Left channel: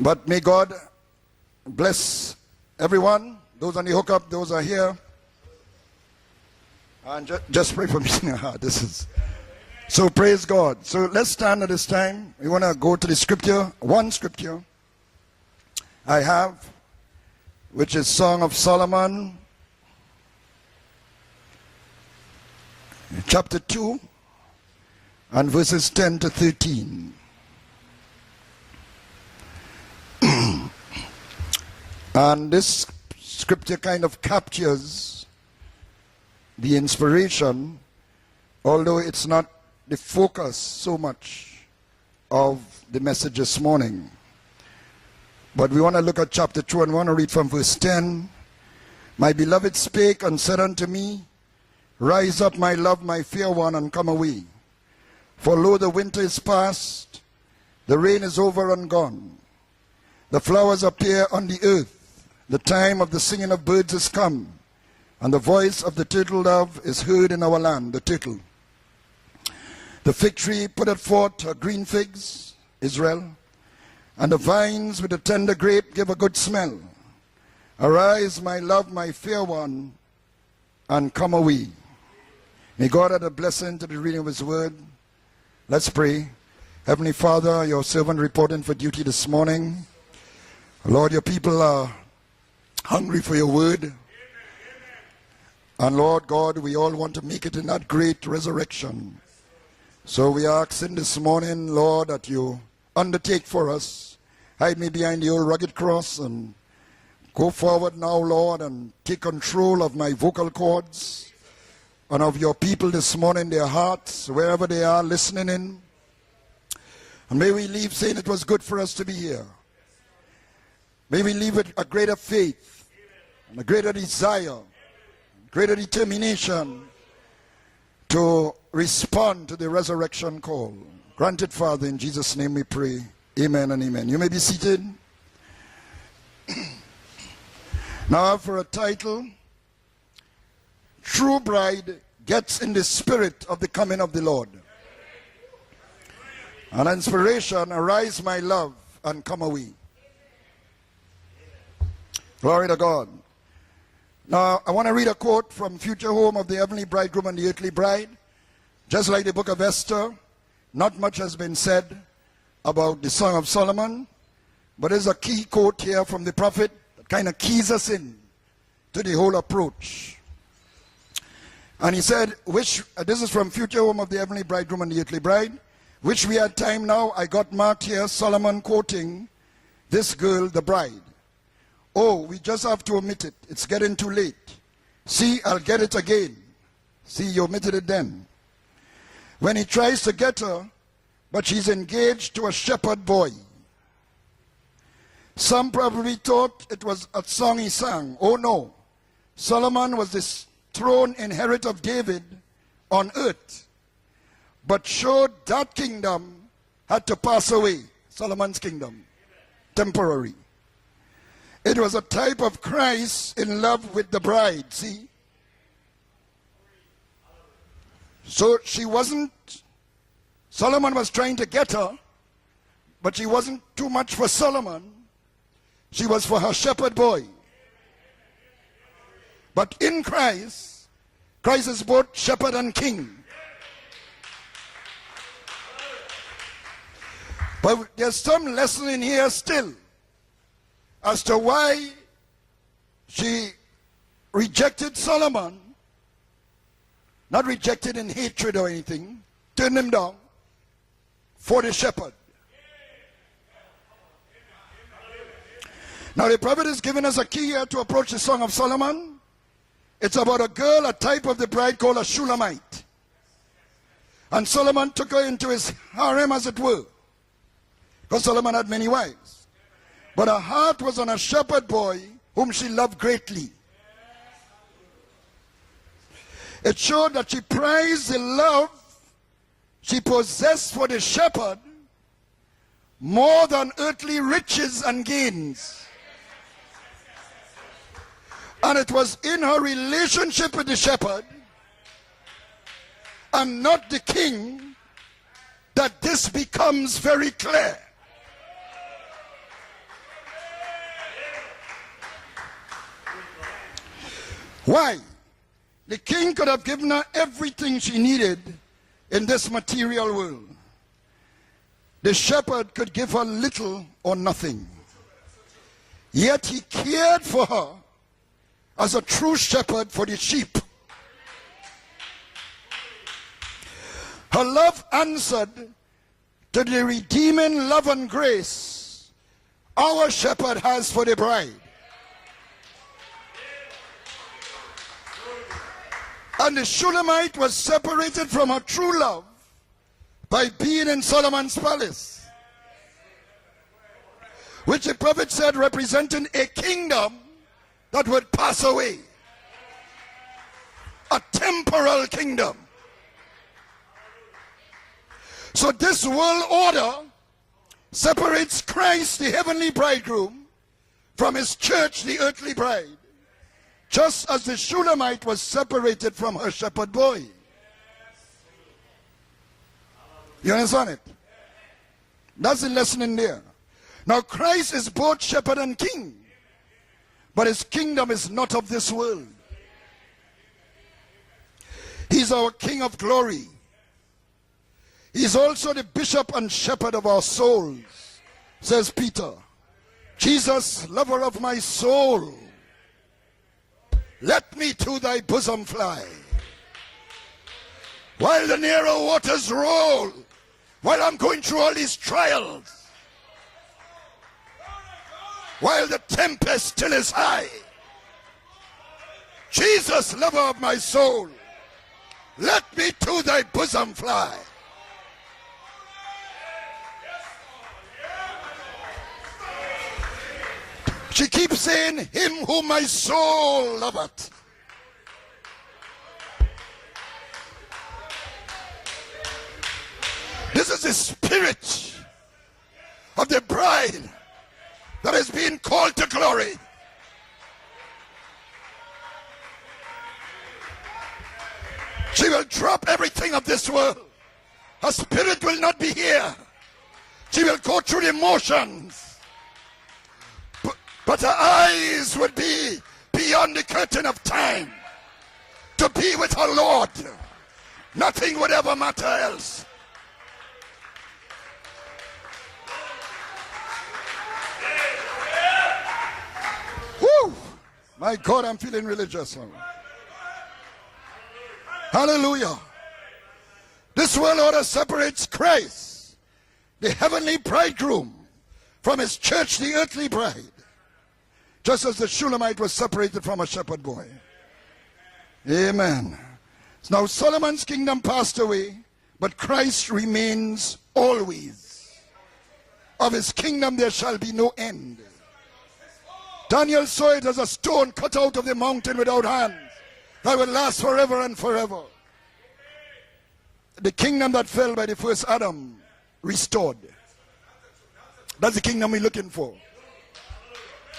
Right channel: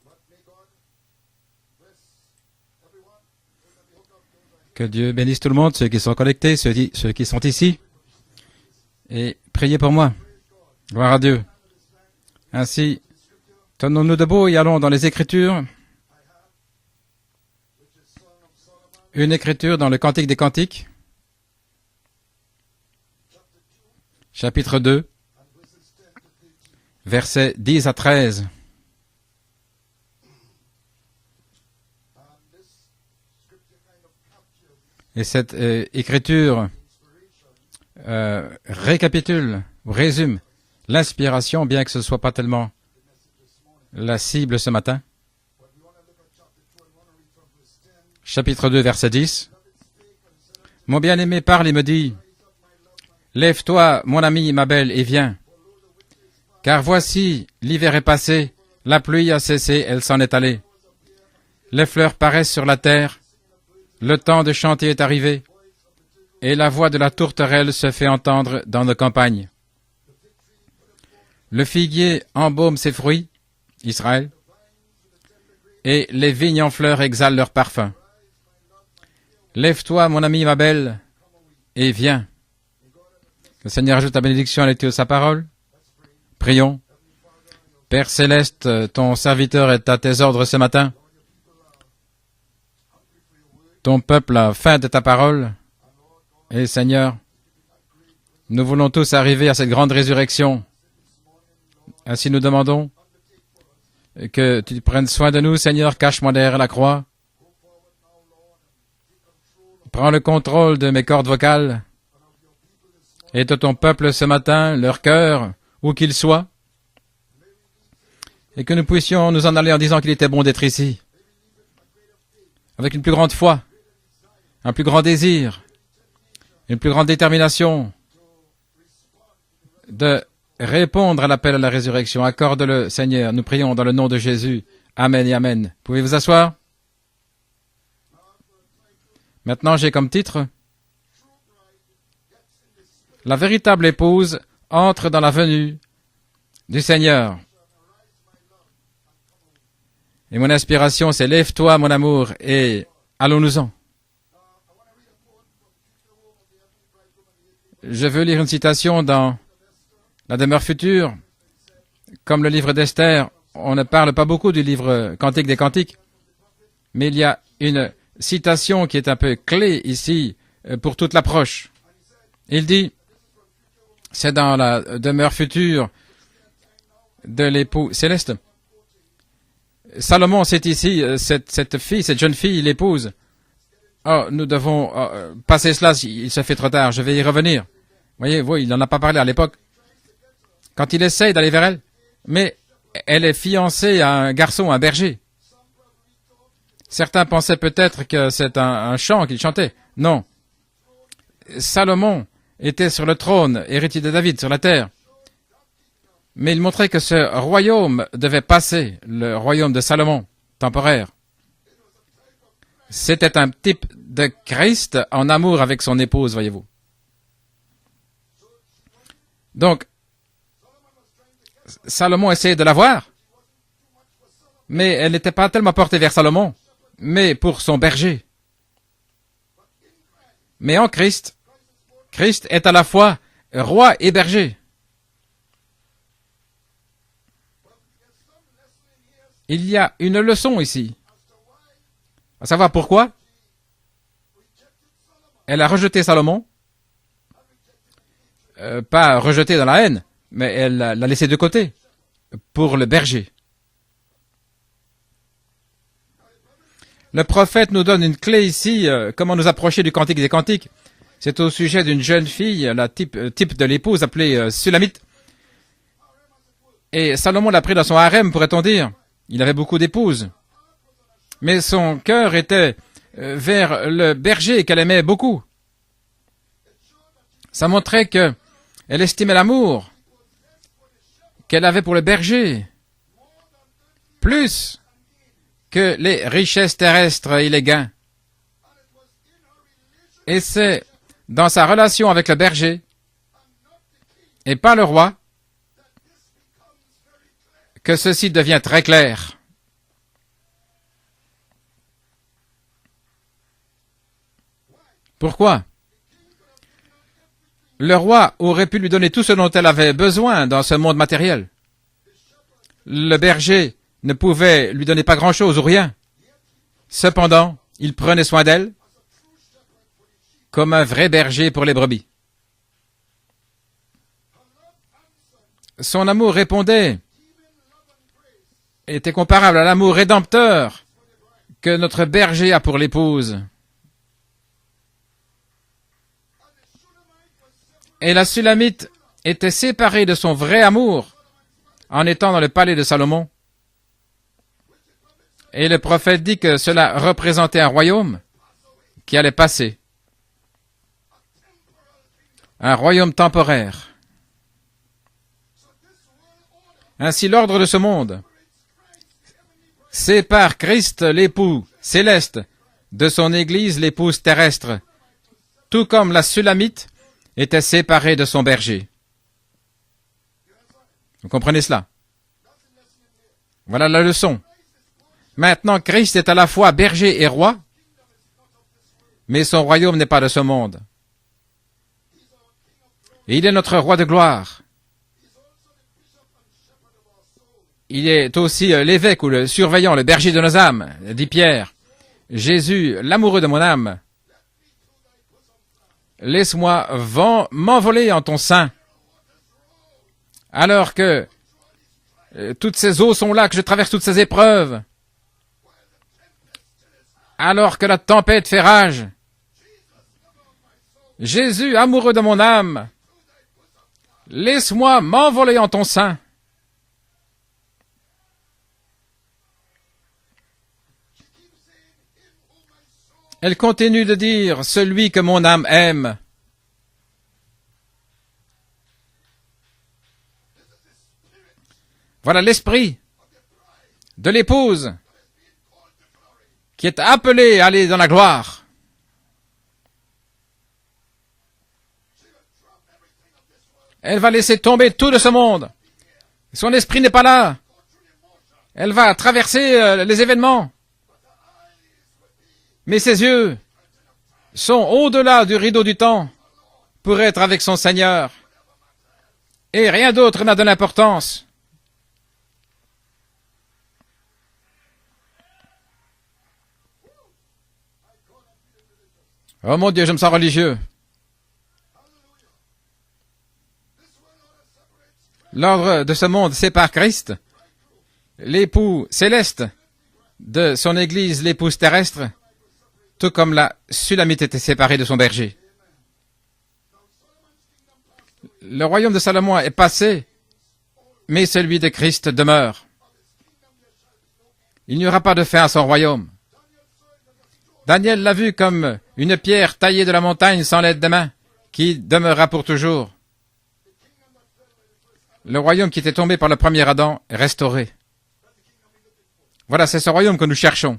But may God bless everyone. Those on the hookup, those are Que here. Dieu bénisse tout le monde, ceux qui sont connectés, ceux qui sont Just ici. pray for me. Et priez pour So moi. praise God. So Gloire à let's Dieu. stand at this time. We want to Ainsi, go to the scripture. Tenons-nous debout et allons dans les Écritures. I have, which is Song of Solomon, Une écriture dans le Cantique des Cantiques, chapter 2, chapitre 2, and verses 10 to 13. versets 10 à 13. And this scripture kind of captures Et cette écriture the inspiration, récapitule, ou the résume focus so much l'inspiration, bien que ce ne soit pas tellement of the message this morning. la cible ce matin. But we want to look at chapter 2 and we want to read from verse 10. Chapitre 2, verset My 10. beloved spake and said unto Mon me, bien-aimé parle et me dit, Rise up, my love, my fair one, lève-toi, and come mon away. ami, ma belle, et viens. For lo, the winter is past, Car voici, l'hiver the est rain passé, is over and la gone. pluie a cessé, elle s'en est The allée. flowers appear on the Les earth. fleurs paraissent The sur la time terre, of the singing of birds is le come, temps de chanter est and arrivé, the voice of the turtle et la dove voix de is la heard in our tourterelle land, se the fait turtle. entendre dans nos campagnes. The fig tree putteth forth her Le green figuier figs, embaume ses Israel, fruits, Israël, and the vines with the tender grape et give a les good vignes en smell. fleurs exhalent leur parfum. Arise, my love, my fair one, Lève-toi, mon ami, ma belle, and come away. et viens. May God add a blessing Le to Seigneur the ajoute ta reading of His bénédiction à word. l'étude de sa parole. Let's pray. Prions. Heavenly Father, your Père servant céleste, according to duty ton this serviteur morning. est à tes ordres ce matin. Lord, your people are hungry for your word. Ton peuple a faim de ta parole. And Lord God, Et we all Seigneur, want to make it in that great resurrection. Nous voulons tous arriver à cette grande So we résurrection. are asking this morning, Lord, that Ainsi nous you demandons undertake for us. que tu prennes soin de nous, Seigneur. Cache-moi derrière la croix. Go forward now, Lord, and take control of Prends my le vocal contrôle de cords mes cordes vocales and of your people this morning, et de their ton peuple hearts, ce matin, wherever they leur are cœur, listening. où qu'il soit, And may we leave saying it was good et que for nous us to be puissions here. nous en aller en disant qu'il était bon d'être ici, May we leave with a greater faith, avec une plus grande foi, a greater desire, un plus grand désir, greater determination une plus grande détermination to respond to the de resurrection call. répondre à l'appel à la Father, in résurrection. Jesus' name we Accorde-le, pray. Seigneur. Nous Amen prions and dans le nom amen. de You may be Jésus. seated. Amen et Amen. Pouvez vous asseoir? Now for a title, Maintenant, j'ai comme titre True Bride Gets in the Spirit La of the véritable coming of the épouse Lord. entre dans la venue du An Seigneur. inspiration, arise my love and come away. Et mon inspiration, c'est lève-toi, mon amour, Glory et to God. allons-nous-en. Now, I want to read a quote from Future Home of the Heavenly Bridegroom and the Earthly Bride. Je veux lire une citation Just like dans the book of Esther, la demeure not future. much has been said. Comme le livre about the d'Esther, Song of Solomon. on ne parle pas beaucoup du But there's livre a Cantique key des quote Cantiques, here from the prophet, mais il y kinda a keys une us in. citation qui est to un the peu whole clé approach. ici pour toute l'approche. And he said, Il dit, this is from Future Home of the c'est Heavenly dans la Bridegroom and the Earthly demeure Bride, future which we had time now. I got de Mark l'époux here, céleste. Solomon quoting this Salomon, girl, c'est the bride. ici, cette fille, Oh, cette jeune we fille, just have to l'épouse. omit it. It's getting too Oh, late. nous devons See, I passer get cela, it again. il se fait trop tard, je vais y He revenir. omitted it then. Voyez, il n'en a pas parlé à l'époque. When he tries to get her, Quand il essaye but d'aller she's vers elle, engaged to mais a shepherd elle boy. est fiancée à un garçon, un berger. Some probably thought it was Certains a song pensaient he peut-être sang. que Oh, c'est no. un chant qu'il chantait. Solomon was Non, this throne inheritor of Salomon David, était sur on le earth, trône, héritier de David, sur la but terre. showed that kingdom Mais il montrait que had ce to pass royaume away. devait Solomon's passer, kingdom. le royaume de Salomon, Temporary. temporaire. It was a type of Christ C'était un in love type with the de bride. Christ See? en amour avec son épouse, voyez-vous. So she wasn't, Donc, Solomon was trying to get her, Salomon essayait de la voir, but she wasn't too much for Solomon. mais elle n'était pas tellement portée She vers was for Salomon, her shepherd boy. mais pour son berger. But in Christ, Mais en Christ, Christ is both Christ shepherd est and à la king. fois roi et berger. But there's some lesson in here still Il y a une leçon ici, as to why à savoir pourquoi she rejected Solomon. elle a rejeté Salomon, Not rejected in hatred or anything. pas rejeté dans la Turned haine, him down mais elle l'a laissé de for côté the shepherd. pour le berger. Now the prophet is giving us Le a key prophète to nous donne approach une the clé Song of ici, Solomon. comment nous approcher du Cantique It's des about a Cantiques. girl, a type of C'est the au bride sujet called d'une a jeune Shulamite. fille, la type de l'épouse appelée And Solomon Sulamite. took her into his harem, as it were. Et Salomon l'a pris dans son harem, Solomon pourrait-on had many dire. wives. Il avait beaucoup d'épouses. But her heart was on a shepherd Mais son boy cœur whom était she loved greatly. vers le berger qu'elle aimait beaucoup. It showed that she Ça montrait prized que in love elle estimait l'amour she possessed for the shepherd qu'elle avait pour le berger more than earthly Plus riches and gains. que les richesses terrestres et les gains. And it was in her Et relationship with c'est the shepherd dans sa relation avec le berger and not the king et pas le roi that this becomes very clear. que ceci devient très clair. Why? Pourquoi? The king could have given her everything she Le roi needed. aurait pu lui donner tout ce dont elle avait besoin dans ce monde matériel. The shepherd could give Le her berger little ne or pouvait lui donner pas grand-chose ou rien. nothing. Yet he cared for Cependant, her il prenait soin d'elle as a true shepherd for the sheep. comme un vrai berger pour les brebis. Her love answered Son amour to the répondait, redeeming love and grace était comparable à l'amour our shepherd rédempteur has for the bride. que notre berger a pour l'épouse. And the Shulamite was separated Et la from her Sulamite true love était séparée de son by vrai being amour in Solomon's palace, en étant dans le palais de Salomon. which the prophet said Et le prophète dit que cela represented a kingdom représentait un that royaume would pass away, qui allait passer, a temporal kingdom. un royaume temporaire. So this world order Ainsi l'ordre de ce monde separates Christ, the heavenly bridegroom, sépare Christ, from l'époux his church, the céleste, earthly bride. de son église, l'épouse Just as the terrestre, Shulamite was tout separated comme la from her Sulamite shepherd boy. était séparée de son berger. You understand it? Vous comprenez cela? That's the lesson in there. Voilà la Now, leçon. Christ is both shepherd Maintenant, and king, Christ est à la fois berger et but roi, his kingdom is not of this world. mais son royaume n'est pas de ce monde. He's our King of glory. Il est notre roi de gloire. He's also the bishop and shepherd of our soul. Il est aussi l'évêque ou le surveillant, le berger de nos âmes, lover dit of my Pierre. soul, Jésus, l'amoureux de mon âme, let me to thy bosom fly. laisse-moi m'envoler en ton While the sein, narrow waters roll, alors while I'm que going through all these trials, toutes ces eaux sont là, que je traverse toutes ces épreuves, while the tempest still is high. alors que la tempête fait rage. Jesus, lover of my soul, Jésus, amoureux de mon let âme, me to thy bosom fly. laisse-moi m'envoler en ton sein. She keeps saying, him whom my soul Elle continue de loveth. dire, celui que mon âme aime. This is the spirit Voilà l'esprit of the bride de l'épouse that is being called to glory. qui est appelée à aller dans la gloire. She will drop everything of this world. Elle va laisser tomber Her tout de ce spirit will monde. not be here. Son esprit n'est pas She là. will go through the motion. Elle va traverser les événements. But her eyes would be Mais ses beyond yeux the curtain of time. sont au-delà du rideau To du be temps with her Lord. pour être avec son Seigneur. Nothing would ever matter else. Et rien d'autre n'a de l'importance. Woo! My God, I'm feeling religious. Oh mon Dieu, je me sens religieux. Hallelujah. This world order separates Christ, L'ordre de ce monde sépare the Christ, heavenly bridegroom, l'époux from his church, céleste, the earthly bride. de son église, l'épouse Just as the terrestre, Shulamite was separated tout from comme her la shepherd boy. Sulamite était séparée de son berger. Amen. Now Solomon's kingdom passed away. Le royaume de but Salomon est Christ passé, remains always. mais celui de Christ demeure. Of his kingdom there shall be no end. Il n'y aura pas de fin à son royaume. Daniel saw it as a stone Daniel cut l'a out of vu the comme mountain without une hand. pierre taillée de la montagne sans l'aide de main, qui demeurera pour toujours. The kingdom that fell by the first Adam. Le royaume qui était tombé par le premier Adam est restauré. That's the kingdom we're looking for. Voilà, c'est ce royaume que nous cherchons.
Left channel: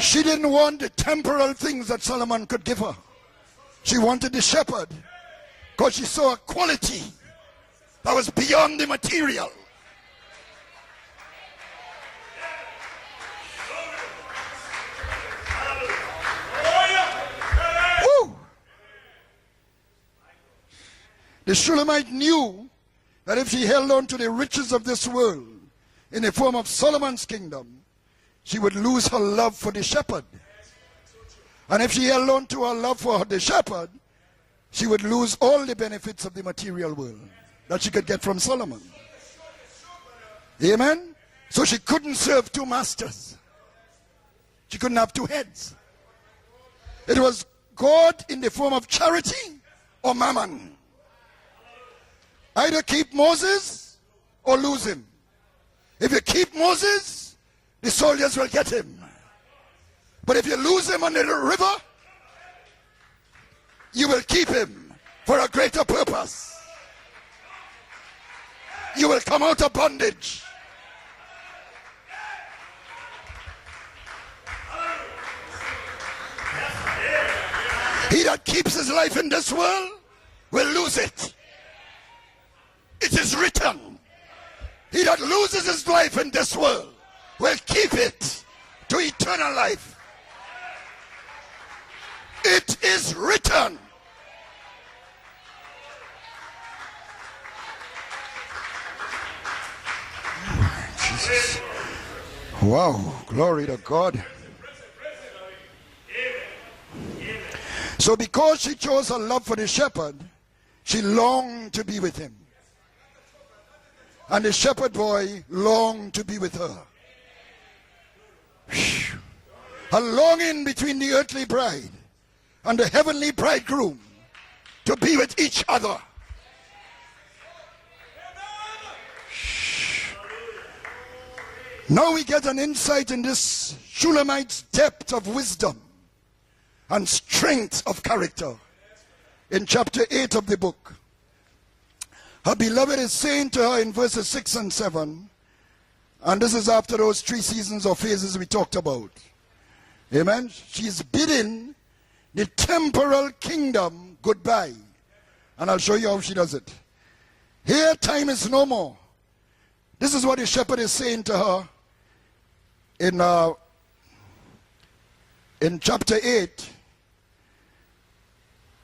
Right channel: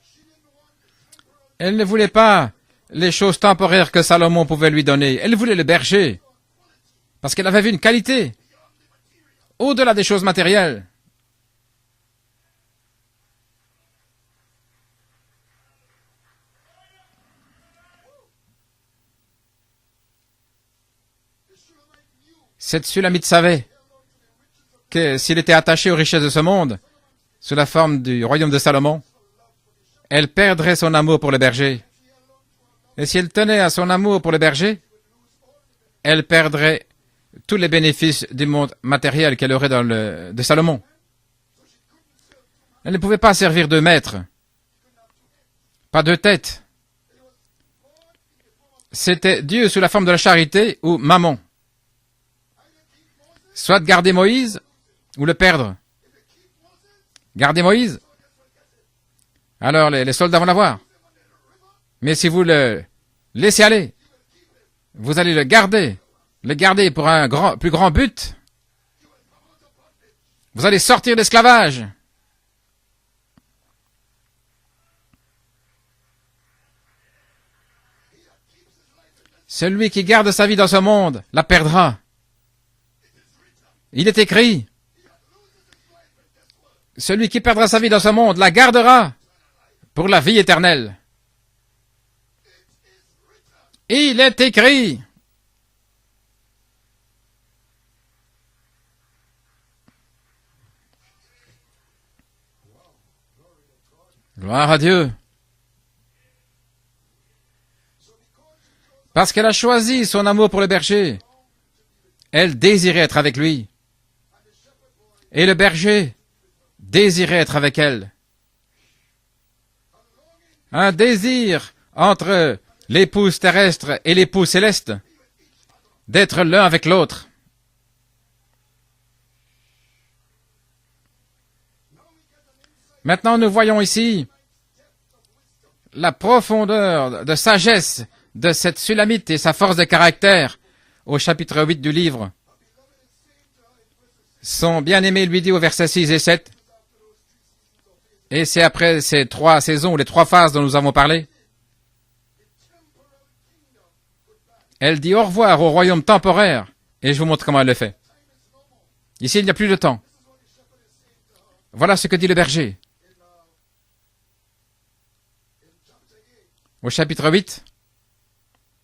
She didn't want the temporal Elle things ne that voulait Solomon pas could give her. les choses temporaires que Salomon pouvait lui donner. Elle voulait le But she berger, saw a quality parce qu'elle avait vu une that qualité was beyond the material. au-delà des choses matérielles. Woo! The Shulamite knew Cette Sulamite that savait if he held on to the riches of this que world, s'il était attaché aux richesses in de the ce form of monde, Solomon's kingdom, sous la forme du royaume de she would Salomon, lose her love for the shepherd. elle perdrait son amour pour le berger. And if she held on to her love Et for si elle the tenait à shepherd, son amour pour le berger, she would lose all the benefits elle of the perdrait material world. tous les that she could bénéfices get from du monde Solomon. matériel qu'elle aurait de Salomon. Amen. So she couldn't serve two Elle masters. ne pouvait pas servir de maître, She couldn't have two heads. pas deux têtes. It was God in the form of C'était charity. Dieu sous la forme de la or mammon. charité ou mammon. Either keep Moses Soit garder Moïse or lose him. ou le perdre. If you keep Moses, Gardez the Moïse, soldiers will get him. alors les But soldats if vont you l'avoir. lose him under the river, Mais si vous le laissez aller, you will keep him. vous allez for le a greater garder. purpose. Le garder pour un plus grand but. You will come out of bondage. Vous allez sortir d'esclavage. He that keeps his life in this Celui world, qui garde sa vie dans ce monde la perdra. it is written. Il est écrit, He that loses his life in this world, celui qui perdra sa vie dans ce monde la gardera eternal life. pour la vie éternelle. It is written. Il est écrit. Jesus. Wow, glory to God. Gloire à Dieu. So because she chose her Parce love qu'elle a for the choisi shepherd, son amour pour le she berger, longed to be with him. elle désirait être avec lui, And the shepherd boy Et le berger longed to be with her. désirait être avec elle. A longing between Un the earthly désir bride entre l'épouse terrestre et l'époux céleste to be with each other. d'être l'un avec l'autre. Now we get an insight Maintenant, in nous this voyons ici Shulamite's depth of wisdom. La profondeur de sagesse de cette Sulamite et sa In force de chapter 8 caractère of the book. au chapitre 8 du livre. Her beloved is saying to her in verses 6 and Son 7. bien-aimé lui dit au verset 6 et And 7, this is after those 3 seasons or phases et we c'est talked après about. ces 3 saisons, les 3 Amen. phases dont nous avons She's parlé, bidding the temporal kingdom goodbye. elle dit au revoir au And I'll royaume show you how she temporaire. does Et je vous montre comment elle le Their fait. time is no more. Ici, il n'y a plus de temps. This is what the shepherd is saying to her Voilà ce que dit le berger. in chapter 8. Au chapitre 8,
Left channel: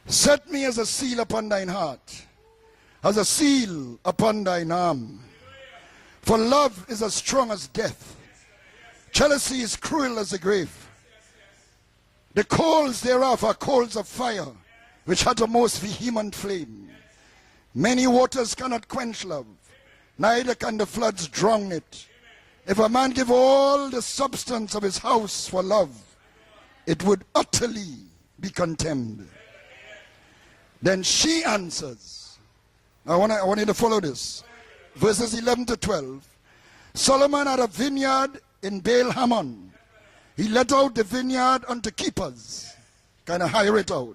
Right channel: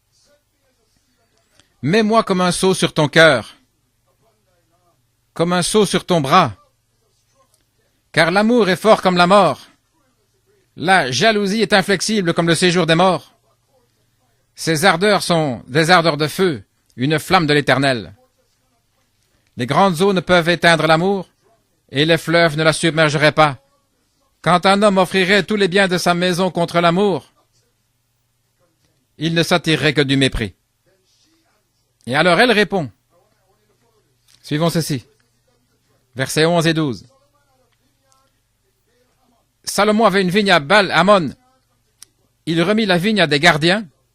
Set me as a seal upon thine heart. mets-moi comme un sceau sur ton As a cœur, seal upon thine arm. comme un sceau sur ton For bras, love is as strong as death. car l'amour est fort comme la mort. Jealousy is cruel as the grave. La jalousie est inflexible comme le The séjour coals des morts. thereof are coals of fire. Ses ardeurs which sont uttermost des ardeurs de human feu, flame. une flamme de Many l'éternel. waters cannot quench love. Les grandes eaux ne peuvent Neither can éteindre the l'amour, floods drown it. et les fleuves ne la If a man submergeraient give pas. all the substance Quand un of homme his offrirait house tous for les biens love, de sa maison contre it would l'amour, utterly be contemned. il ne s'attirerait que du mépris. Then she answers. Et alors elle répond. I want you to follow this. Suivons ceci. Verses 11 to 12. Versets 11 et 12. Solomon had a vineyard in Baal Hamon. Salomon avait une vigne à He let Baal out the Hamon. vineyard unto keepers, Il remit la vigne à des and hire gardiens. it out.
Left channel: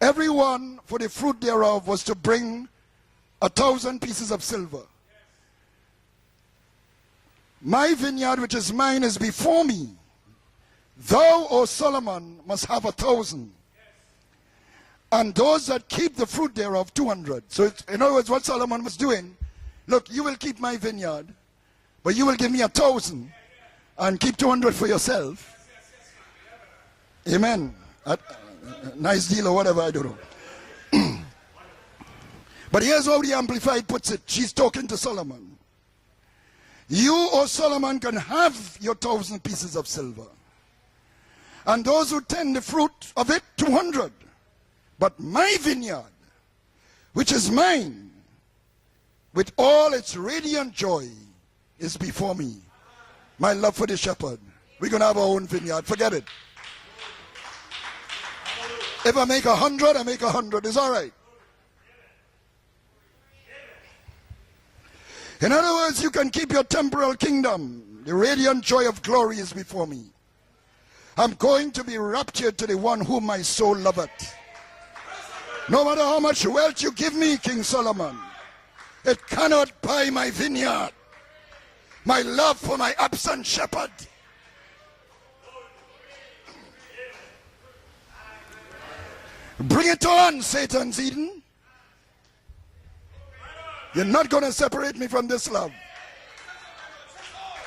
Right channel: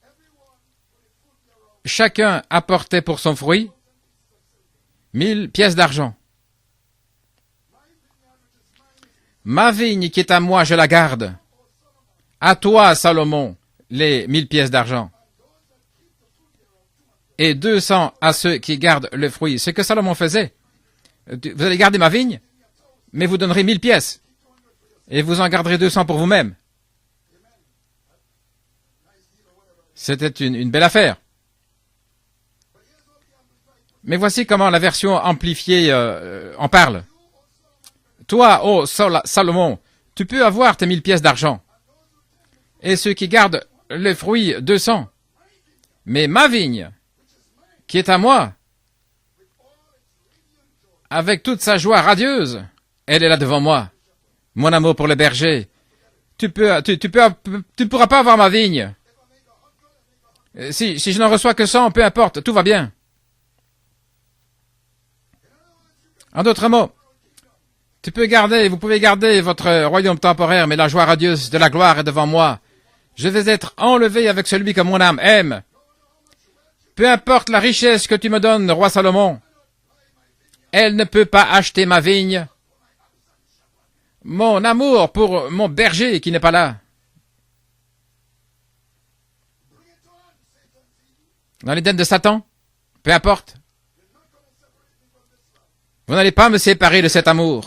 Everyone for the fruit thereof was to Chacun bring apportait pour son fruit 1,000 pieces of silver. 1000 pièces d'argent. My vineyard which is mine is before Ma thee. vigne qui est à moi, je la garde. Thou, O Solomon, À hast toi, 1,000, Salomon, les 1000 pièces d'argent. and those that keep the fruit thereof 200. Et So, in 200 other words, à what ceux Solomon qui was gardent doing, le fruit. Ce que look, Salomon you will faisait, keep my vineyard, vous allez garder ma but you vigne, will give me 1,000 mais vous donnerez 1000 pièces. and keep 200 for yourself. Et vous en garderez 200 pour vous-même. Amen. Nice deal or whatever I do. C'était une belle affaire. But here's how the Amplified puts Mais it. voici She's comment la talking to version Solomon. amplifiée en parle. You, O Solomon, can have Toi, ô your 1,000 Salomon, pieces of silver. tu peux avoir tes 1000 pièces d'argent. And those who tend the fruit Et ceux qui of it, gardent 200. les fruits, 200. But my vineyard, Mais ma vigne, which is mine, qui est à moi, with all its radiant joy, avec toute sa joie radieuse, elle est là my devant love moi. for the shepherd. Mon amour We pour can le have our own berger. vineyard. Forget it. Tu pourras pas avoir ma vigne. If I make 100, I make 100. It's all right. Si je n'en reçois que 100, peu importe, tout va bien. In other words, you can keep d'autres your mots, temporal kingdom. Tu The peux garder, radiant vous joy pouvez of garder glory is votre before me. royaume temporaire, mais la joie I'm radieuse going de la to gloire be est devant raptured moi. to the one whom Je my vais être soul loveth. enlevé avec celui que mon âme aime. No matter how much wealth you Peu give me, importe King la richesse que Solomon, tu me donnes, roi Salomon, it cannot buy my vineyard. elle ne peut pas acheter ma My vigne. love for my absent shepherd. Mon amour pour mon berger qui n'est pas là. Bring it on, Satan's Eden. Dans l'Éden de Satan, peu importe. You're not going to separate me from this love. Vous n'allez pas me séparer de cet amour.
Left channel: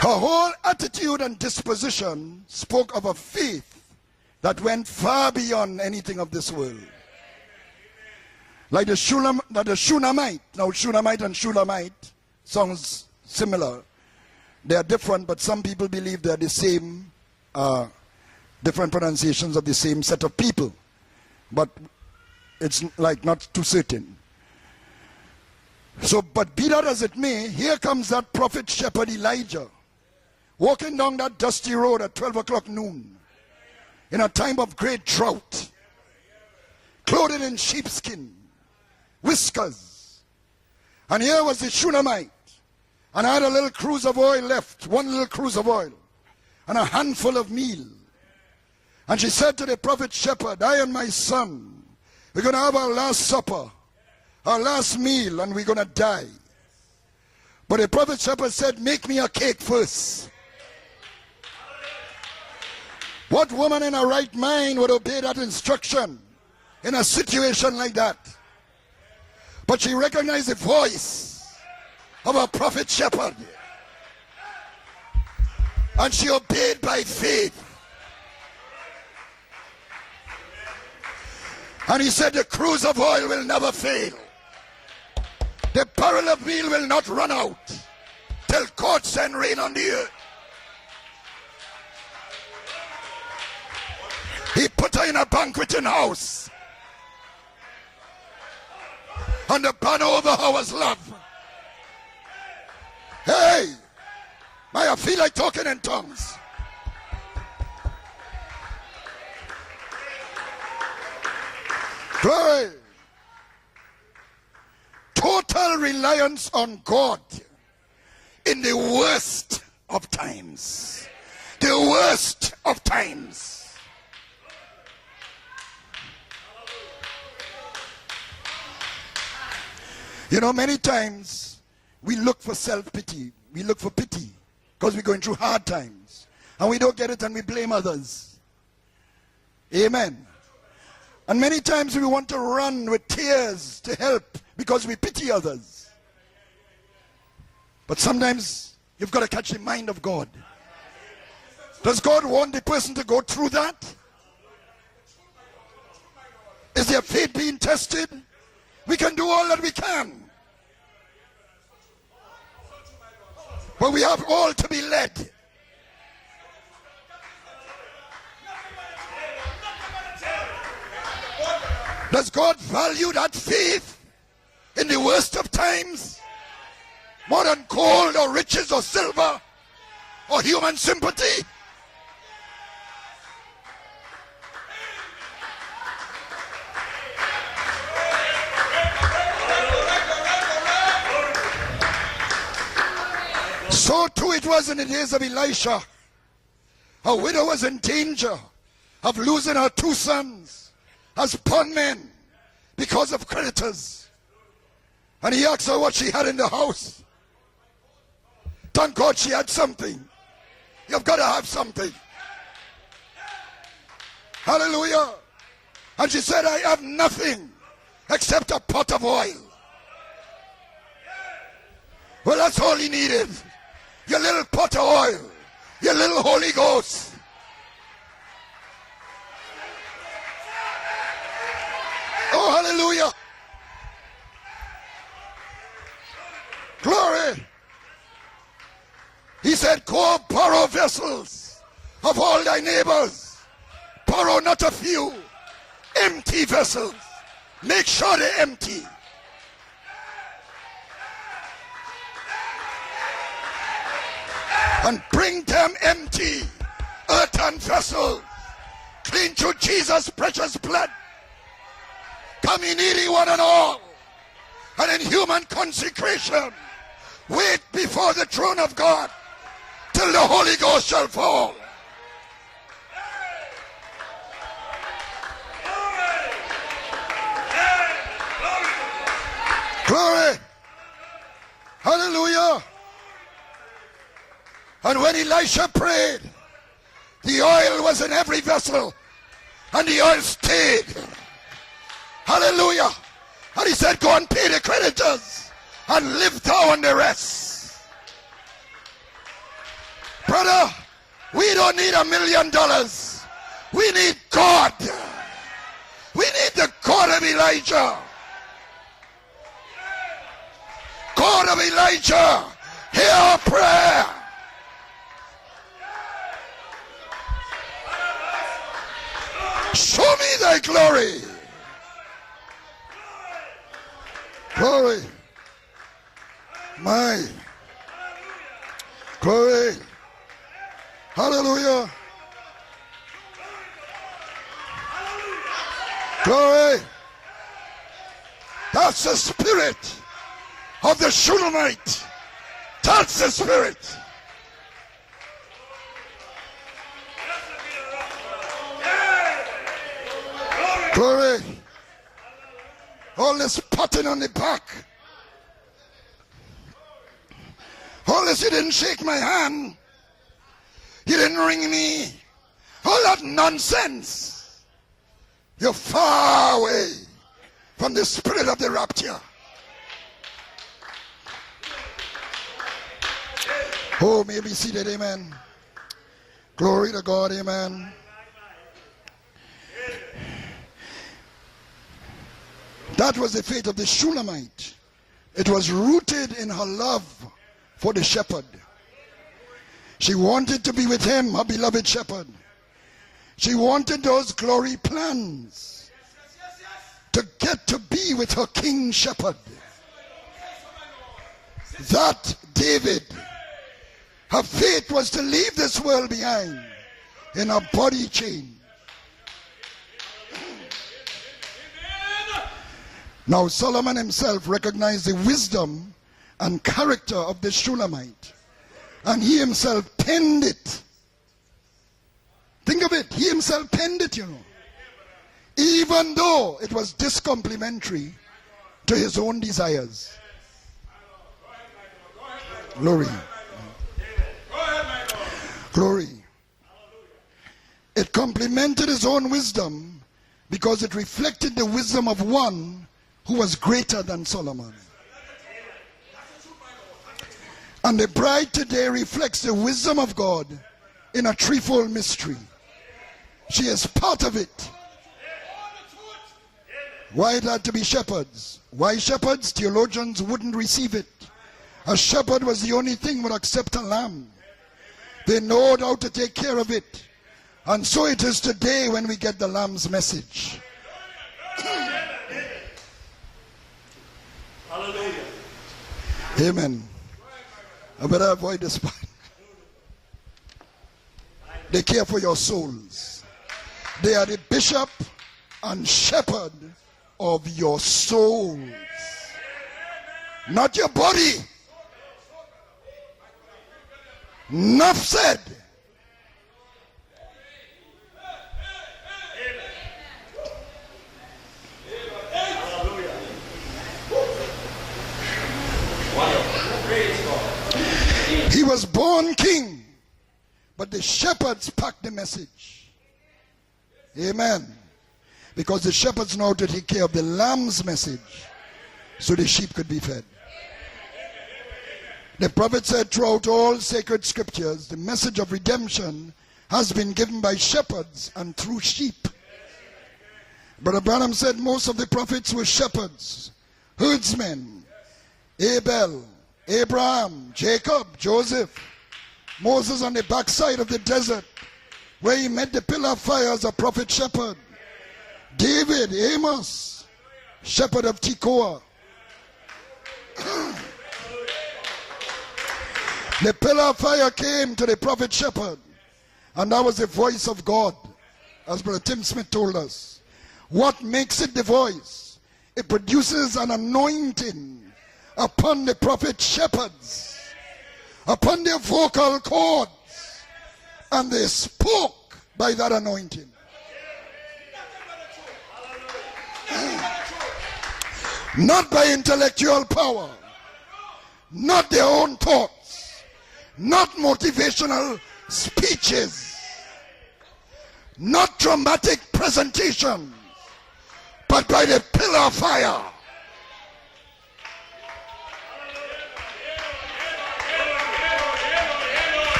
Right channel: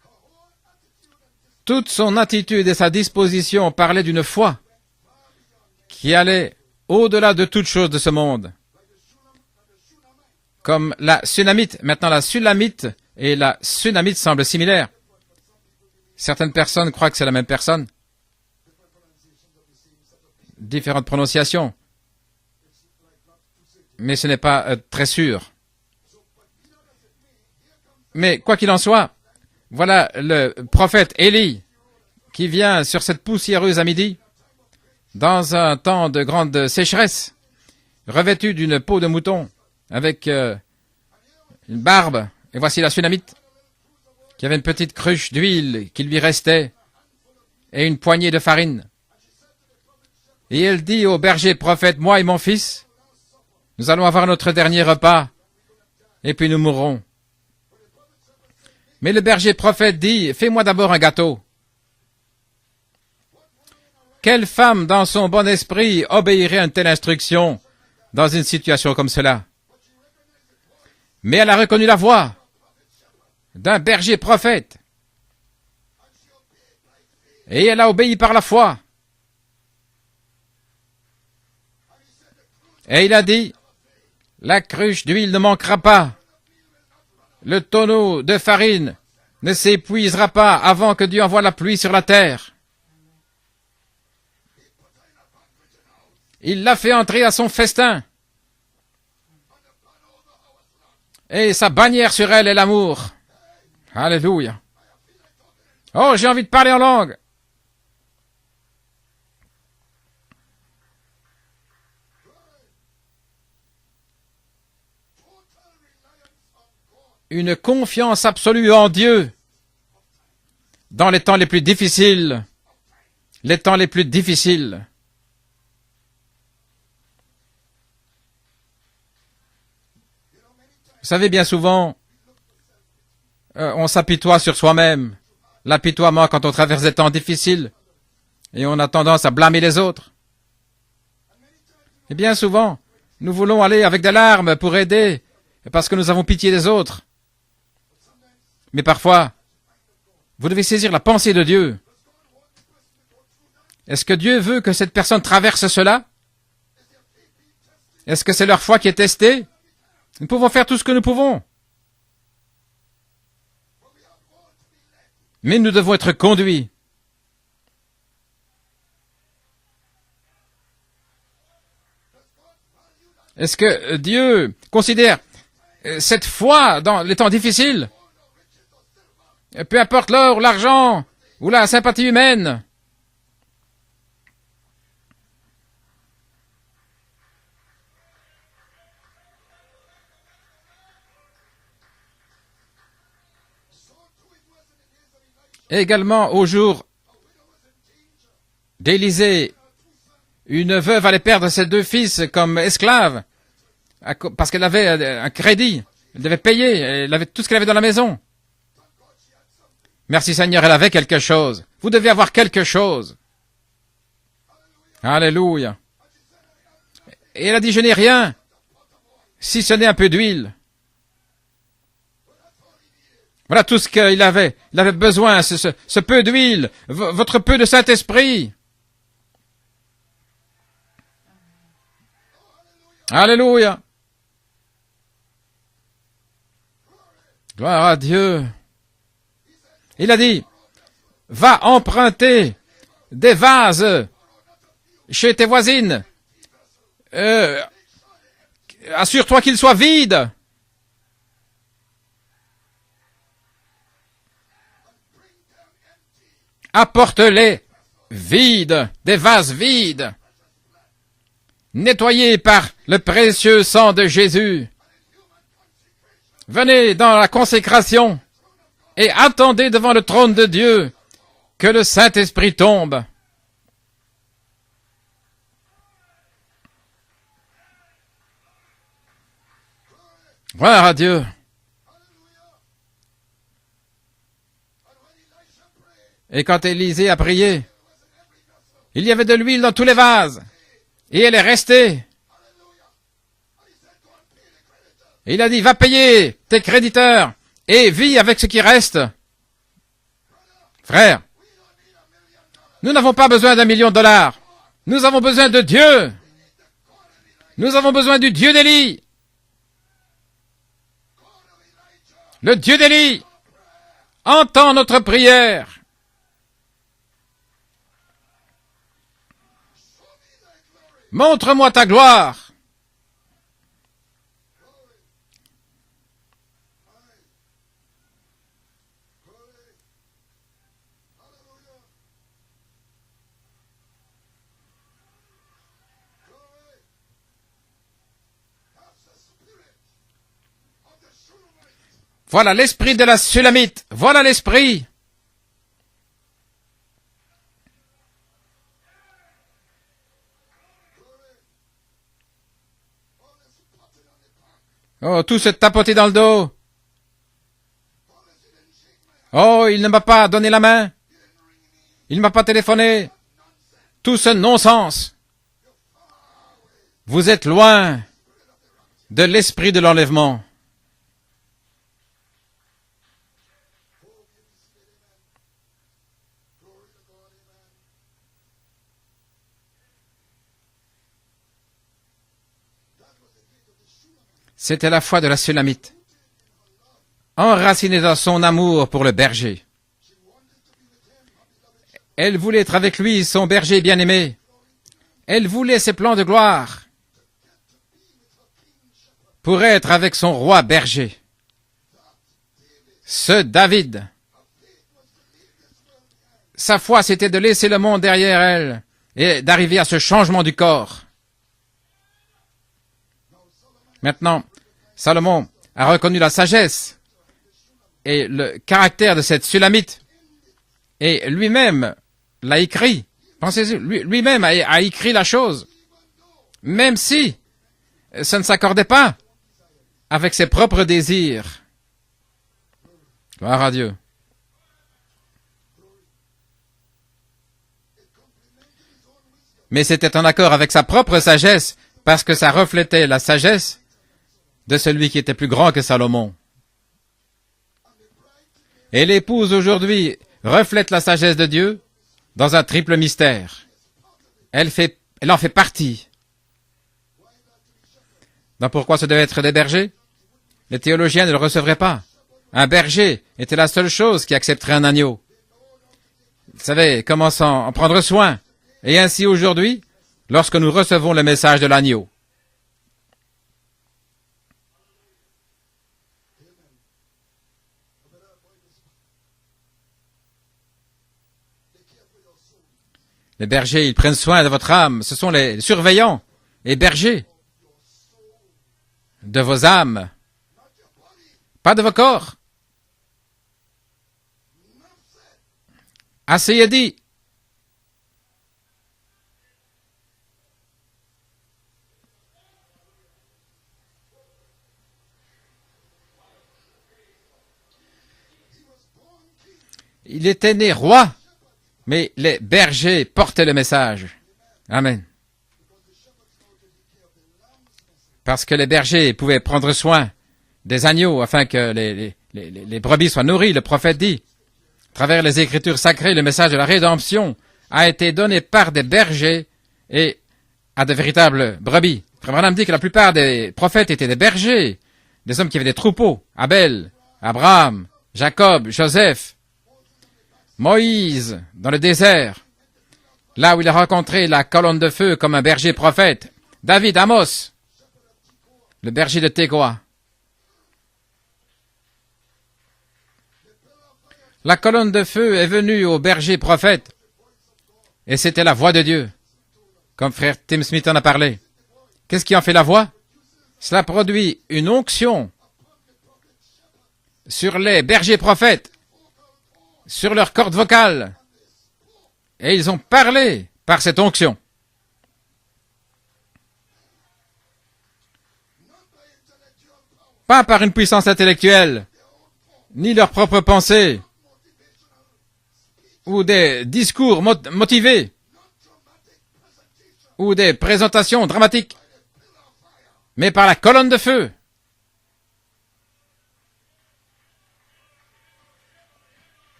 Her whole attitude and disposition Toute son attitude et spoke sa of a disposition parlaient d'une faith foi that went far beyond anything qui of allait this world. au-delà de toute chose de ce monde. Like the Shunammite. Now, Comme Shunammite la and Sunamite. Shunammite Maintenant, la Sulamite sounds et la similar. Sunamite semblent They're similaires. different, but some people believe they're Certaines the same, personnes croient que c'est la même personne. different pronunciations of the same set of people. Différentes prononciations. It's like not too certain. Mais ce n'est pas très sûr. So, but be that as it may, here comes that Mais quoi prophet qu'il en soit, shepherd Elijah, voilà le walking prophète down that Élie dusty road at 12 qui o'clock vient noon, sur cette poussiéreuse à midi in a time of great drought, dans un temps de grande sécheresse, clothed in sheepskin, revêtu d'une peau de mouton whiskers. avec And here was the une Shunammite, barbe. Et voici la Sunamite and had a little cruse of oil qui avait une left, petite one little cruche cruse of d'huile oil, qui lui restait and a handful of meat. et une poignée de farine. And she said to the prophet shepherd, Et I elle am dit my au berger son, prophète, moi et mon we're going to fils, have our last supper, nous allons avoir notre our dernier last repas meal, and we're going to die. et puis nous mourrons. But the prophet shepherd said, make Mais me le a berger cake prophète first. dit, fais-moi d'abord un gâteau. What woman in her right Quelle mind femme would dans obey son that bon esprit instruction obéirait à une telle in a instruction situation like that? dans une situation comme cela? But she recognized the voice Mais elle a reconnu la voix of a prophet shepherd. d'un berger prophète. And she obeyed by faith. Et elle a obéi par la foi. And he said, the cruse of Et il a oil will dit, never fail. la cruche d'huile ne manquera The pas. barrel of meal will not run out. Le tonneau de farine God send rain ne on the s'épuisera pas avant que Dieu envoie la pluie sur la terre. earth. He put her in a banqueting house. Il l'a fait entrer à son festin. And the banner over her was love. Et sa bannière sur elle est l'amour. Hey, Alléluia. I feel like talking in tongues. Oh, j'ai envie de parler en langue. Glory. Total reliance on God. Une confiance absolue In the en Dieu worst of times. dans les temps les plus The difficiles. worst of times. Les temps les plus difficiles. You know, many times Vous savez, bien souvent, we look for self-pity. We look on for s'apitoie pity sur when soi-même. we're going through hard times. L'apitoiement quand on And we traverse des don't temps do it and we difficiles. blame others. Et on a tendance à blâmer les autres. Amen. And many times we want Bien to souvent, run with nous tears voulons aller avec des help larmes pour because we aider, pity others. parce que nous avons pitié des autres. But sometimes Mais parfois, you've got to catch the mind of God. vous devez saisir la pensée de Dieu. Does God want the person to go through that? Est-ce que Dieu veut que cette personne traverse cela? Is their faith being tested? Est-ce que c'est leur foi qui est We can do testée? all that we can, Nous pouvons faire tout ce que nous pouvons, but we have all to be led. mais nous devons être conduits. Does God value that Est-ce faith que Dieu in the considère worst of times? cette foi dans les temps More than difficiles, gold or riches or silver? peu importe l'or, Or l'argent human sympathy? ou la sympathie humaine? So too it was in the days of Elisha. Également, au jour A widow was in danger of d'Élisée, losing her two sons une veuve allait perdre ses deux fils comme because esclaves of creditors. parce qu'elle avait un And he crédit. had what she had Elle in devait the payer. house. Elle avait tout ce qu'elle avait dans la maison. Thank God she had something. Merci Seigneur, elle avait You've quelque gotta have chose. something. Vous devez avoir quelque chose. Hallelujah. Alléluia. And she said, I have nothing Et elle a dit, je n'ai rien, except a pot of oil. si ce n'est un peu d'huile. Well, that's all he needed. Voilà tout ce qu'il avait. Il avait besoin, ce peu d'huile, votre peu de Saint-Esprit. Oh, hallelujah. Alléluia. Glory. Gloire à Dieu. He said, Go Il a dit, borrow vessels Va of all emprunter thy neighbors. des vases Borrow not a few chez tes voisines. empty vessels. Euh, Make sure they're empty. Assure-toi qu'ils soient vides. And bring them empty. Apporte-les Earthen vessels. vides, des Clean vases to Jesus' vides, precious blood. nettoyés par le précieux sang de Jésus. And in human consecration. Venez dans la Wait consécration before the throne of God. et attendez devant le Till the trône de Holy Dieu Ghost shall fall. que le Saint-Esprit tombe. Glory. Gloire à Dieu. Hallelujah. And when Elisha prayed, Et quand Élisée a the prié, oil was in every vessel. il y avait de l'huile dans tous And les the oil vases. stayed. Et elle est restée. Hallelujah. And he said, go and pay the creditors. Il a dit, va payer And live tes down the créditeurs rest. et vis avec ce qui reste. Brother, Frère, we don't need $1 million. nous n'avons pas besoin d'1 million We de dollars. need God. Nous avons besoin de Dieu. We need the God of Elijah. Nous avons besoin du Dieu d'Élie. God of Elijah. Le Dieu d'Élie Hear our prayer. entend notre prière. Show me thy glory. Montre-moi ta gloire. Glory. My. Glory. Hallelujah. Glory. That's the spirit of the Shulamite. Voilà l'esprit de la Sulamite. Voilà l'esprit. Glory. All this patting on the back. Oh, tout se tapoter dans le dos. All this, you didn't shake my hand. Oh, il ne m'a pas donné la main. You didn't ring me. Il ne m'a pas téléphoné. All that nonsense. Tout ce non-sens. You're far away Vous êtes loin from the spirit of the rapture. de l'esprit de l'enlèvement. Oh, may be seated, amen. Glory to God, amen. That was the faith of the Shulamite. C'était la foi de la It was Sunamite, rooted in her love. enracinée dans son amour pour le berger. She wanted to be with him, her beloved shepherd. Elle voulait être avec lui, son She berger wanted bien-aimé. those glory plans Elle voulait ses plans de gloire to get to be with her king shepherd. pour être avec son roi berger. That David, Ce David, her faith was to leave this world behind. sa foi, c'était de laisser le monde derrière elle et d'arriver à ce changement du corps. Now Solomon Maintenant, himself recognized the Salomon wisdom a reconnu la and sagesse character of the Shulamite. et le caractère de And he cette himself Sulamite. penned it. Et lui-même l'a écrit. Pensez-y, lui-même a écrit la chose, Even though it Même was si discomplimentary ça ne s'accordait to pas his own desires. avec ses propres désirs. Glory. Gloire à Dieu. Glory. It complemented his own wisdom. Mais c'était en accord avec sa propre sagesse, parce que ça reflétait la Who was sagesse greater than Solomon. de celui qui était plus grand que Salomon. And the bride today Et reflects l'épouse the wisdom aujourd'hui of God reflète la in a sagesse de Dieu threefold mystery. dans un triple mystère. She is part of it. Elle en fait partie. Why it had to be shepherds? Donc pourquoi Why ce devait être shepherds? des bergers? Theologians wouldn't Les receive it. théologiens ne le recevraient pas. A shepherd was Un the only berger thing would était la accept seule a lamb. chose qui accepterait un agneau. They knowed how to take care Vous of savez, it. comment en And prendre so it soin. is today Et when we ainsi get the aujourd'hui, lamb's message. lorsque nous recevons le message de l'agneau. Amen. I better avoid this part. They care for your souls. Les bergers, ils prennent soin de votre âme. Ce sont les surveillants et bergers Of your souls. de vos âmes, Not your body. pas de vos corps. Enough said. Assez est dit. He was born king. Il était né roi, The shepherds packed mais the les message. bergers portaient le message. Amen. Amen. Because the shepherds know how to take care of the lamb's message. Parce que les bergers So pouvaient the prendre sheep soin could be fed. des agneaux afin que les The prophet brebis said, soient nourries. Le throughout all prophète dit, sacred scriptures, the à travers message les of Écritures redemption sacrées, le message de la has been rédemption given by a été shepherds donné and par true des sheep. bergers et à de Brother véritables Branham said most brebis. of the prophets Branham dit que la were plupart des prophètes étaient des herdsmen. bergers, des hommes qui avaient des Abel, troupeaux. Abel, Abraham, Abraham, Jacob, Jacob, Joseph, Moses on the backside of the Moïse, desert, dans le désert, where he met the pillar of fire là as où il a a prophet rencontré la shepherd. colonne de feu comme un berger David, prophète. Amos, David, Amos, shepherd of Tekoa. le berger de Tekoa. The pillar of fire came La to colonne the de prophet feu est shepherd, venue au berger and prophète that was the voice of God. et c'était la voix de As Dieu, Tim Smith told us. comme frère Tim Smith What en a parlé. makes it the voice? Qu'est-ce qui en fait la voix? Produces an Cela produit anointing une onction upon the prophet shepherds, sur les bergers upon prophètes, their vocal cords, sur leur corde vocale, and they spoke. et ils by ont that parlé anointing. par cette onction. Not by intellectual power, Pas par une puissance intellectuelle, not their own thought, ni leurs propres pensées, not motivational speeches, ou des discours motivés, not dramatic presentation, ou des présentations but dramatiques, by the pillar of fire. mais par la colonne de feu.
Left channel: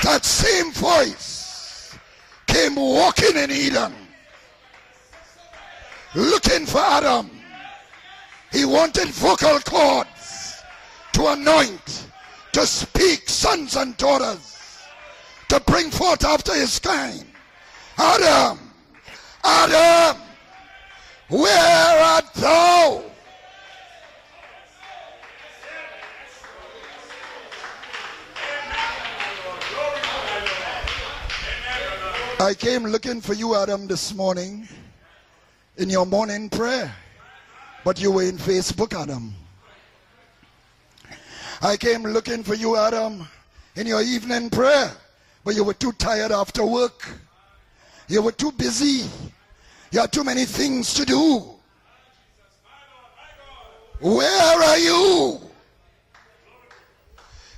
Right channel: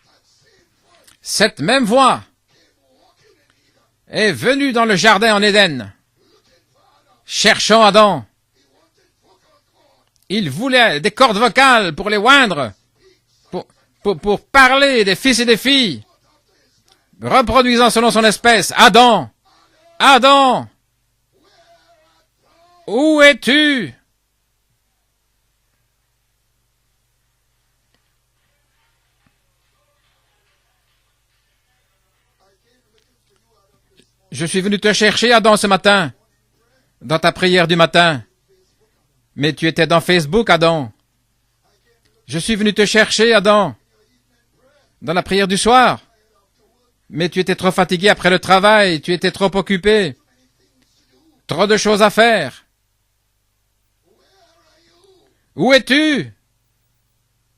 That same voice Cette même voix came walking in Eden, est venue dans le jardin en Éden, looking for Adam. cherchant Adam. He wanted vocal cords Il voulait des cordes vocales pour les oindre, to speak, sons and pour daughters, parler des fils et des to bring filles, forth after his kind. reproduisant selon son Adam. espèce. Adam, Adam, Adam, where art thou? où es-tu? I came looking for you, Adam, this morning Je suis venu te chercher, Adam, ce in your matin, morning prayer. dans ta prière du But matin. you were in Facebook, Adam. Mais tu étais dans Facebook, Adam. I came looking Je suis for venu you, te Adam, chercher, Adam, in your evening prayer. dans la prière But du you were soir. too tired after work. Mais tu étais trop fatigué après were le too travail, busy. tu étais trop You occupé, had too many things to do. trop de choses à faire. Where are you? Où es-tu?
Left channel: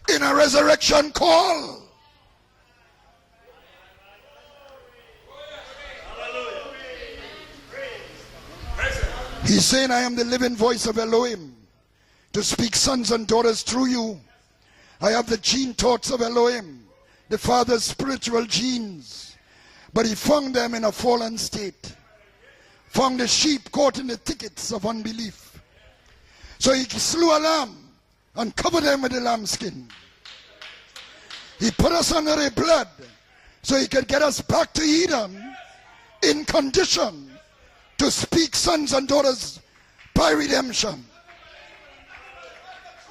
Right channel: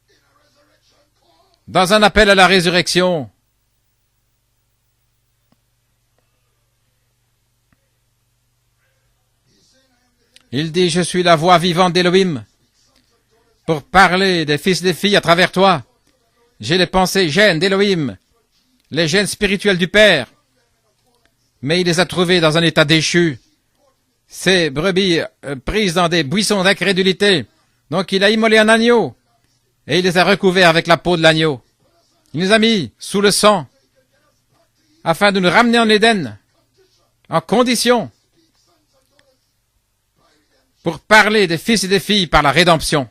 In a resurrection call. Dans un appel à la résurrection. He's saying, I am the living Il voice dit, of je suis la Elohim, voix vivante d'Élohim to speak sons and daughters pour through you. parler des fils et des I filles à have the travers gene toi. thoughts of Elohim, J'ai les pensées the gènes Father's d'Élohim, spiritual gene. les gènes spirituels du But he Père, found them in a fallen state. mais il les a trouvés dans un état From the déchu. sheep caught in the thickets Ces of brebis unbelief. prises dans des buissons So he d'incrédulité. slew a lamb Donc il a and immolé un covered them agneau with the lambskin. et il les a recouverts avec la peau de l'agneau. He put us under Il nous the a mis blood sous le sang so he could get us back to Eden afin de nous ramener en Éden in condition en condition to speak sons and daughters by redemption. pour parler des fils et des filles par la rédemption.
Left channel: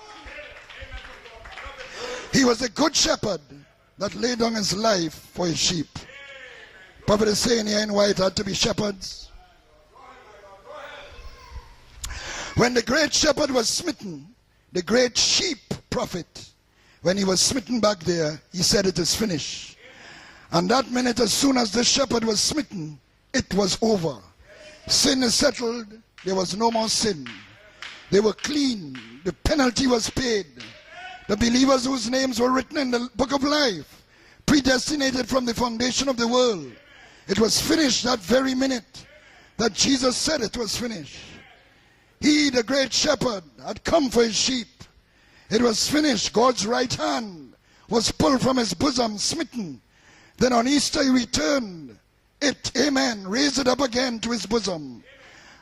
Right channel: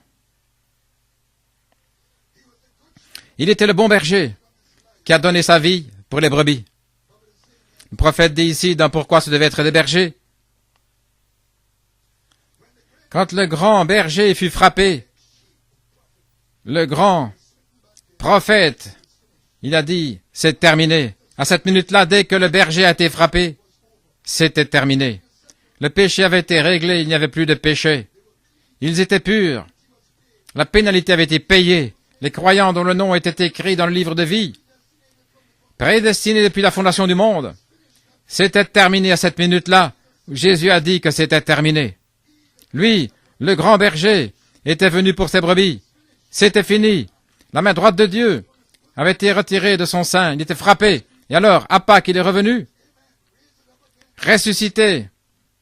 He was a good shepherd Il était le bon that berger laid down his life qui a donné for sa his vie sheep. pour les brebis. Prophet is saying here in Le why prophète God to dit be ici dans shepherds. pourquoi ce devait être des bergers. When the great Quand le shepherd was grand smitten, berger fut the frappé, great sheep prophet, le when grand he was smitten back there, he prophète, said it is finished. il a dit, c'est And terminé. that minute, as À soon cette as the minute-là, dès shepherd que le was berger a été smitten, frappé, it was over. c'était terminé. Sin is settled. Le péché avait There été was no more réglé, il n'y sin. avait plus de péché. They were clean. Ils étaient purs. Penalty was paid. La pénalité avait été The payée. believers whose names Les were croyants dont le written in nom the était book of écrit life, dans le livre de vie, predestinated from the foundation of the prédestinés world. depuis la fondation du It monde, was finished that very c'était minute. terminé à cette minute-là. That Jesus said it Jésus was a dit que c'était terminé. He, the great Lui, shepherd, le grand come for berger, his sheep. était venu pour ses It brebis. was finished. C'était God's fini. right hand La main droite de was Dieu pulled from his bosom, avait été smitten. retirée de son sein. Il Then était on frappé. Easter he returned. Et alors, à Pâques, il est revenu, Amen. Raised it up again to his bosom ressuscité.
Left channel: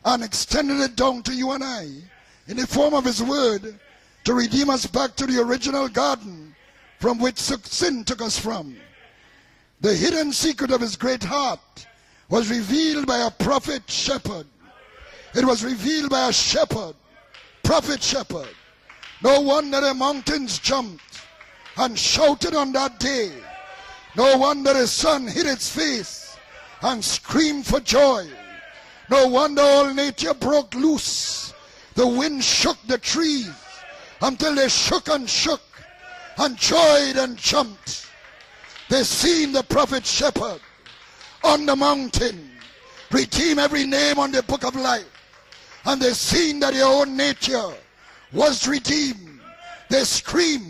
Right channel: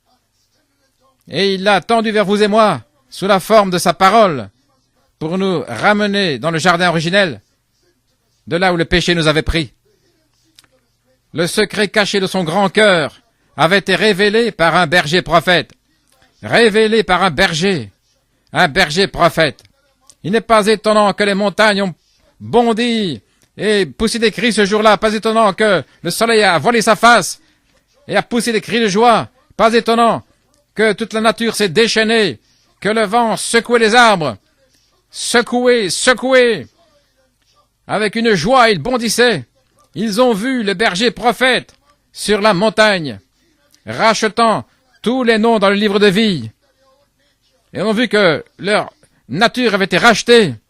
and extended it down to Et you il and l'a I, tendu vers vous et moi, sous la forme de sa to parole, redeem us back to pour the nous original ramener dans le jardin garden from originel, which sin took us from. de là où le péché nous avait pris. The hidden secret of his great Le heart secret caché de son was grand revealed cœur by a prophet avait été révélé par un berger It was prophète. revealed by a shepherd, Révélé par un berger, prophet shepherd. un berger No prophète. wonder the mountains Il n'est pas jumped étonnant que les montagnes ont and shouted on that bondi day. et poussé des cris ce jour-là. Pas étonnant que le soleil a voilé sa And face screamed for joy. et a poussé des cris de joie. No wonder Pas all étonnant nature broke que loose. toute la nature s'est The déchaînée, wind shook que the le vent trees secouait les arbres, until they shook and shook secouait, secouait, and joyed and jumped. avec une joie, ils They bondissaient. seen the prophet Ils ont shepherd vu le berger prophète on the mountain, sur la montagne, redeem every name on the rachetant book of life. tous les noms dans le livre And de they vie. seen that their own nature Et on a vu que was leur redeemed. nature avait été They rachetée. screamed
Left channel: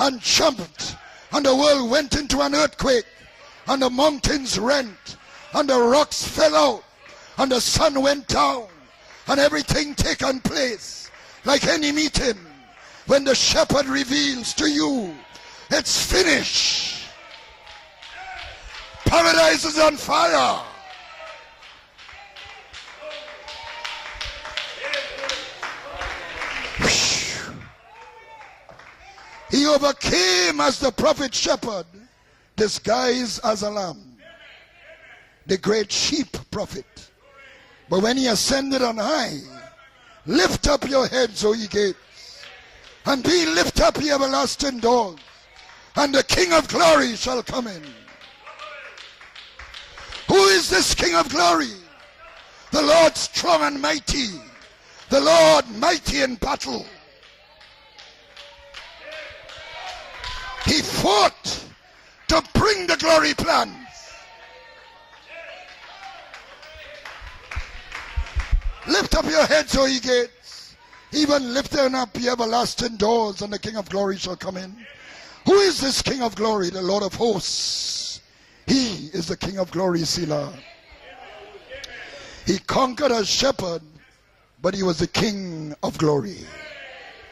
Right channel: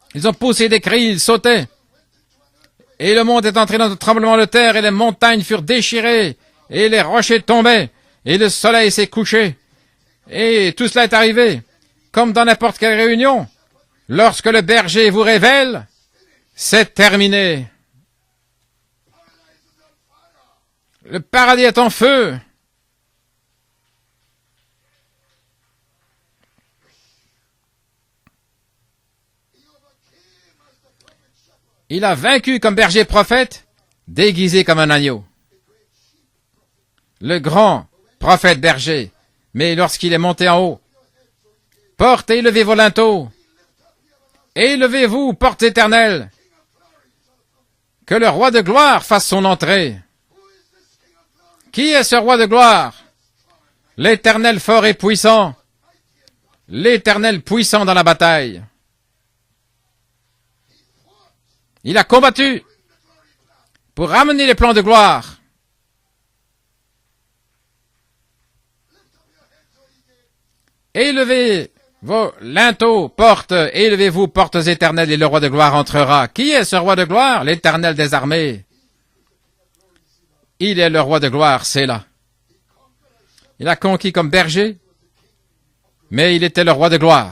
and Ils ont jumped, poussé des cris, ils and the sautaient. world went into an earthquake. Et le monde est entré dans un tremblement de terre et les montagnes furent déchirées et les rochers tombaient et le soleil s'est And couché. everything taken Et place. tout cela est arrivé Like any meeting, comme dans n'importe quelle when réunion. the shepherd reveals Lorsque le to berger you, vous révèle, it's finished. c'est terminé. Paradise is on fire. Le paradis est en feu. He overcame as the prophet shepherd, Il a vaincu comme berger disguised prophète, as a lamb. déguisé comme un agneau. The great sheep prophet. Le grand But when he prophète ascended berger. on high, Mais lorsqu'il est monté en lift haut, up your heads, O ye gates, portez, élevez vos linteaux, and be lift up, ye everlasting et doors, élevez-vous, portes and éternelles, the King of glory shall come in. que le roi de gloire fasse son entrée. Who is this King of glory? Qui est ce roi de The gloire? Lord strong and mighty. L'Éternel fort et The puissant, Lord mighty in battle. l'Éternel puissant dans la bataille. He fought Il a to combattu bring the glory plan. pour ramener les plans de gloire. Lift up your heads, O ye gates. Élevez vos linteaux, portes, élevez-vous, portes éternelles, et le roi de gloire entrera. Qui est ce roi de gloire? L'Éternel des armées. He is the King of glory, Selah. Il est le roi de gloire, c'est là. He conquered as Il a shepherd, conquis comme berger, but he was the King of glory. mais il était le roi de gloire.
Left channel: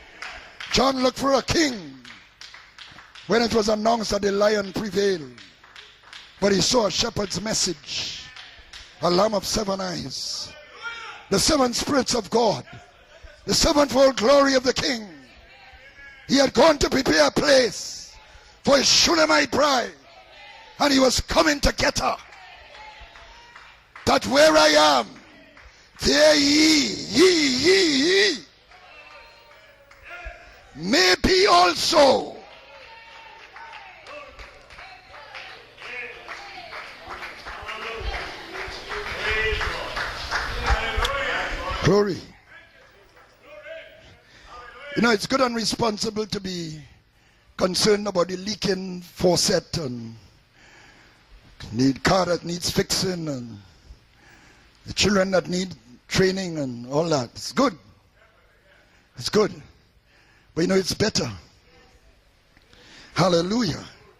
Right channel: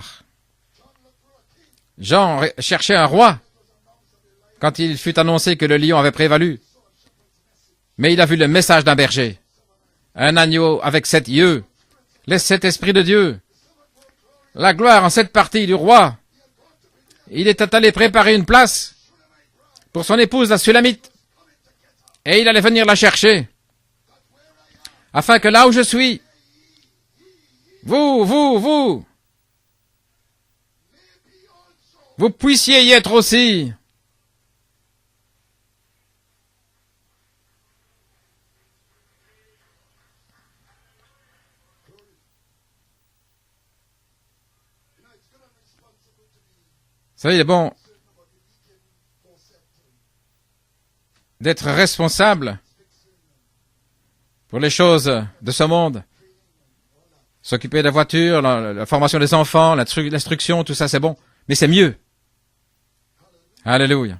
John looked for a king Jean cherchait un roi when it was announced that the lion quand il fut prevailed, annoncé que le lion avait but prévalu. he saw a shepherd's message, Mais il a vu le message d'un a berger, lamb of 7 eyes, un agneau avec 7 the yeux, 7 spirits of les God, 7 esprits de Dieu, the sevenfold glory of la the gloire king. en 7 parties du roi. He had gone to prepare a Il était place allé préparer une for his place Shunammite bride, pour son épouse, la and he Sulamite, was coming to get her, et il allait venir la chercher, that where I am, afin que là où je suis, here ye vous, may be also. vous puissiez y être aussi. Glory. You know, it's good and responsible to be Vous savez, il est bon concerned about the leaking faucet and d'être the car responsable that needs fixing and pour les choses children that de ce need monde. training and all that. It's good. S'occuper de la voiture, la formation des enfants, l'instruction, You tout know, ça, it's c'est bon. better. Mais c'est mieux. Hallelujah. Alléluia.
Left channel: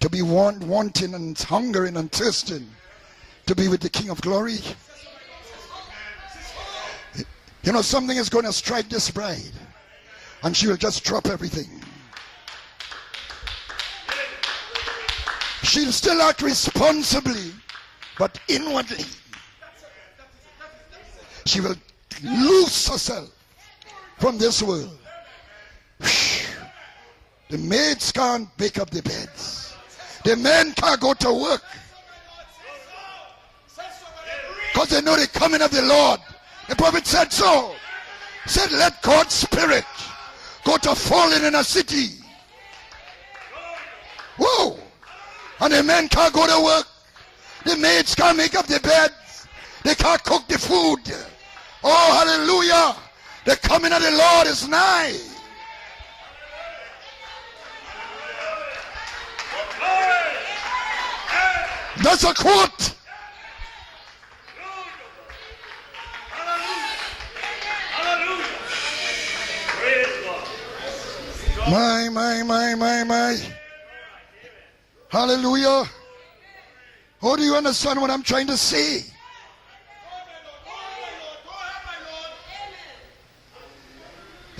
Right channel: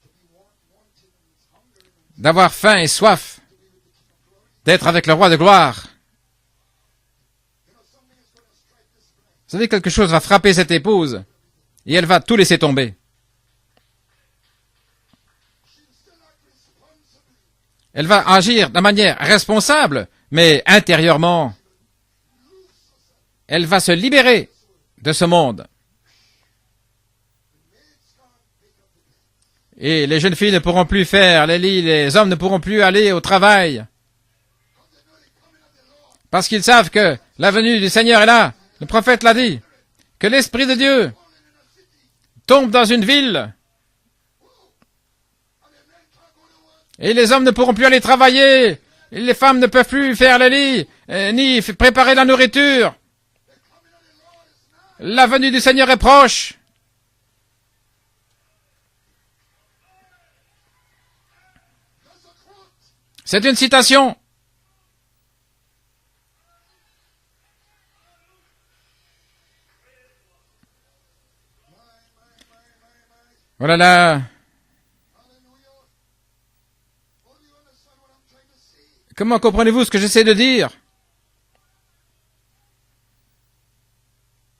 To be wanting and hungering and D'avoir thirsty faim et soif, to be with the King of glory. d'être avec le roi de gloire. You know, something is going to strike this bride. Vous savez, quelque chose va frapper She cette will just épouse drop everything. et elle va tout laisser tomber. She'll still act responsibly. Elle va agir de manière responsable, mais intérieurement, She will lose herself elle va se from libérer this world. de ce monde. The maids can't pick up the beds. Et les jeunes filles ne pourront plus faire les lits, les hommes ne pourront plus aller au travail. Because they know the coming of the Lord. Parce qu'ils savent que la venue du Seigneur est là. Said, Le let prophète l'a God's dit, spirit que l'Esprit de go to Dieu falling in a city. tombe dans une ville Whoa! And the men can't go to work. et les hommes ne pourront plus aller travailler. Et les femmes ne peuvent plus faire le lit, ni préparer la nourriture. Hallelujah. The coming of the Lord is nigh. La venue du Seigneur est proche. That's a quote. C'est une citation. My. Voilà là. Hallelujah. How do you understand what I'm trying to say? Comment comprenez-vous ce que j'essaie de dire?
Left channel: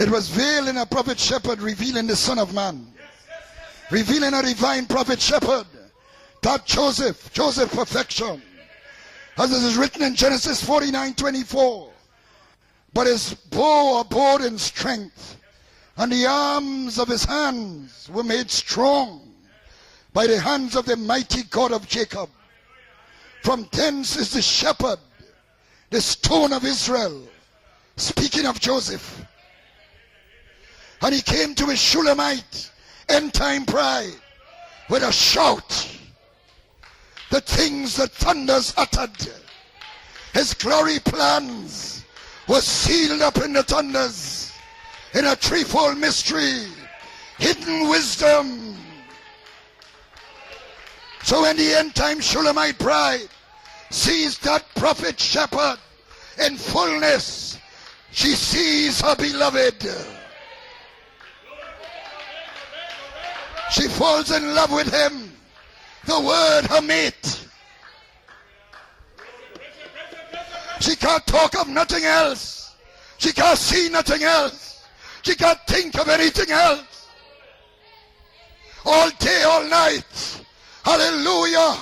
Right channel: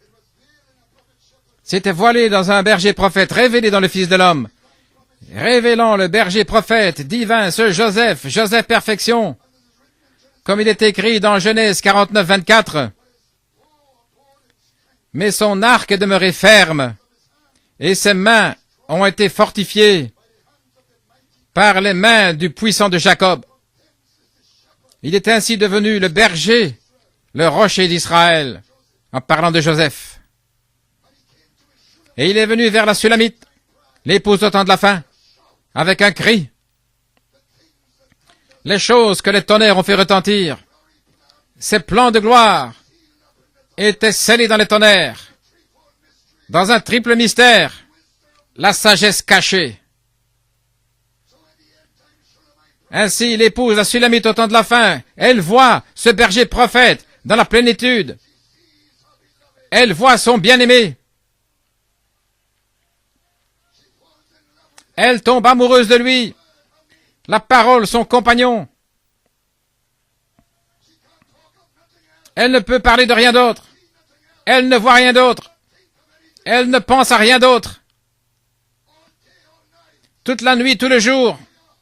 It was veiled in a prophet shepherd C'était revealing the voilé Son dans of un Man. berger prophète, révélé dans le Fils de Revealing a l'homme, divine prophet shepherd. révélant le berger That prophète Joseph, divin, ce Joseph, Joseph Joseph perfection, As it is written in Genesis comme il est écrit dans 49:24. Genèse 49, 24. But his bow abode in strength. Mais son arc And demeurait the ferme, arms of his hand et ses were mains made strong ont été fortifiées by the hands of the mighty God par of les Jacob. mains du puissant de Jacob. From thence is the shepherd, Il est ainsi devenu the le stone of berger, Israel. le rocher Speaking d'Israël, of Joseph. en parlant de Joseph. And he came to his Et Shulamite, il est venu vers la Sulamite, end-time bride, l'épouse au temps de la fin, with a shout. avec un cri. The things that thunders Les uttered, choses que les tonnerres ont fait his retentir, glory plans ces plans de were gloire sealed up in the étaient thunders, scellés dans les tonnerres, in a threefold mystery, dans un triple mystère, hidden wisdom. la sagesse cachée. So when the end-time Shulamite bride Ainsi, l'épouse, la Sulamite au temps de la fin, elle voit ce berger prophète dans la plénitude. she sees her beloved, Elle voit son bien-aimé. she falls in love with him, Elle tombe amoureuse de the lui. word her mate. La parole, son compagnon. She can't talk of nothing else. Elle ne peut parler de rien She can't d'autre. see nothing else. Elle ne voit rien She d'autre. can't think of anything Elle ne else. pense à rien d'autre. All day, all night. Toute la nuit, tout le jour, Hallelujah.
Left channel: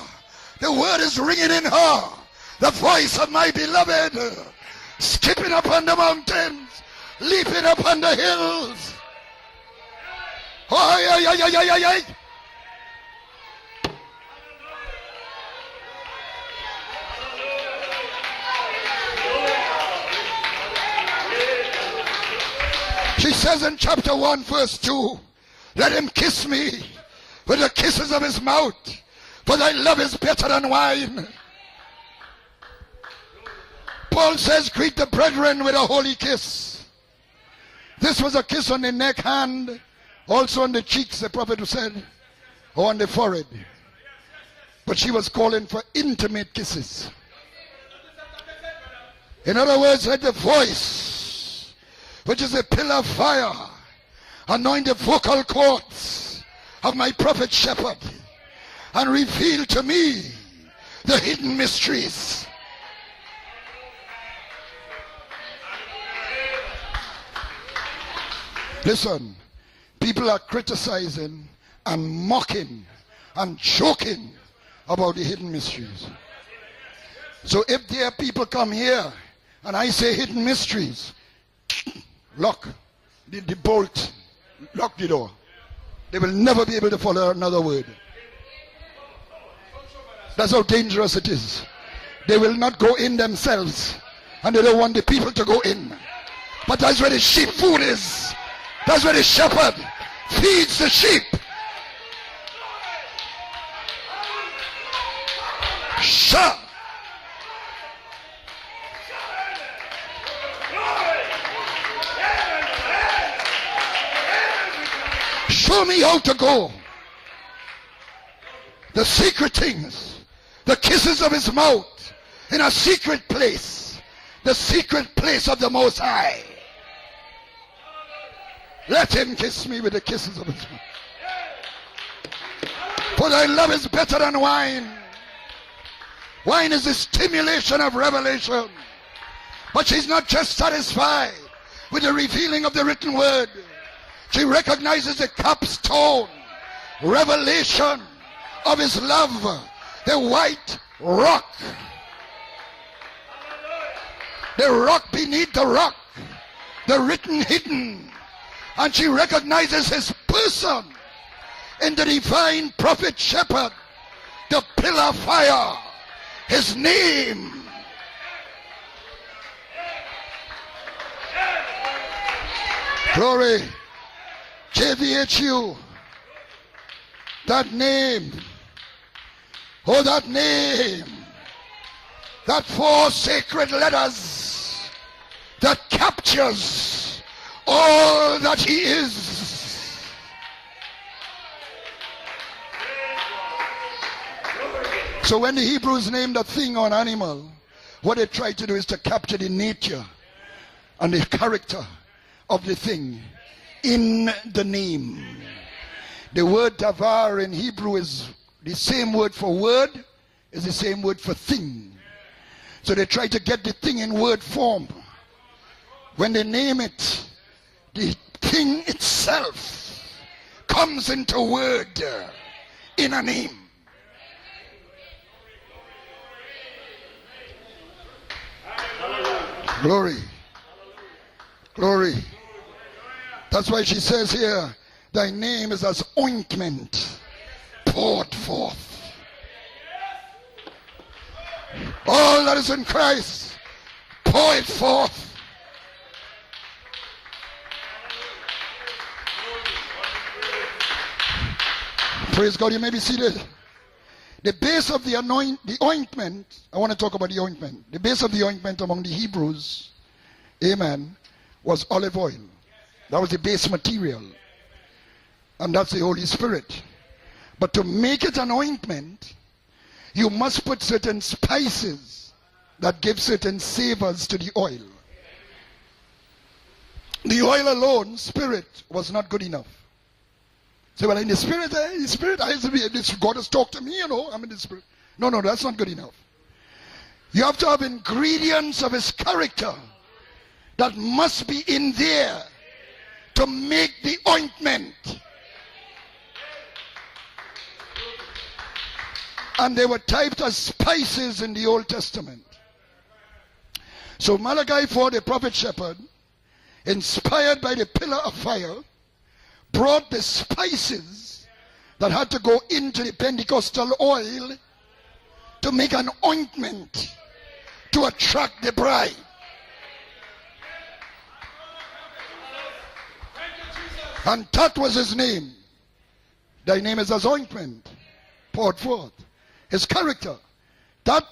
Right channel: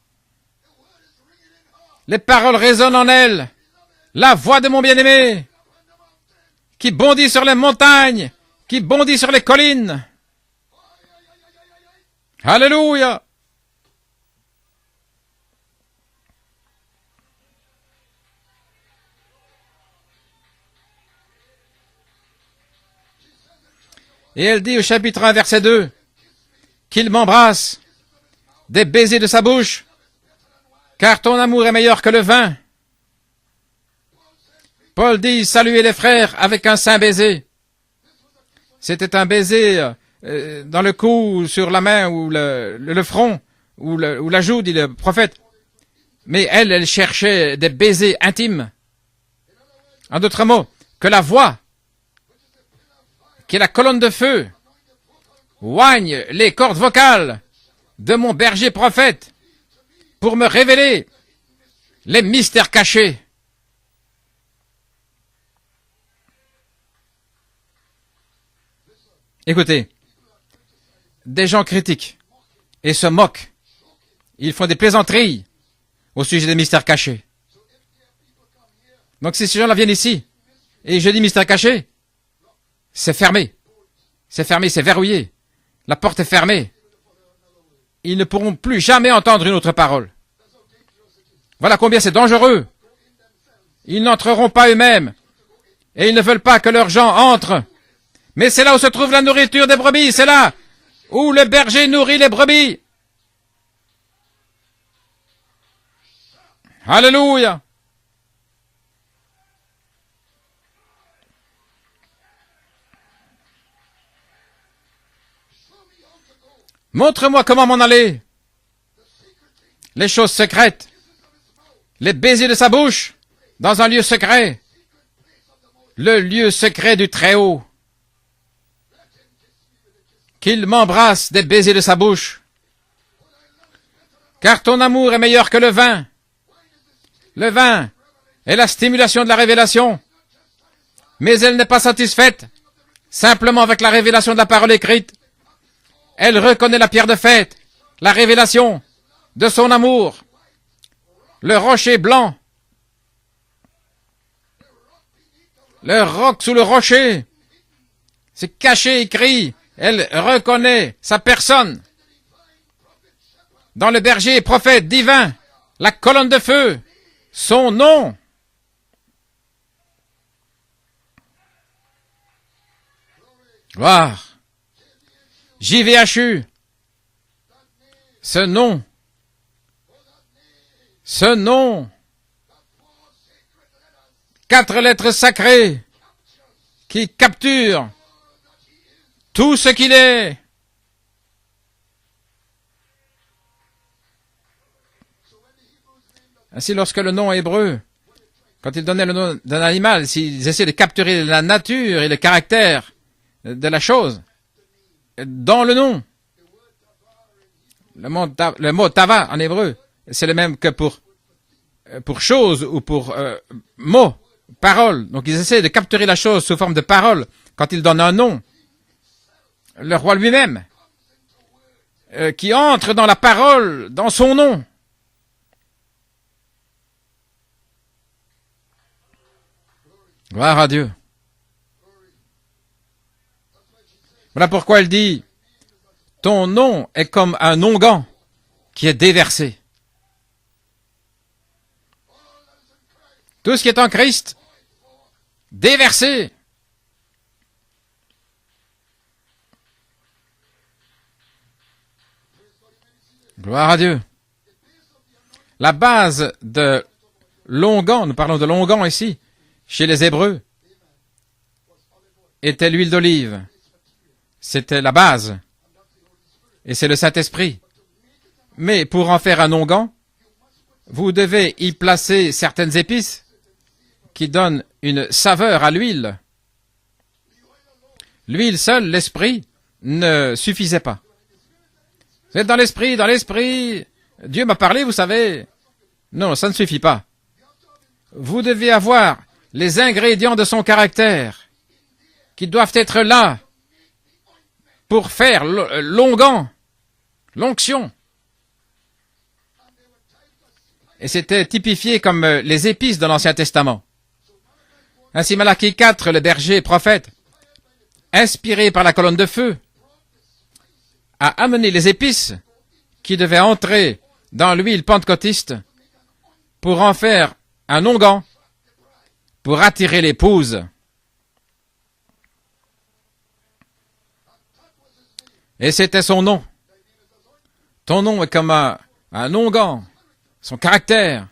The word is ringing in her. les paroles The résonnent en voice of elle. my beloved. La voix de mon bien-aimé Skipping up on the mountain. qui bondit sur les montagnes, qui bondit sur les collines. Aïe, aïe, aïe, aïe, aïe, aïe, aïe. Alléluia. She says in chapter 1, Et elle dit au verse chapitre 2, 1, verset 2, let him kiss me qu'il with m'embrasse the kisses of his mouth. des baisers de sa But bouche, I love is better than wine. car ton amour est meilleur que le vin. Paul says, greet the Paul brethren dit, with saluez a les holy frères kiss. avec un saint baiser. This was a kiss on the neck C'était un and baiser also on dans the le cheeks, cou, the ou prophet sur la said. main, ou le On the front, forehead. ou la joue, dit le But she was prophète. calling for intimate Mais elle kisses. cherchait des baisers intimes. In other words, let En the d'autres mots, voice, que la voix, which is a pillar of fire, qui est la colonne de feu, anoint the vocal cords oigne les cordes of my vocales prophet shepherd, de mon berger and prophète reveal to me pour me révéler the hidden mysteries. les mystères cachés. Listen, Écoutez, people are criticizing des gens critiquent and mocking et se moquent. and joking Ils font des about the plaisanteries hidden mysteries. au sujet des mystères cachés. So if there people come here, Donc si ces gens-là viennent I say ici hidden mystery, et je dis mystère caché, lock c'est fermé. the bolt. C'est fermé, c'est verrouillé. La porte They est will fermée. never be able to follow another word. Ils ne pourront plus jamais entendre une autre parole. That's how dangerous it is. Voilà combien c'est They will dangereux. not go in themselves. Ils n'entreront And pas they don't want eux-mêmes the people to go in. et ils ne veulent pas que But leurs that's gens where the sheep entrent. food is. Mais c'est là où se trouve la nourriture des brebis, c'est là Feeds the sheep. où le berger nourrit les brebis. Shut. Alléluia. Show me how to go. Montre-moi comment m'en aller. The secret things. Les choses The secrètes, kisses of his mouth. les baisers de In sa a bouche, secret place. dans un lieu secret, The secret place of the Most le High. lieu secret du Très-Haut. Let him kiss me with the kisses of Qu'il m'embrasse des baisers de sa bouche, For thy love is better than car ton wine. amour est meilleur que le vin. Le vin est la stimulation de la révélation, mais elle n'est pas satisfaite simplement avec la révélation de la parole écrite. Elle reconnaît la pierre de fête, la révélation de son amour, le rocher blanc, le roc sous le rocher. C'est caché, écrit. Elle reconnaît sa personne dans le berger prophète divin, la colonne de feu, son nom. Gloire. JVHU. Ce nom. Ce nom. 4 lettres sacrées qui capturent tout ce qu'il est. Ainsi, lorsque le nom hébreu, quand ils donnaient le nom d'un animal, s'ils essaient de capturer la nature et le caractère de la chose dans le nom. Le mot tavar en hébreu, c'est le même que pour chose ou pour mot, parole. Donc ils essaient de capturer la chose sous forme de parole quand ils donnent un nom. Le roi lui-même qui entre dans la parole, dans son nom. Gloire à Dieu. Voilà pourquoi elle dit, ton nom est comme un onguent qui est déversé. Tout ce qui est en Christ, déversé. Gloire à Dieu. La base de l'onguent, nous parlons de l'onguent ici, chez les Hébreux, était l'huile d'olive. C'était la base. Et c'est le Saint-Esprit. Mais pour en faire un onguent, vous devez y placer certaines épices qui donnent une saveur à l'huile. L'huile seule, l'esprit, ne suffisait pas. Mais dans l'esprit, Dieu m'a parlé, vous savez. Non, ça ne suffit pas. Vous devez avoir les ingrédients de son caractère qui doivent être là pour faire l'onguent, l'onction. Et c'était typifié comme les épices de l'Ancien Testament. Ainsi, Malachie 4, le berger prophète, inspiré par la colonne de feu, a amené les épices qui devaient entrer dans l'huile pentecôtiste pour en faire un onguent pour attirer l'épouse. Et c'était son nom. Ton nom est comme un onguent. Son caractère,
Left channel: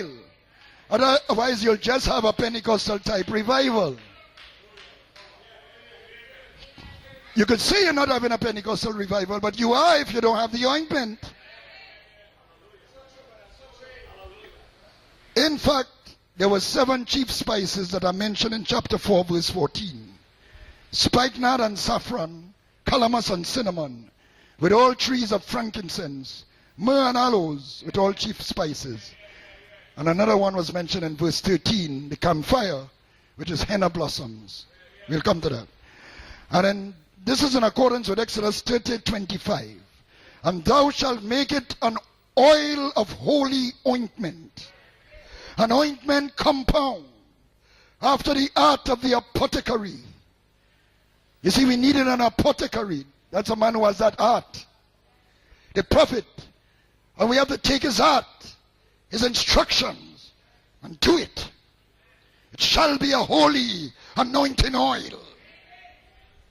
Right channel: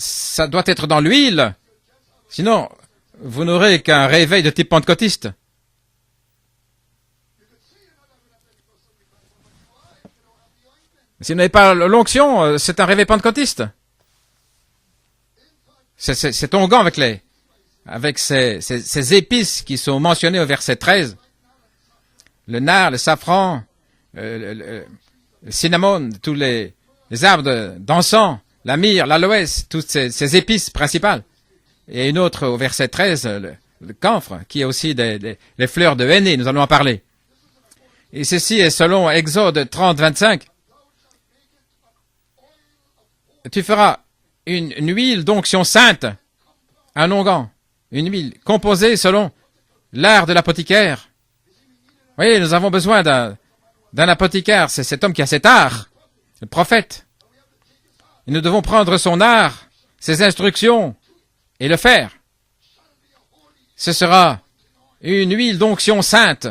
ça doit être dans l'huile. Sinon, vous n'aurez qu'un réveil de type pentecôtiste. Si vous n'avez pas l'onction, c'est un réveil pentecôtiste. C'est onguent avec ces épices qui sont mentionnées au verset 13. Le nard, le safran, le cinnamon, tous les arbres d'encens, la myrrhe, l'aloès, toutes ces épices principales. Et une autre au verset 13, le camphre, qui est aussi des fleurs de henné, nous allons en parler. Et ceci est selon Exode 30, 25. Tu feras une huile d'onction sainte, un onguent, une huile composée selon l'art de l'apothicaire. Oui, nous avons besoin d'un apothicaire, c'est cet homme qui a cet art, le prophète. Et nous devons prendre son art, ses instructions, et le faire. Ce sera une huile d'onction sainte.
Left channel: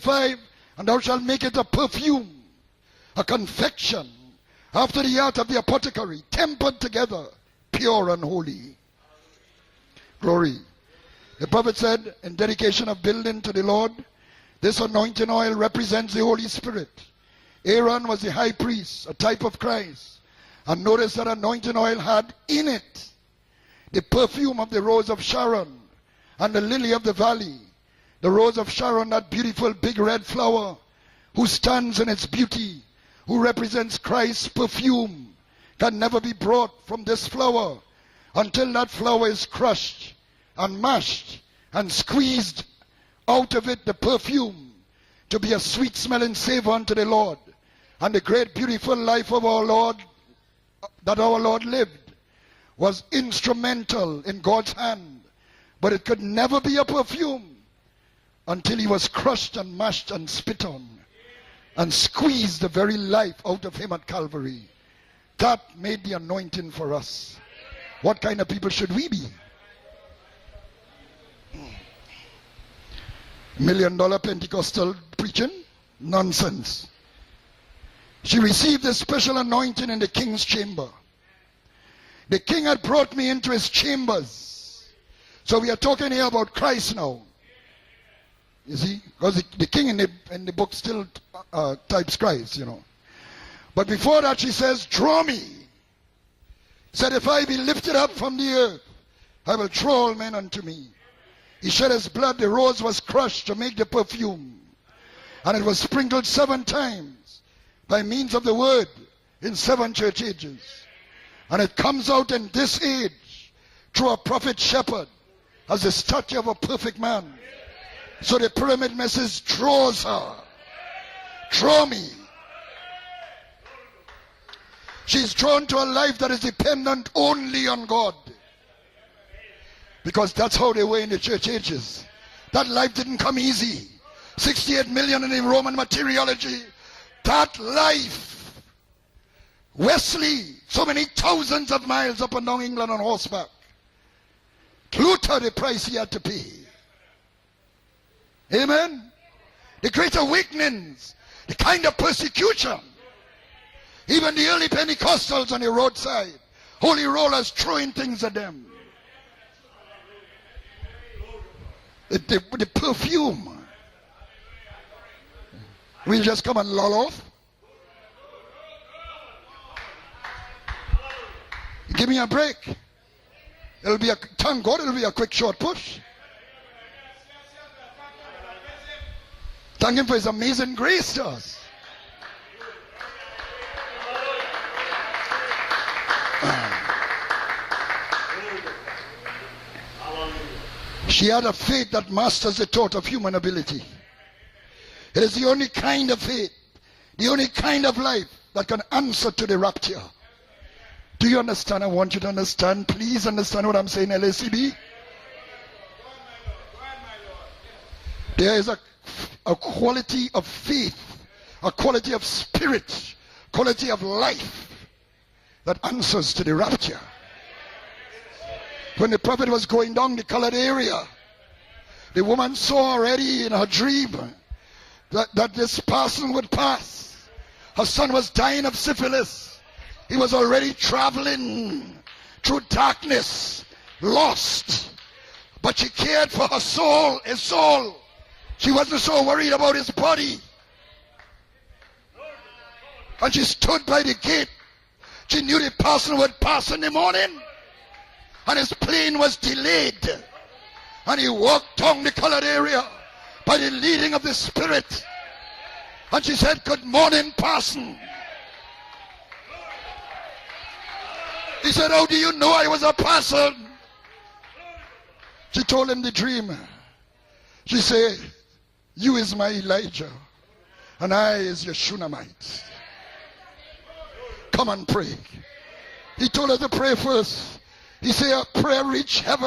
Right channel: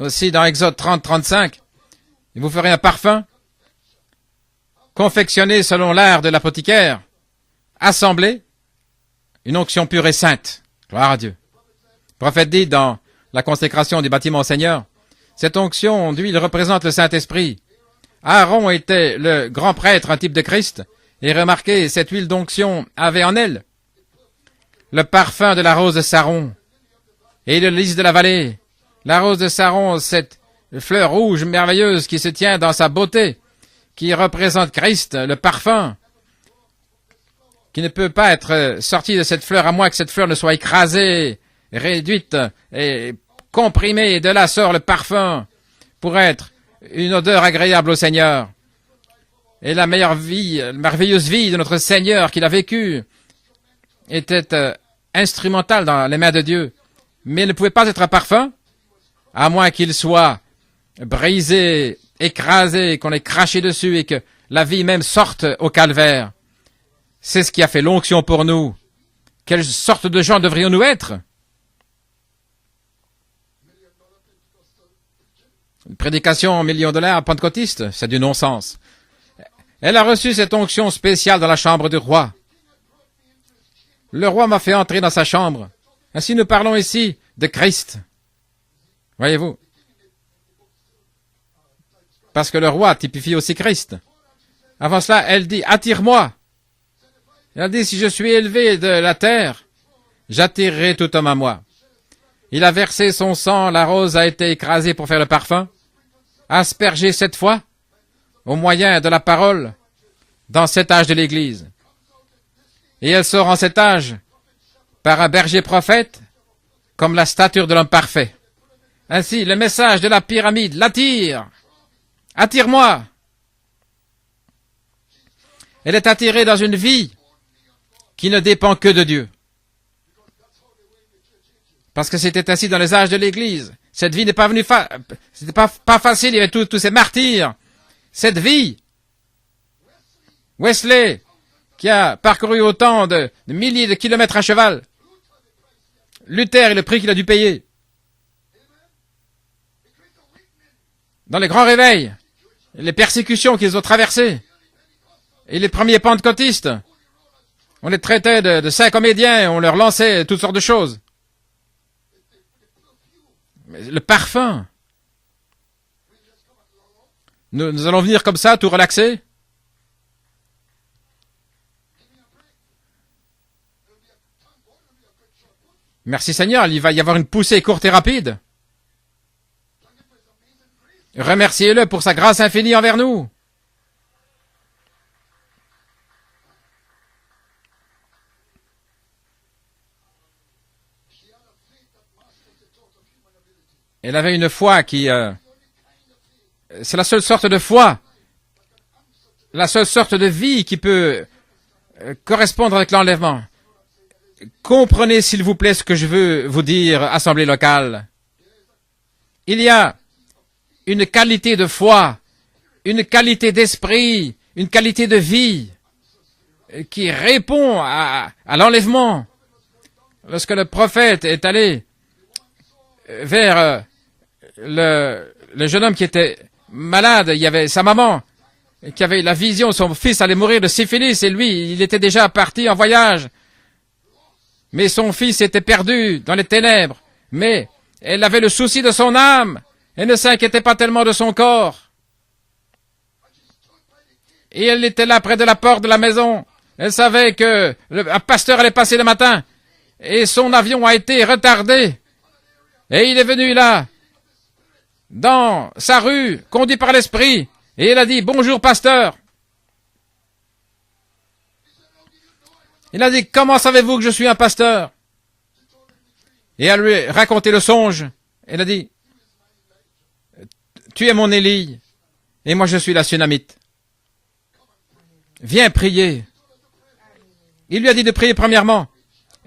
Aussi dans Exode 30, 35, vous ferez un parfum confectionné selon l'art de l'apothicaire, assemblé, une onction pure et sainte. Gloire à Dieu. Le prophète dit dans la consécration du bâtiment au Seigneur, cette onction d'huile représente le Saint-Esprit. Aaron était le grand prêtre, un type de Christ, et remarquez, cette huile d'onction avait en elle le parfum de la rose de Saron et le lys de la vallée. La rose de Saron, cette fleur rouge merveilleuse qui se tient dans sa beauté, qui représente Christ, le parfum, qui ne peut pas être sorti de cette fleur à moins que cette fleur ne soit écrasée, réduite et comprimée. De là sort le parfum pour être une odeur agréable au Seigneur. Et la merveilleuse vie de notre Seigneur qu'il a vécue était instrumentale dans les mains de Dieu. Mais il ne pouvait pas être un parfum à moins qu'il soit brisé, écrasé, qu'on ait craché dessus et que la vie même sorte au calvaire. C'est ce qui a fait l'onction pour nous. Quelle sorte de gens devrions-nous être? Une prédication $1 pentecôtiste, c'est du non-sens. Elle a reçu cette onction spéciale dans la chambre du roi. Le roi m'a fait entrer dans sa chambre. Ainsi nous parlons ici de Christ. Voyez-vous? Parce que le roi typifie aussi Christ. Avant cela, elle dit, attire-moi. Elle dit, si je suis élevé de la terre, j'attirerai tout homme à moi. Il a versé son sang, la rose a été écrasée pour faire le parfum, aspergée 7 fois, au moyen de la parole, dans cet âge de l'Église. Et elle sort en cet âge par un berger prophète, comme la stature de l'homme parfait. Ainsi, le message de la pyramide l'attire. Attire-moi. Elle est attirée dans une vie qui ne dépend que de Dieu. Parce que c'était ainsi dans les âges de l'Église. Cette vie n'est pas venue pas facile, il y avait tous ces martyrs. Cette vie, Wesley, qui a parcouru autant de milliers de kilomètres à cheval. Luther et le prix qu'il a dû payer. Dans les grands réveils, les persécutions qu'ils ont traversées, et les premiers pentecôtistes, on les traitait de saints comédiens, on leur lançait toutes sortes de choses. Le parfum. Nous allons venir comme ça, tout relaxer. Merci Seigneur, il va y avoir une poussée courte et rapide. Remerciez-le pour sa grâce infinie envers nous. Elle avait une foi qui... c'est la seule sorte de foi, la seule sorte de vie qui peut correspondre avec l'enlèvement. Comprenez s'il vous plaît ce que je veux vous dire, assemblée locale. Il y a une qualité de foi, une qualité d'esprit, une qualité de vie qui répond à l'enlèvement. Lorsque le prophète est allé vers le jeune homme qui était malade, il y avait sa maman qui avait la vision, son fils allait mourir de syphilis et lui, il était déjà parti en voyage. Mais son fils était perdu dans les ténèbres. Mais elle avait le souci de son âme. Elle ne s'inquiétait pas tellement de son corps. Et elle était là près de la porte de la maison. Elle savait que un pasteur allait passer le matin. Et son avion a été retardé. Et il est venu là, dans sa rue, conduit par l'esprit. Et elle a dit, bonjour pasteur. Il a dit, comment savez-vous que je suis un pasteur? Et elle lui a raconté le songe. Elle a dit, tu es mon Élie, et moi je suis la Sunamite. Viens prier. Il lui a dit de prier premièrement.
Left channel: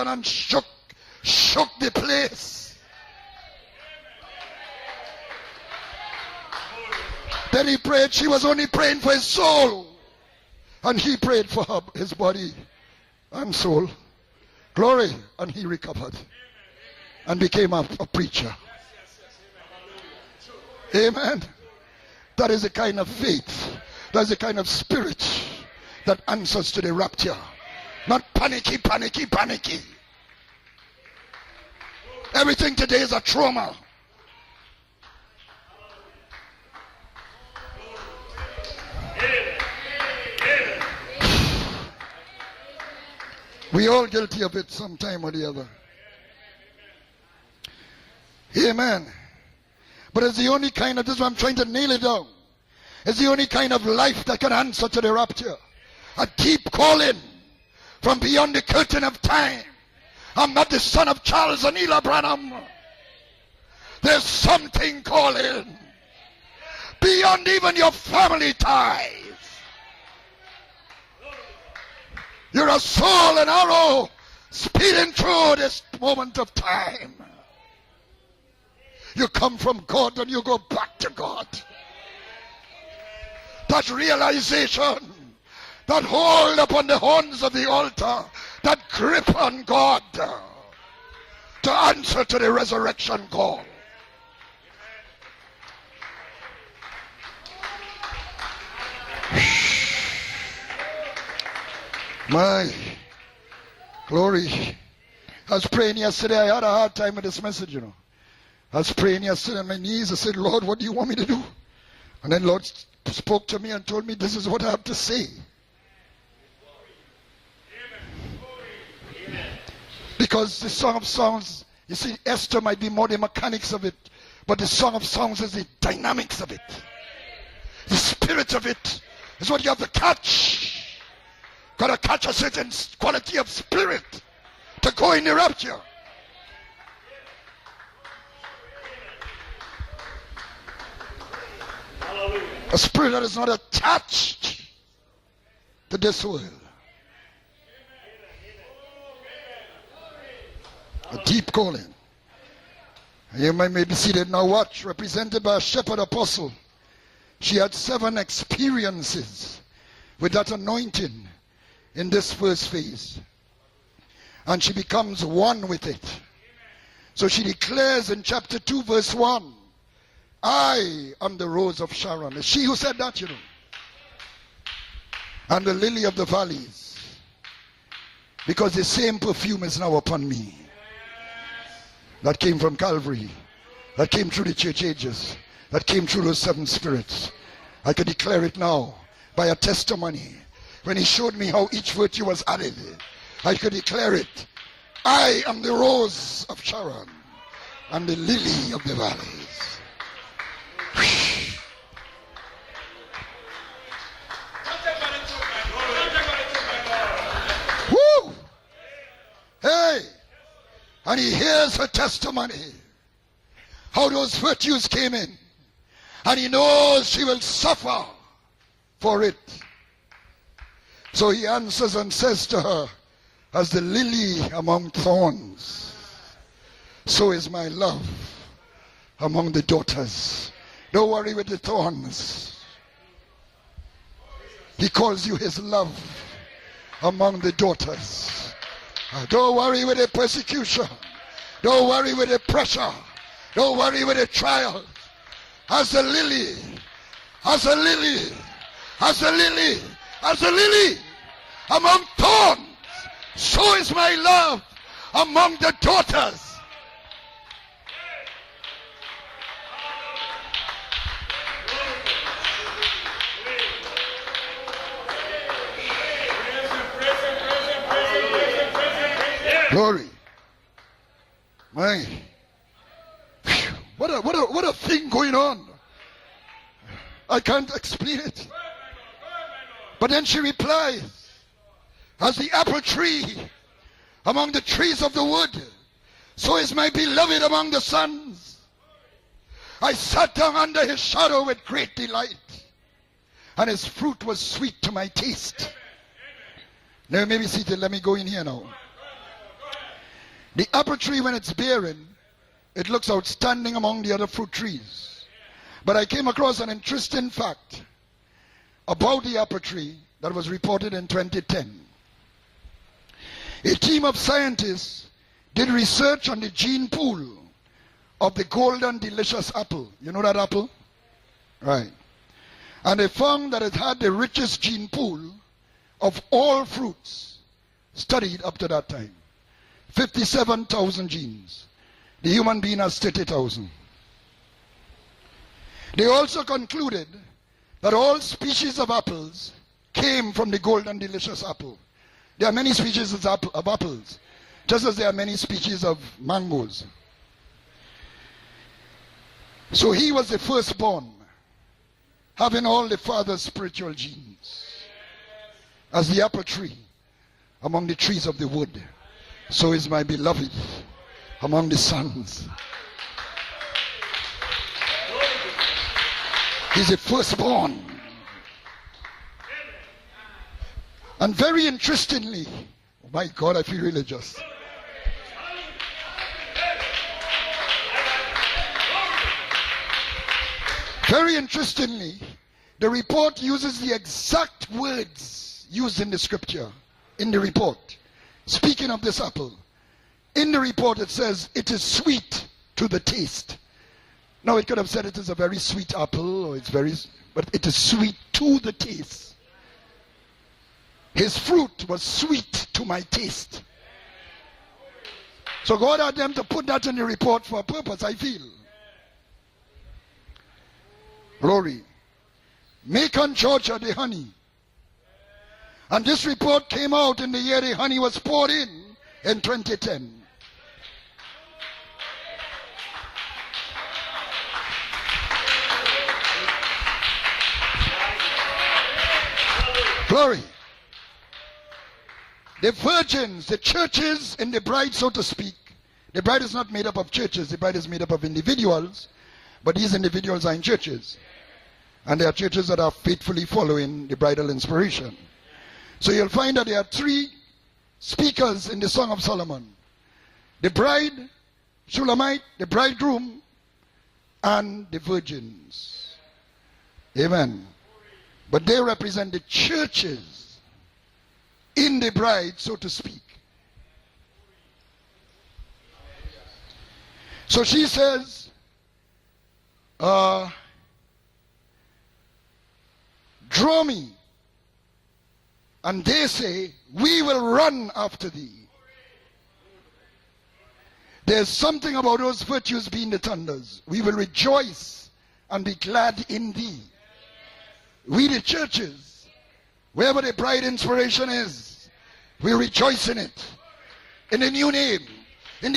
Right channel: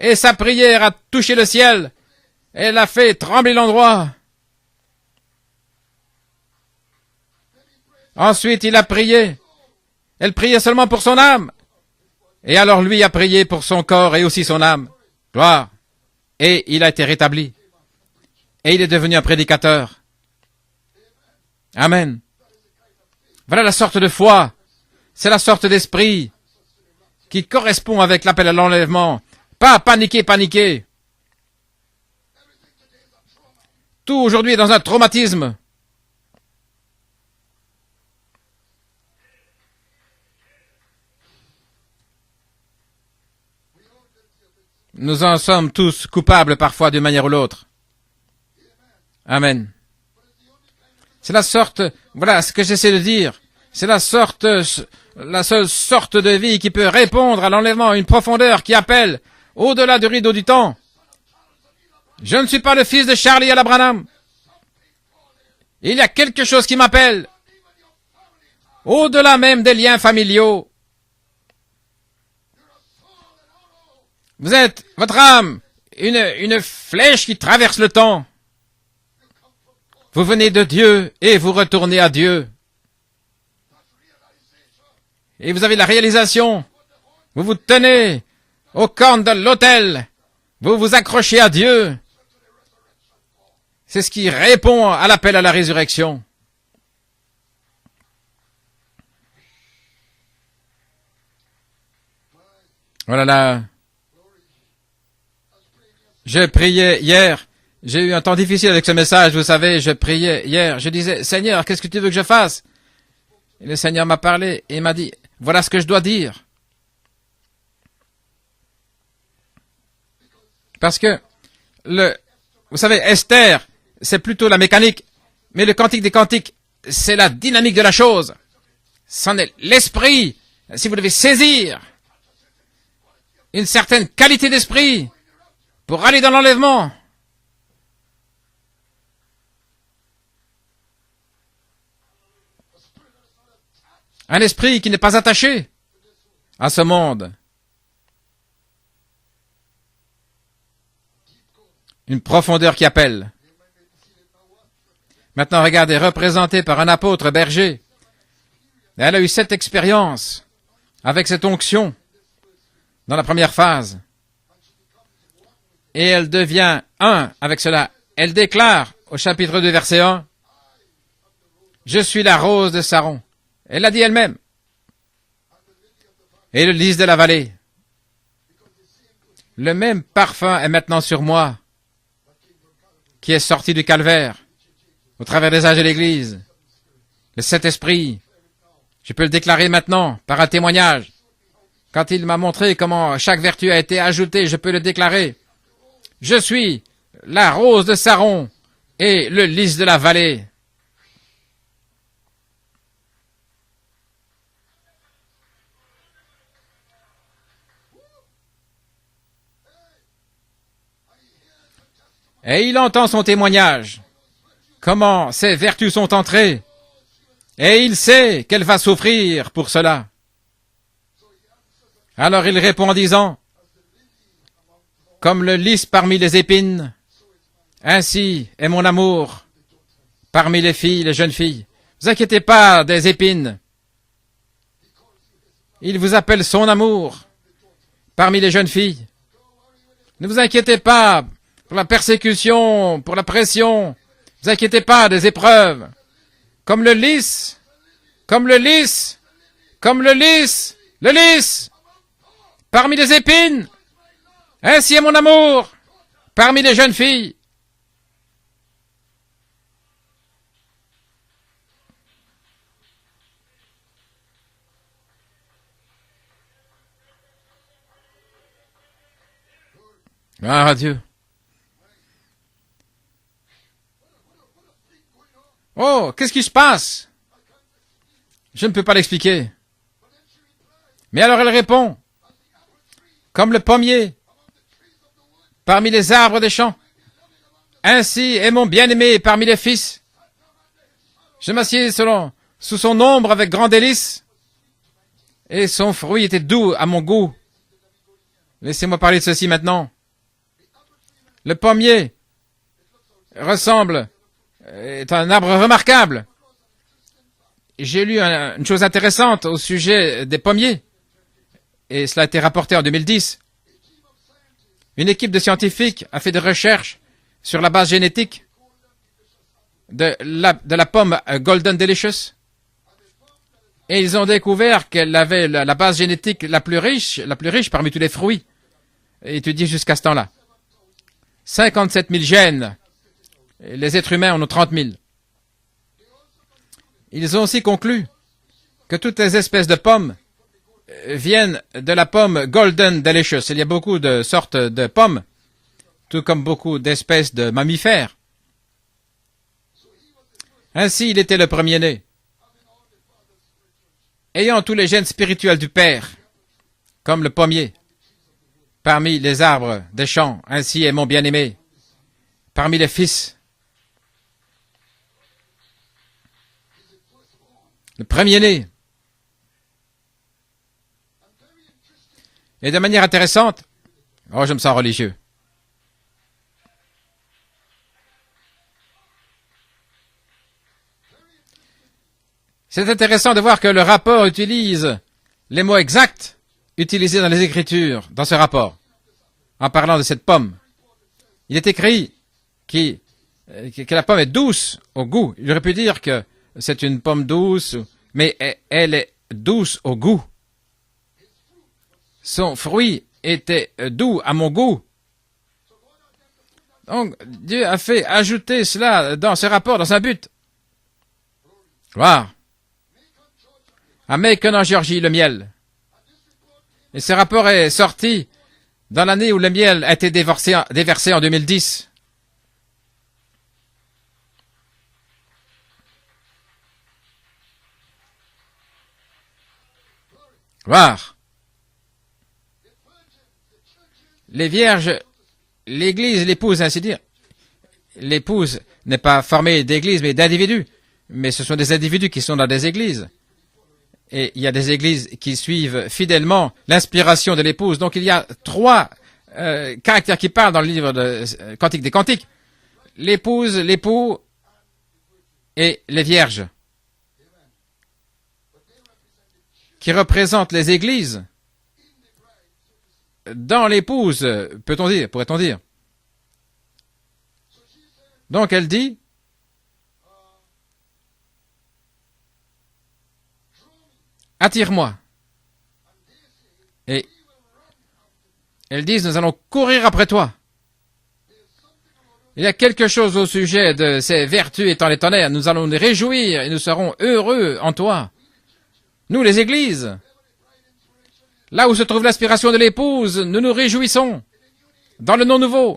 Et sa prière a touché le ciel. Elle a fait trembler l'endroit. Ensuite, il a prié. Elle priait seulement pour son âme. Et alors lui a prié pour son corps et aussi son âme. Gloire. Et il a été rétabli. Et il est devenu un prédicateur. Amen. Voilà la sorte de foi. C'est la sorte d'esprit qui correspond avec l'appel à l'enlèvement. Pas paniquer. Tout aujourd'hui est dans un traumatisme. Nous en sommes tous coupables parfois d'une manière ou l'autre. Amen. C'est la sorte, voilà ce que j'essaie de dire, c'est la seule sorte de vie qui peut répondre à l'enlèvement, une profondeur qui appelle au-delà du rideau du temps. Je ne suis pas le fils de Charlie et Branham. Il y a quelque chose qui m'appelle, au-delà même des liens familiaux. Vous êtes, votre âme, une flèche qui traverse le temps. Vous venez de Dieu et vous retournez à Dieu. Et vous avez la réalisation. Vous vous tenez aux cornes de l'autel. Vous vous accrochez à Dieu. C'est ce qui répond à l'appel à la résurrection. Voilà là. Je priais hier, j'ai eu un temps difficile avec ce message, vous savez, je priais hier, je disais, Seigneur, qu'est-ce que tu veux que je fasse? Le Seigneur m'a parlé et il m'a dit, voilà ce que je dois dire. Parce que, vous savez, Esther, c'est plutôt la mécanique, mais le cantique des cantiques, c'est la dynamique de la chose. C'en est l'esprit. Si vous devez saisir une certaine qualité d'esprit pour aller dans l'enlèvement. Un esprit qui n'est pas attaché à ce monde. Une profondeur qui appelle. Maintenant, regardez, représenté par un apôtre berger. Elle a eu 7 expériences avec cette onction dans la première phase. Et elle devient un avec cela. Elle déclare au chapitre 2, verset 1, « Je suis la rose de Saron. » Elle l'a dit elle-même. Et le lys de la vallée. Le même parfum est maintenant sur moi, qui est sorti du calvaire, au travers des âges de l'Église. Le Saint-Esprit, je peux le déclarer maintenant, par un témoignage. Quand il m'a montré comment chaque vertu a été ajoutée, je peux le déclarer. Je suis la rose de Saron et le lys de la vallée. Et il entend son témoignage, comment ces vertus sont entrées, et il sait qu'elle va souffrir pour cela. Alors il répond en disant, comme le lys parmi les épines, ainsi est mon amour parmi les filles, les jeunes filles. Ne vous inquiétez pas des épines. Il vous appelle son amour parmi les jeunes filles. Ne vous inquiétez pas pour la persécution, pour la pression. Ne vous inquiétez pas des épreuves. Comme le lys, comme le lys, comme le lys, parmi les épines. Ainsi est mon amour parmi les jeunes filles. Gloire à Dieu. Oh, qu'est-ce qui se passe? Je ne peux pas l'expliquer. Mais alors elle répond, comme le pommier parmi les arbres des champs. Ainsi est mon bien-aimé parmi les fils. Je m'assieds sous son ombre avec grand délice, et son fruit était doux à mon goût. Laissez-moi parler de ceci maintenant. Le pommier est un arbre remarquable. J'ai lu une chose intéressante au sujet des pommiers, et cela a été rapporté en 2010. Une équipe de scientifiques a fait des recherches sur la base génétique de la pomme Golden Delicious. Et ils ont découvert qu'elle avait la base génétique la plus riche parmi tous les fruits, étudiée jusqu'à ce temps-là. 57 000 gènes. Et les êtres humains en ont 30 000. Ils ont aussi conclu que toutes les espèces de pommes viennent de la pomme Golden Delicious. Il y a beaucoup de sortes de pommes, tout comme beaucoup d'espèces de mammifères. Ainsi, il était le premier-né, ayant tous les gènes spirituels du Père, comme le pommier, parmi les arbres des champs. Ainsi est mon bien-aimé, parmi les fils. Le premier-né. Et de manière intéressante, oh, je me sens religieux. C'est intéressant de voir que le rapport utilise les mots exacts utilisés dans les Écritures, dans ce rapport, en parlant de cette pomme. Il est écrit que la pomme est douce au goût. Il aurait pu dire que c'est une pomme douce, mais elle est douce au goût. Son fruit était doux à mon goût. Donc, Dieu a fait ajouter cela dans ce rapport, dans un but. Gloire. À Macon, en Géorgie, le miel. Et ce rapport est sorti dans l'année où le miel a été déversé en 2010. Gloire. Les vierges, l'église, l'épouse, ainsi dire. L'épouse n'est pas formée d'églises, mais d'individus. Mais ce sont des individus qui sont dans des églises. Et il y a des églises qui suivent fidèlement l'inspiration de l'épouse. Donc il y a trois caractères qui parlent dans le livre de Cantique des Cantiques. L'épouse, l'époux et les vierges. Amen. Qui représentent les églises. Dans l'épouse, pourrait-on dire. Donc elle dit, attire-moi. Et elles disent, nous allons courir après toi. Il y a quelque chose au sujet de ces vertus étant les tonnerres. Nous allons nous réjouir et nous serons heureux en toi. Nous, les églises, là où se trouve l'inspiration de l'épouse, nous nous réjouissons dans le nom nouveau,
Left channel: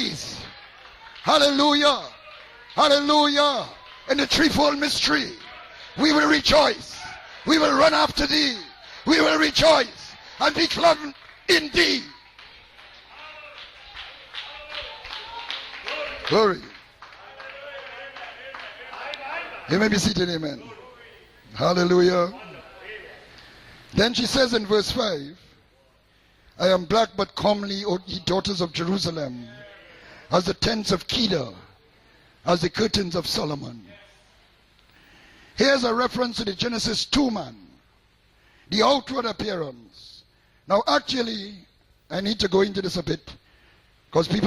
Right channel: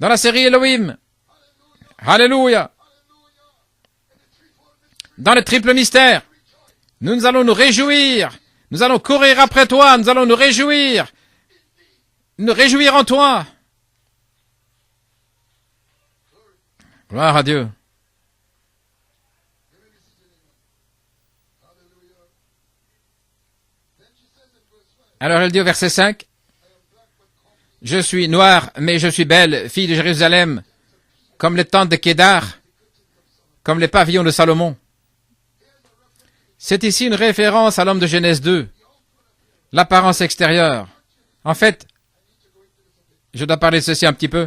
dans la série Elohim. Alléluia. Dans le triple mystère, nous allons nous réjouir. Nous allons courir après toi. Nous allons nous réjouir. Nous réjouir en toi. Gloire à Dieu. You may be seated, amen. Hallelujah. Then she says in verse 5, alors elle dit au verset 5, I am black but comely, je suis noire, mais je suis belle, fille de Jérusalem, comme les tentes de Kédar, comme les pavillons de Salomon. C'est ici une référence à l'homme de Genèse 2, l'apparence extérieure. En fait, je dois parler de ceci un petit peu,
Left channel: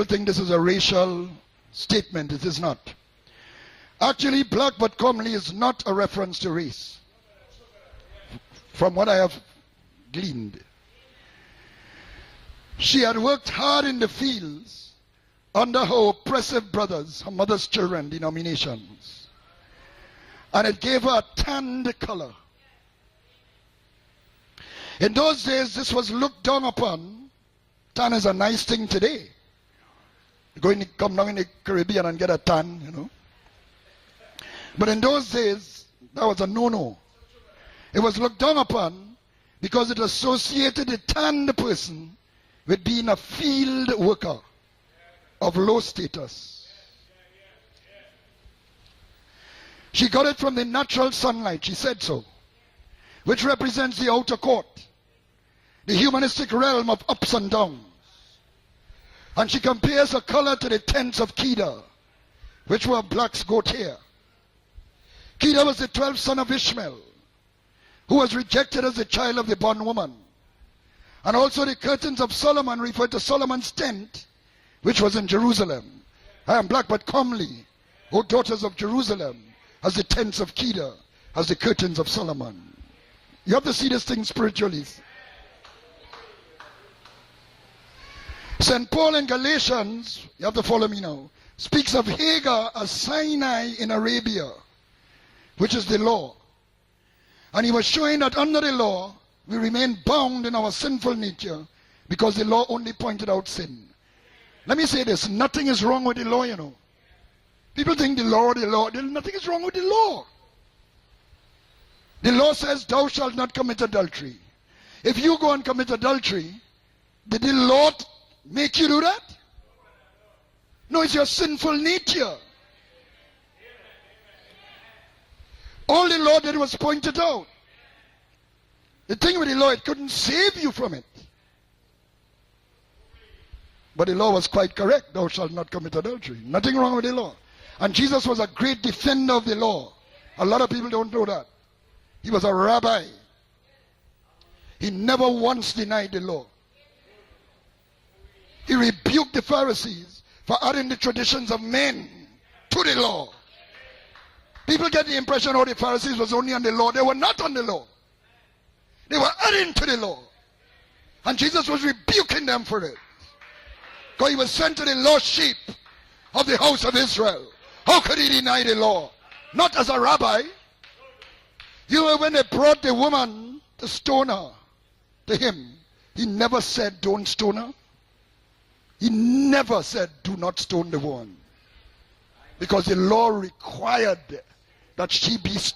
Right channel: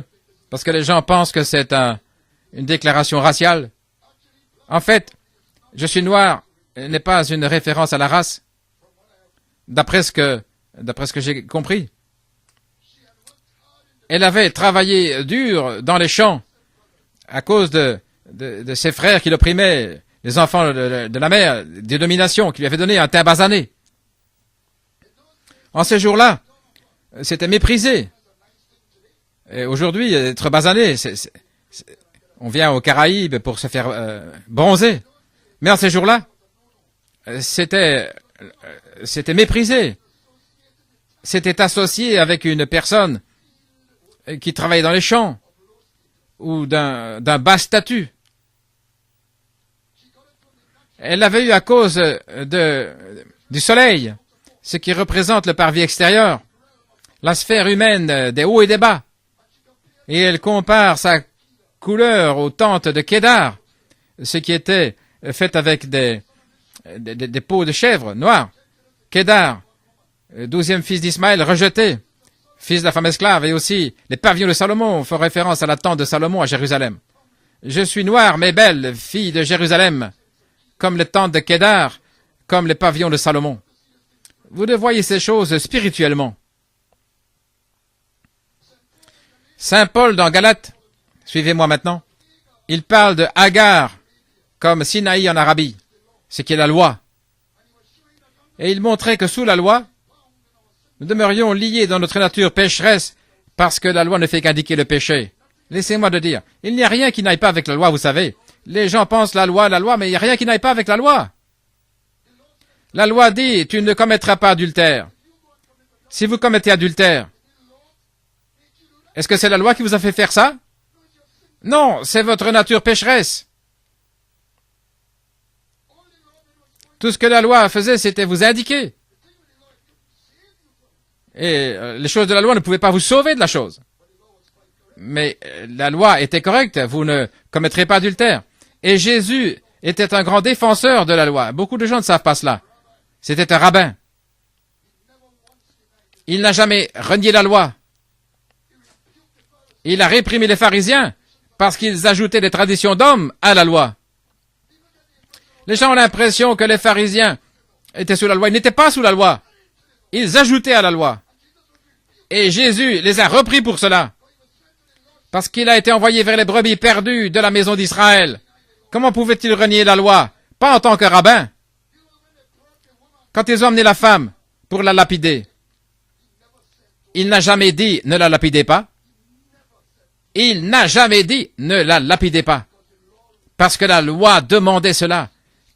parce que les gens pensent que c'est une déclaration raciale. En fait, je suis noir n'est pas une référence à la race, d'après ce que j'ai compris. Elle avait travaillé dur dans les champs à cause de ses frères qui l'opprimaient, les enfants de la mère, des dominations, qui lui avaient donné un teint basané. En ces jours-là, c'était méprisé. Et aujourd'hui, être basané, on vient aux Caraïbes pour se faire bronzer. Mais en ces jours-là, c'était méprisé. C'était associé avec une personne qui travaillait dans les champs ou d'un bas statut. Elle l'avait eu à cause du soleil, ce qui représente le parvis extérieur, la sphère humaine des hauts et des bas. Et elle compare sa couleur aux tentes de Kédar, ce qui était fait avec des peaux de chèvre noires. Kédar, 12e fils d'Ismaël, rejeté, fils de la femme esclave, et aussi les pavillons de Salomon font référence à la tente de Salomon à Jérusalem. Je suis noire mais belle, fille de Jérusalem, comme les tentes de Kédar, comme les pavillons de Salomon. Vous devez voir ces choses spirituellement. Saint Paul dans Galates, suivez-moi maintenant, il parle de Agar comme Sinaï en Arabie, ce qui est la loi. Et il montrait que sous la loi, nous demeurions liés dans notre nature pécheresse parce que la loi ne fait qu'indiquer le péché. Laissez-moi le dire, il n'y a rien qui n'aille pas avec la loi, vous savez. Les gens pensent la loi, mais il n'y a rien qui n'aille pas avec la loi. La loi dit, tu ne commettras pas adultère. Si vous commettez adultère, est-ce que c'est la loi qui vous a fait faire ça? Non, c'est votre nature pécheresse. Tout ce que la loi faisait, c'était vous indiquer. Et les choses de la loi ne pouvaient pas vous sauver de la chose. Mais la loi était correcte, vous ne commettrez pas adultère. Et Jésus était un grand défenseur de la loi. Beaucoup de gens ne savent pas cela. C'était un rabbin. Il n'a jamais renié la loi. Il a réprimé les pharisiens parce qu'ils ajoutaient des traditions d'hommes à la loi. Les gens ont l'impression que les pharisiens étaient sous la loi. Ils n'étaient pas sous la loi. Ils ajoutaient à la loi. Et Jésus les a repris pour cela. Parce qu'il a été envoyé vers les brebis perdues de la maison d'Israël. Comment pouvait-il renier la loi? Pas en tant que rabbin. Quand ils ont amené la femme pour la lapider, il n'a jamais dit « ne la lapidez pas ». Il n'a jamais dit « ne la lapidez pas ». Parce que la loi demandait cela,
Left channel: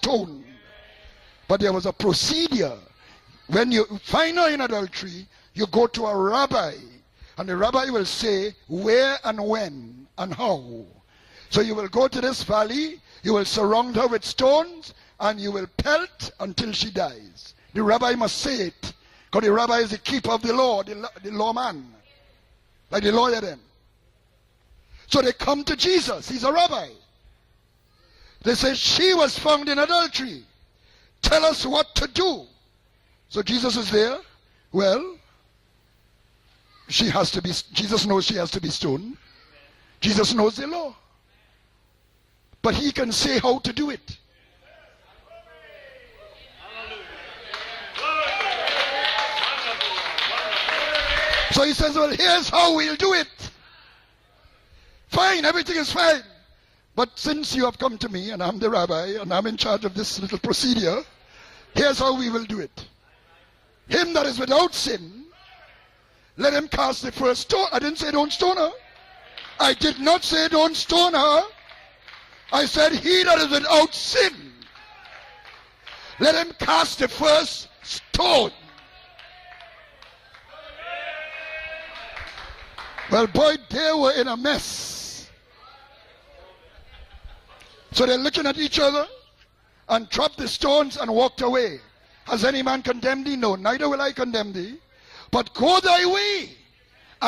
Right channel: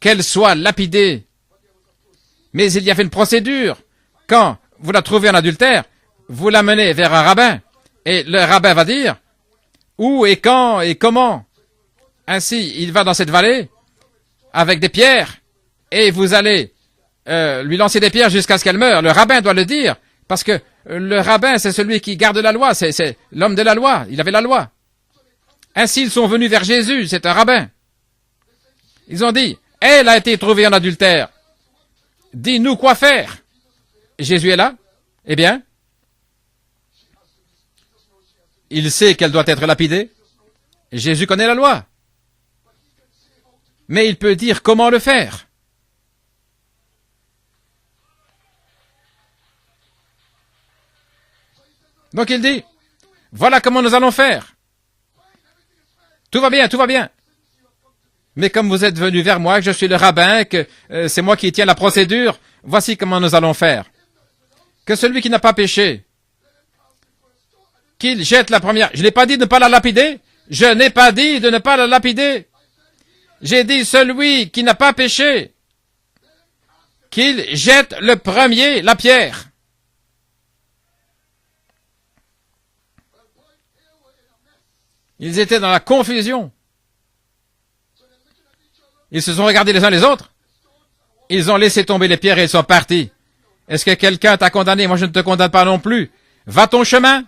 qu'elle soit lapidée. Mais il y avait une procédure. Quand vous la trouvez en adultère, vous l'amenez vers un rabbin. Et le rabbin va dire où et quand et comment. Ainsi, il va dans cette vallée avec des pierres et vous allez lui lancer des pierres jusqu'à ce qu'elle meure. Le rabbin doit le dire parce que le rabbin, c'est celui qui garde la loi. C'est l'homme de la loi. Il avait la loi. Ainsi, ils sont venus vers Jésus. C'est un rabbin. Ils ont dit, elle a été trouvée en adultère. Dis-nous quoi faire. Jésus est là. Eh bien, il sait qu'elle doit être lapidée. Jésus connaît la loi. Mais il peut dire comment le faire. Donc il dit, voilà comment nous allons faire. Tout va bien, tout va bien. Mais comme vous êtes venu vers moi, je suis le rabbin, que c'est moi qui tiens la procédure, voici comment nous allons faire. Que celui qui n'a pas péché, qu'il jette la première. Je n'ai pas dit de ne pas la lapider. Je n'ai pas dit de ne pas la lapider. J'ai dit celui qui n'a pas péché, qu'il jette le premier la pierre. Ils étaient dans la confusion. Ils se sont regardés les uns les autres. Ils ont laissé tomber les pierres et ils sont partis. Est-ce que quelqu'un t'a condamné? Moi, je ne te condamne pas non plus. Va ton chemin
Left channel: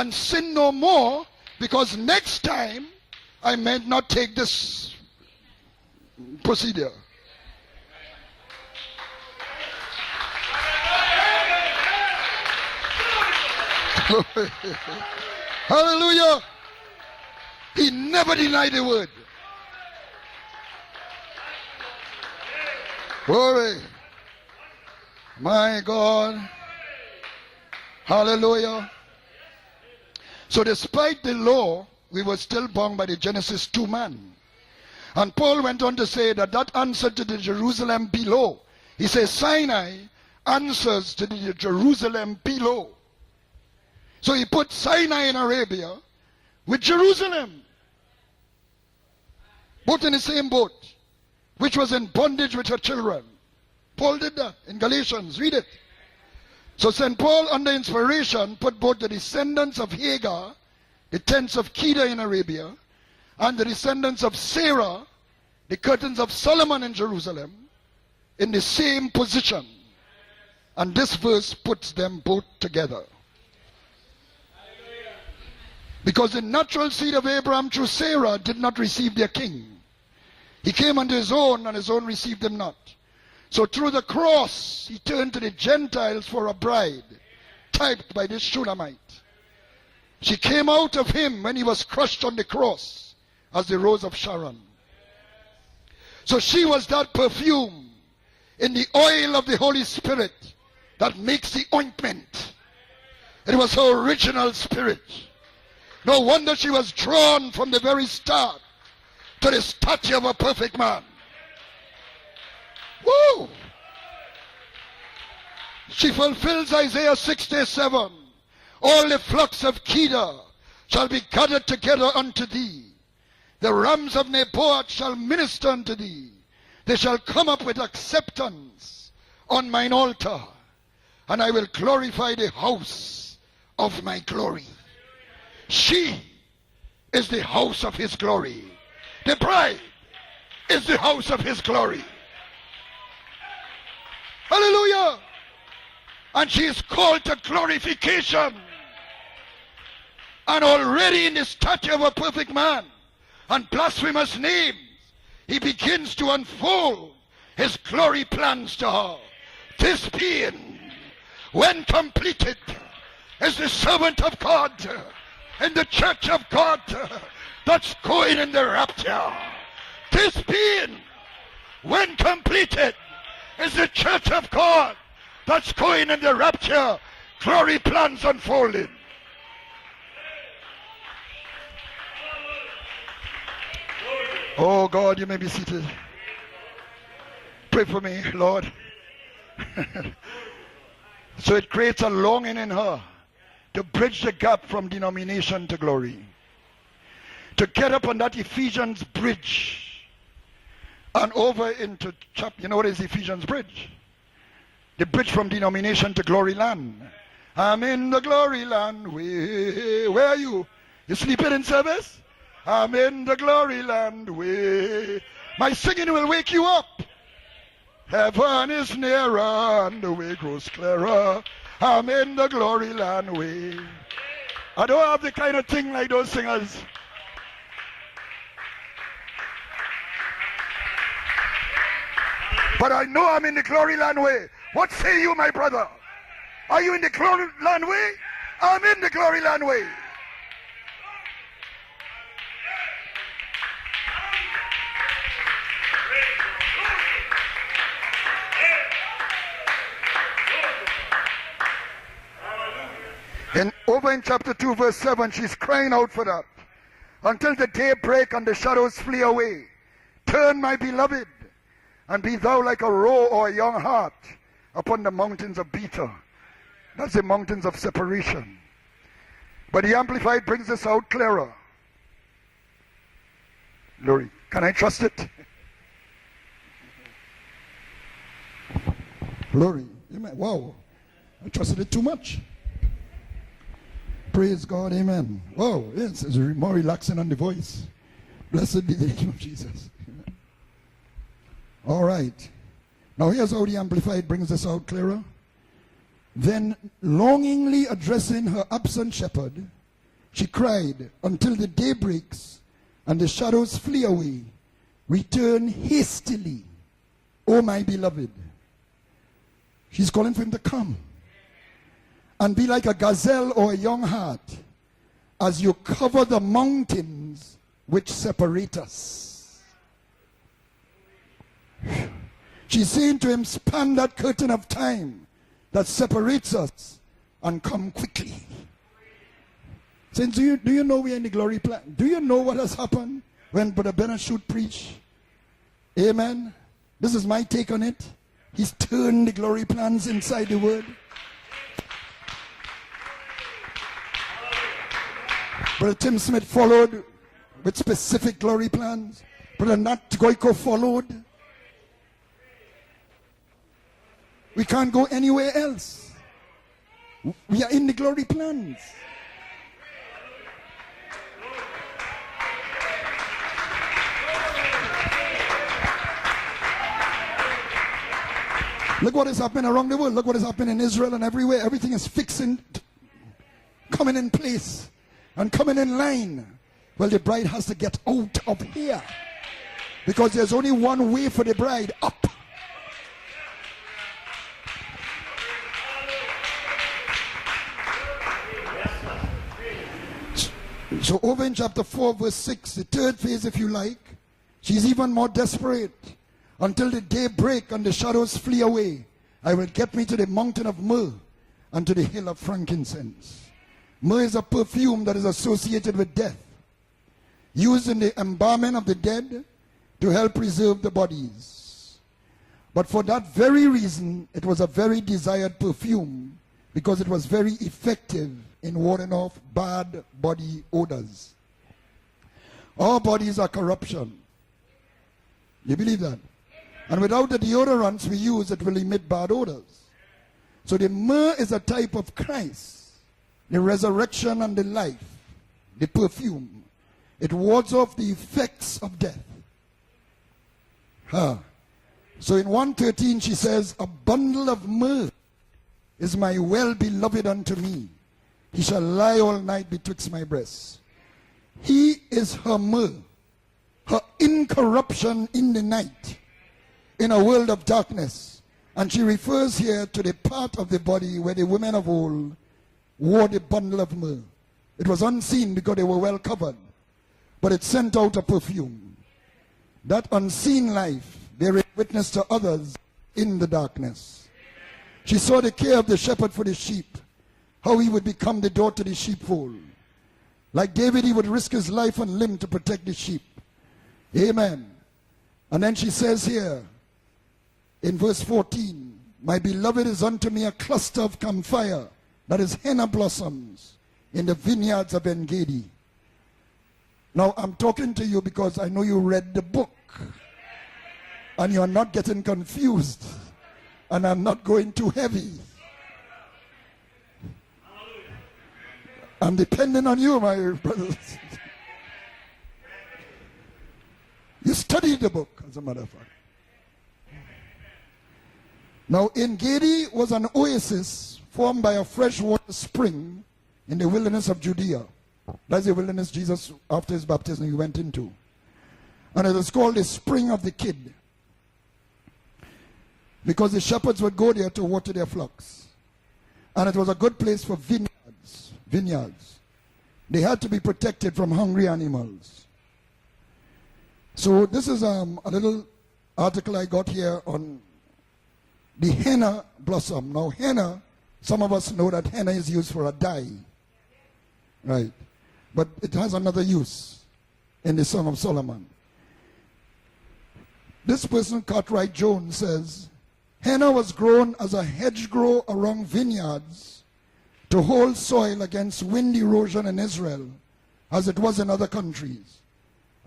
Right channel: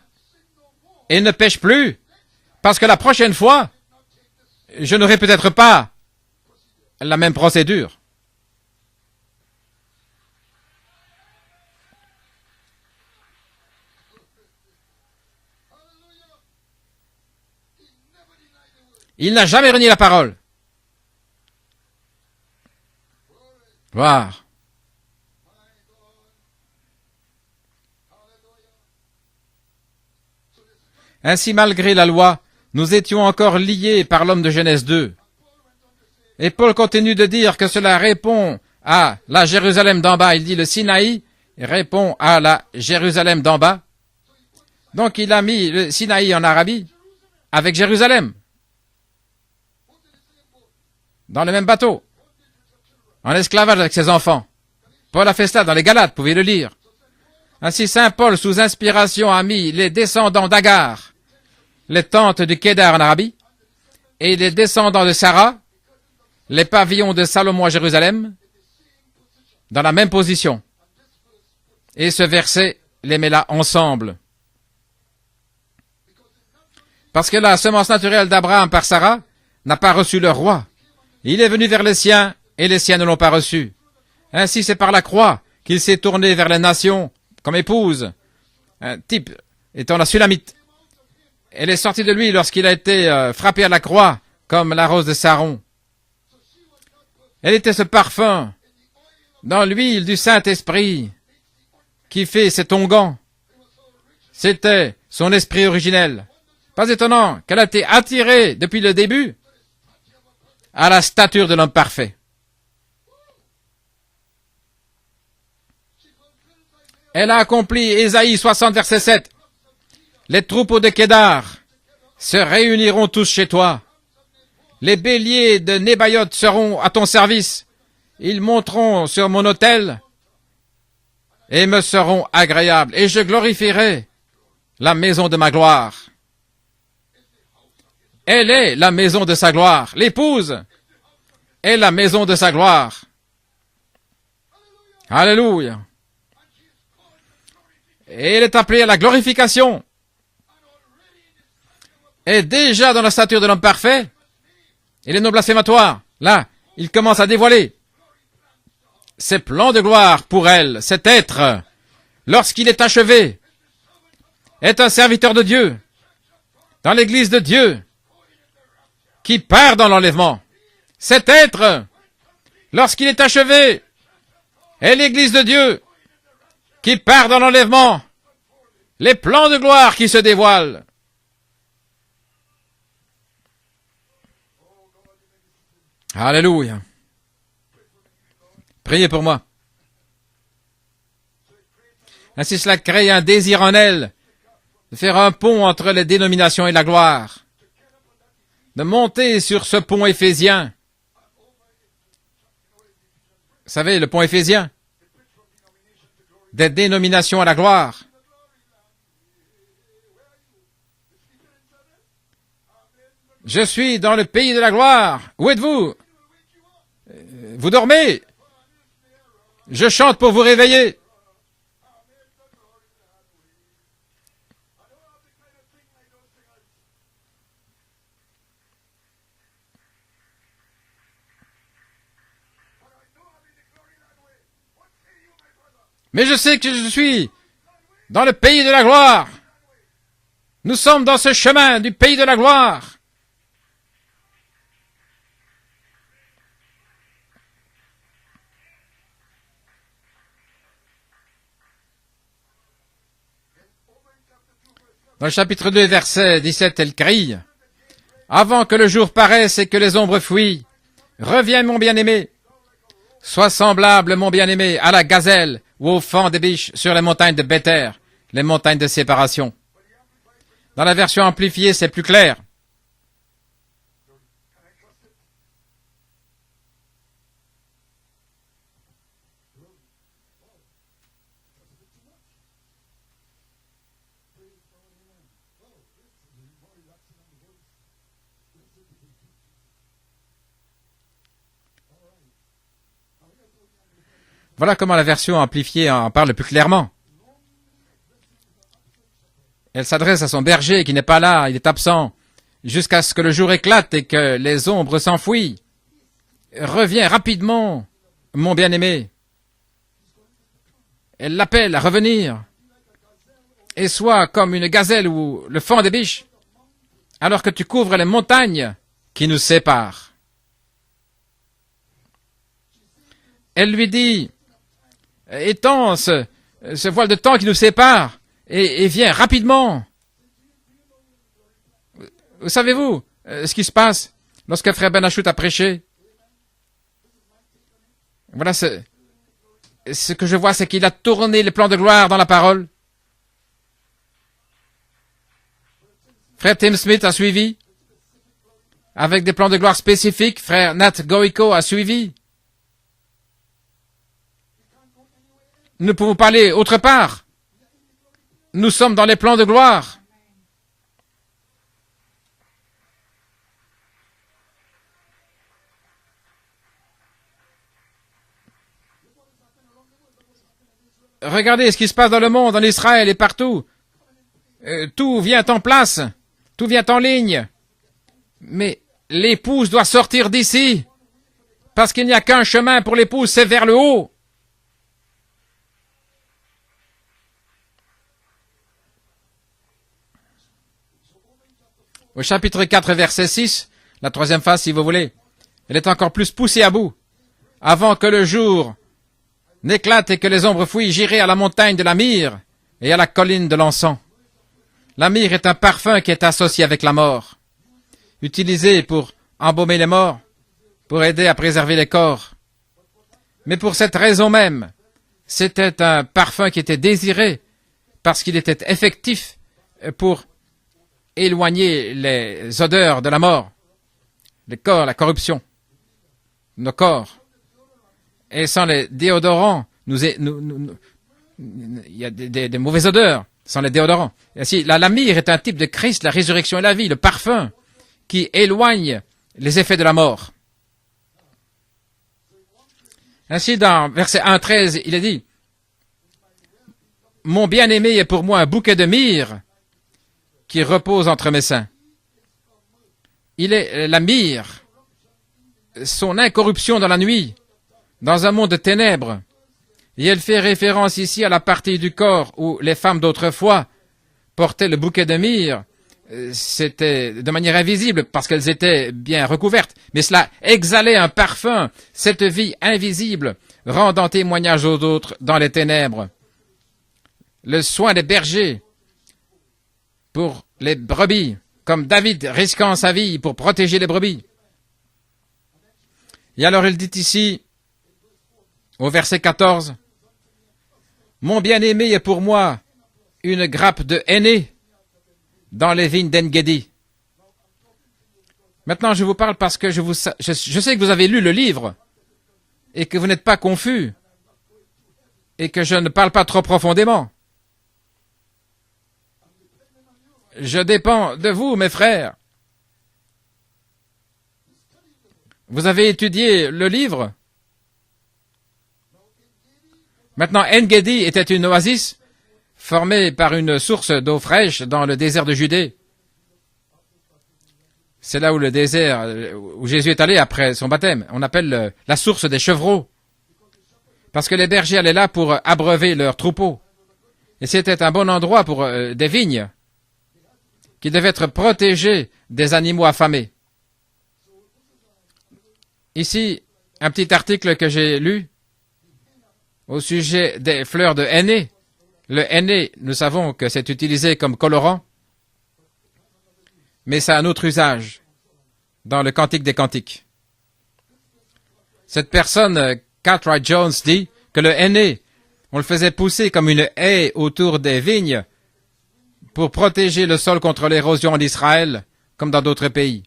et ne pêche plus. Parce que la prochaine fois, je n'aurai peut-être pas la même procédure. Hallelujah. Il n'a jamais renié la parole. Gloire. My God. Hallelujah. Ainsi, malgré la loi, nous étions encore liés par l'homme de Genèse 2. Et Paul continue de dire que cela répond à la Jérusalem d'en bas. Il dit le Sinaï répond à la Jérusalem d'en bas. Donc il a mis le Sinaï en Arabie avec Jérusalem. Dans le même bateau. En esclavage avec ses enfants. Paul a fait cela dans les Galates, vous pouvez le lire. Ainsi Saint Paul, sous inspiration, a mis les descendants d'Agar, les tentes du Kédar en Arabie, et les descendants de Sarah, les pavillons de Salomon à Jérusalem, dans la même position. Et ce verset les met là ensemble. Parce que la semence naturelle d'Abraham par Sarah n'a pas reçu leur roi. Il est venu vers les siens et les siens ne l'ont pas reçu. Ainsi c'est par la croix qu'il s'est tourné vers les nations comme épouse. Un type étant la Sulamite. Elle est sortie de lui lorsqu'il a été frappé à la croix comme la rose de Saron. Elle était ce parfum dans l'huile du Saint-Esprit qui fait cet onguent C'était son esprit originel. Pas étonnant qu'elle a été attirée depuis le début à la stature de l'homme parfait. Elle a accompli Ésaïe 60, verset 7. Les troupeaux de Kédar se réuniront tous chez toi. Les béliers de Nébaïoth seront à ton service. Ils monteront sur mon autel et me seront agréables. Et je glorifierai la maison de ma gloire. Elle est la maison de sa gloire. L'épouse est la maison de sa gloire. Alléluia. Et elle est appelée à la glorification. Et déjà dans la stature de l'homme parfait, il est non blasphématoire. Là, il commence à dévoiler ses plans de gloire pour elle. Cet être, lorsqu'il est achevé, est un serviteur de Dieu dans l'église de Dieu qui part dans l'enlèvement. Cet être, lorsqu'il est achevé, est l'église de Dieu qui part dans l'enlèvement. Les plans de gloire qui se dévoilent. Oh God, you may be seated. Alléluia. Pray for me, Lord. Priez pour moi. So it creates a longing. Ainsi cela crée un désir en elle, faire un pont entre les dénominations et la gloire, de monter sur ce pont éphésien. Vous savez, le pont éphésien, des dénominations à la gloire. Je suis dans le pays de la gloire. Où êtes-vous? Vous dormez? Je chante pour vous réveiller. Mais je sais que je suis dans le pays de la gloire. Nous sommes dans ce chemin du pays de la gloire. Dans le chapitre 2, verset 17, elle crie, « Avant que le jour paraisse et que les ombres fuient, reviens mon bien-aimé, sois semblable mon bien-aimé à la gazelle ou au fan des biches sur les montagnes de Béther, les montagnes de séparation. » Dans la version amplifiée, c'est plus clair. Glory. Wow. I trusted it too much. Praise God, amen. Wow, yes, it's more relaxing on the voice. Blessed be the name of Jesus. All right. Now here's how the Amplified brings us. Voilà comment la version amplifiée en parle plus clairement. Longingly addressing her absent shepherd. Elle s'adresse à son berger qui n'est pas là, il est absent, jusqu'à ce que le jour éclate et que les ombres s'enfuient. Reviens rapidement, mon bien-aimé. Elle l'appelle à revenir et sois comme une gazelle ou le fan des biches alors que tu couvres les montagnes qui nous séparent. Elle lui dit, étends ce voile de temps qui nous sépare et viens rapidement. Savez-vous ce qui se passe lorsque frère Ben Achout a prêché? Voilà, ce que je vois, c'est qu'il a tourné les plans de gloire dans la parole. Frère Tim Smith a suivi, avec des plans de gloire spécifiques. Frère Nat Goico a suivi. Nous ne pouvons pas aller autre part. Nous sommes dans les plans de gloire. Regardez ce qui se passe dans le monde, en Israël et partout. Tout vient en place, tout vient en ligne. Mais l'épouse doit sortir d'ici, parce qu'il n'y a qu'un chemin pour l'épouse, c'est vers le haut. Au chapitre 4, verset 6, la troisième phase, si vous voulez, elle est encore plus poussée à bout, avant que le jour n'éclate et que les ombres fuient, j'irai à la montagne de la myrrhe et à la colline de l'encens. La myrrhe est un parfum qui est associé avec la mort, utilisé pour embaumer les morts, pour aider à préserver les corps. Mais pour cette raison même, c'était un parfum qui était désiré parce qu'il était effectif pour éloigner les odeurs de la mort, les corps, la corruption, nos corps. Et sans les déodorants, il y a des mauvaises odeurs sans les déodorants. Ainsi, la myrrhe est un type de Christ, la résurrection et la vie, le parfum qui éloigne les effets de la mort. Ainsi, dans verset 1:13, il est dit, « Mon bien-aimé est pour moi un bouquet de myrrhe qui repose entre mes seins. » Il est la myrrhe, son incorruption dans la nuit, dans un monde de ténèbres. Et elle fait référence ici à la partie du corps où les femmes d'autrefois portaient le bouquet de myrrhe. C'était de manière invisible parce qu'elles étaient bien recouvertes. Mais cela exhalait un parfum, cette vie invisible, rendant témoignage aux autres dans les ténèbres. Le soin des bergers pour les brebis, comme David risquant sa vie pour protéger les brebis. Et alors il dit ici, au verset 14, « Mon bien-aimé est pour moi une grappe de henné dans les vignes d'En-Gedi. » Maintenant, je vous parle parce que je sais que vous avez lu le livre et que vous n'êtes pas confus et que je ne parle pas trop profondément. Je dépends de vous, mes frères. Vous avez étudié le livre. Maintenant, En-Gedi était une oasis formée par une source d'eau fraîche dans le désert de Judée. C'est là où le désert, où Jésus est allé après son baptême. On appelle la source des chevreaux. Parce que les bergers allaient là pour abreuver leurs troupeaux. Et c'était un bon endroit pour des vignes qui devaient être protégées des animaux affamés. Ici, un petit article que j'ai lu au sujet des fleurs de henné. Le henné, nous savons que c'est utilisé comme colorant, mais ça a un autre usage dans le Cantique des Cantiques. Cette personne, Cartwright Jones, dit que le henné, on le faisait pousser comme une haie autour des vignes pour protéger le sol contre l'érosion en Israël, comme dans d'autres pays.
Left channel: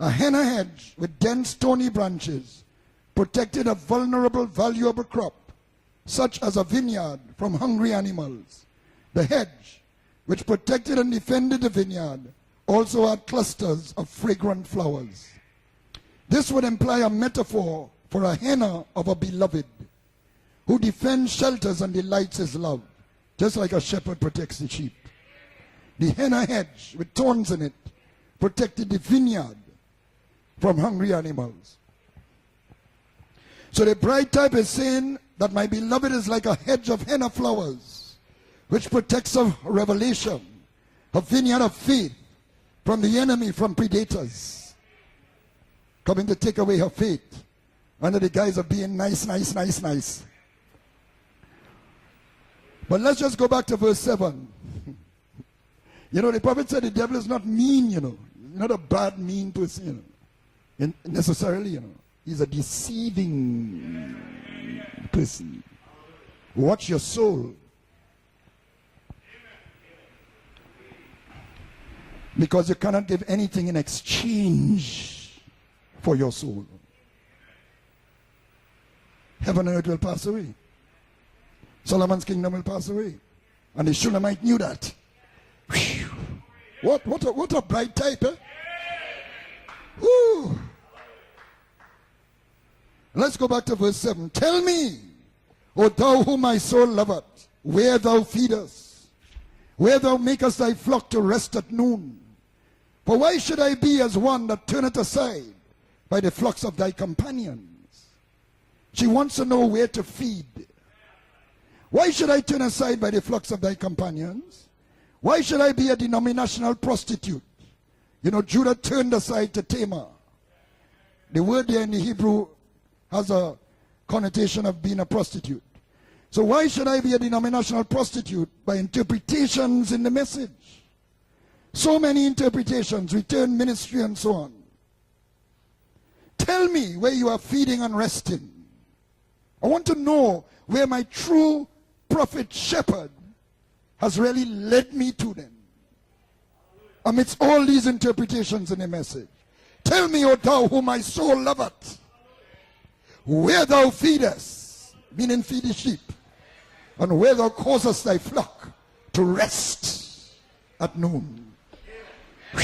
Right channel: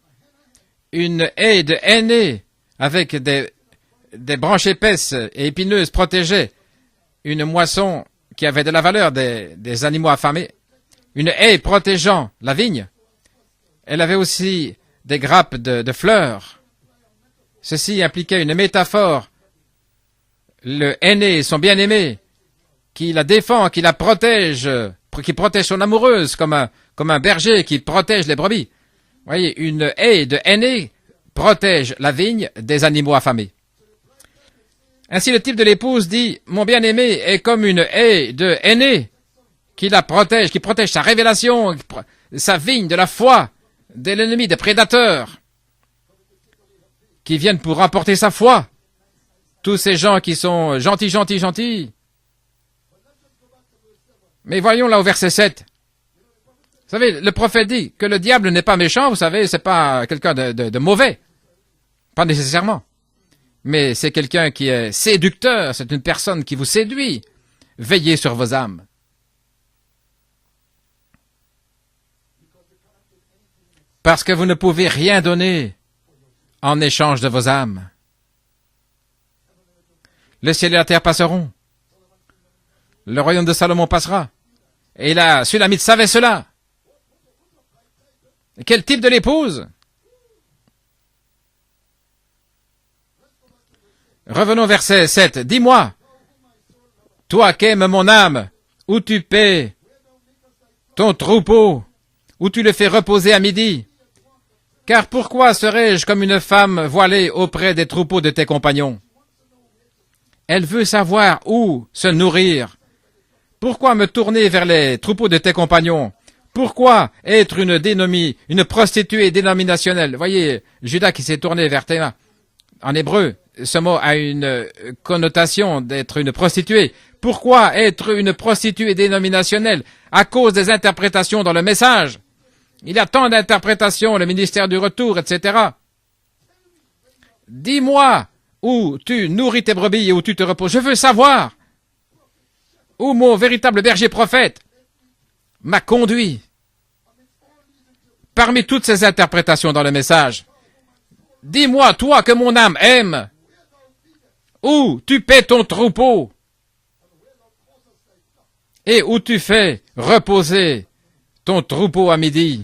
Une haie de henné avec des branches épaisses et épineuses protégeait une moisson qui avait de la valeur des animaux affamés. Une haie protégeant la vigne. Elle avait aussi des grappes de fleurs. Ceci impliquait une métaphore. Le henné, son bien-aimé, qui la défend, qui la protège, qui protège son amoureuse, comme un berger qui protège les brebis. Vous voyez, une haie de henné protège la vigne des animaux affamés. Ainsi, le type de l'épouse dit, « Mon bien-aimé est comme une haie de henné qui la protège, qui protège sa révélation, sa vigne de la foi, de l'ennemi, des prédateurs, qui viennent pour remporter sa foi. Tous ces gens qui sont gentils, gentils, gentils. » Mais voyons là au verset 7. Vous savez, le prophète dit que le diable n'est pas méchant, vous savez, c'est pas quelqu'un de mauvais. Pas nécessairement. Mais c'est quelqu'un qui est séducteur, c'est une personne qui vous séduit. Veillez sur vos âmes. Parce que vous ne pouvez rien donner en échange de vos âmes. Le ciel et la terre passeront. Le royaume de Salomon passera. Et la Sulamite savait cela. Quel type de l'épouse? Revenons au verset 7. Dis-moi, toi qu'aime mon âme, où tu paies ton troupeau, où tu le fais reposer à midi. Car pourquoi serais-je comme une femme voilée auprès des troupeaux de tes compagnons? Elle veut savoir où se nourrir. Pourquoi me tourner vers les troupeaux de tes compagnons? Pourquoi être une prostituée dénominationnelle? Voyez, Judas qui s'est tourné vers Théma. En hébreu, ce mot a une connotation d'être une prostituée. Pourquoi être une prostituée dénominationnelle? À cause des interprétations dans le message. Il y a tant d'interprétations, le ministère du retour, etc. Dis-moi où tu nourris tes brebis et où tu te reposes. Je veux savoir où mon véritable berger prophète m'a conduit. Parmi toutes ces interprétations dans le message, dis-moi, toi que mon âme aime, où tu paix ton troupeau et où tu fais reposer ton troupeau à midi.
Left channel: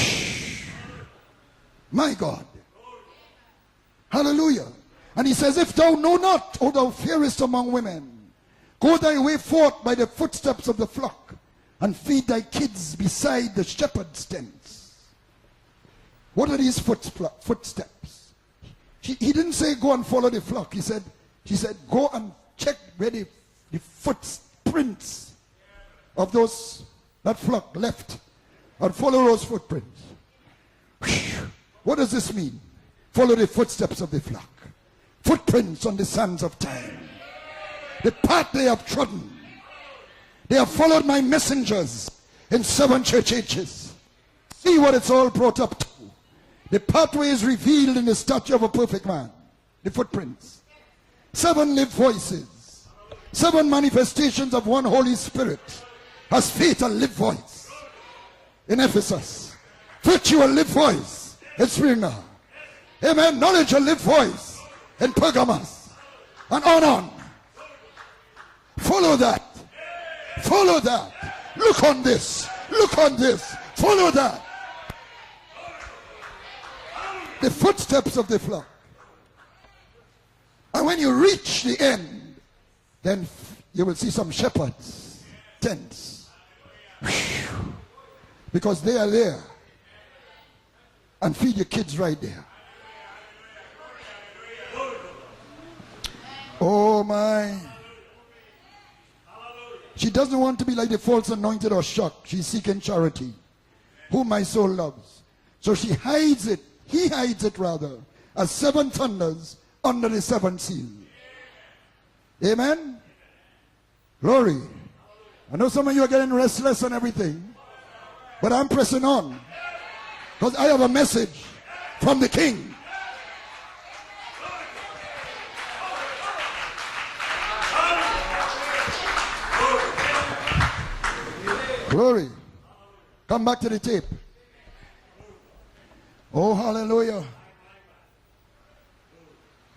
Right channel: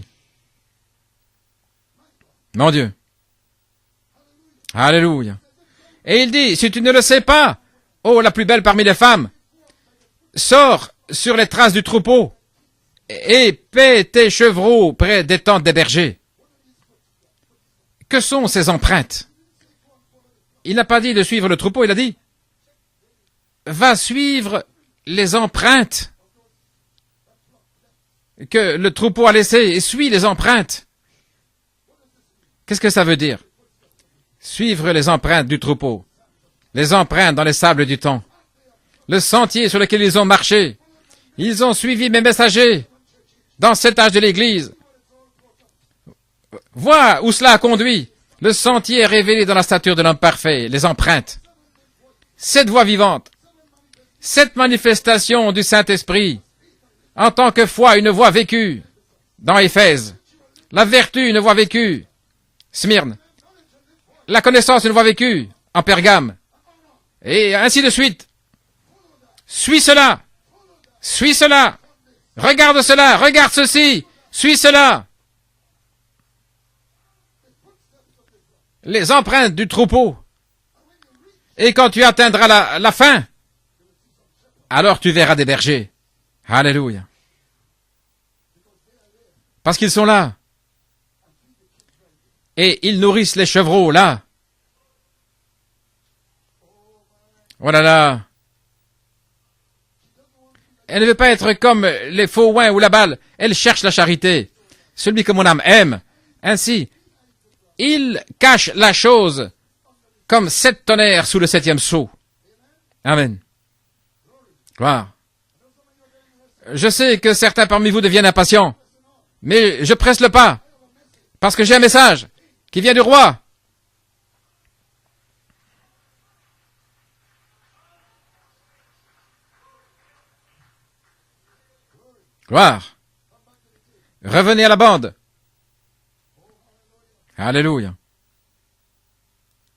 Mon Dieu. Alléluia. Et il dit, si tu ne le sais pas, oh, la plus belle parmi les femmes, sors sur les traces du troupeau et paie tes chevreaux près des tentes des bergers. Que sont ces empreintes? Il n'a pas dit de suivre le troupeau, il a dit, va suivre les empreintes que le troupeau a laissées et suis les empreintes. Qu'est-ce que ça veut dire? Suivre les empreintes du troupeau, les empreintes dans les sables du temps, le sentier sur lequel ils ont marché. Ils ont suivi mes messagers dans cet âge de l'Église. Vois où cela a conduit. Le sentier est révélé dans la stature de l'homme parfait, les empreintes. 7 voix vivantes, 7 manifestations du Saint-Esprit, en tant que foi, une voix vécue dans Éphèse. La vertu, une voix vécue. Smyrne. La connaissance, une voix vécue en Pergame. Et ainsi de suite. Suis cela. Suis cela. Regarde cela. Regarde ceci. Suis cela. Les empreintes du troupeau. Et quand tu atteindras la fin, alors tu verras des bergers. Alléluia. Parce qu'ils sont là. Et ils nourrissent les chevreaux là. Oh là là. Elle ne veut pas être comme les faux oins ou la balle. Elle cherche la charité. Celui que mon âme aime. Ainsi, il cache la chose comme 7 tonnerres sous le 7e sceau. Amen. Gloire. Je sais que certains parmi vous deviennent impatients, mais je presse le pas parce que j'ai un message qui vient du roi. Gloire. Revenez à la bande. Oh, hallelujah. Alléluia.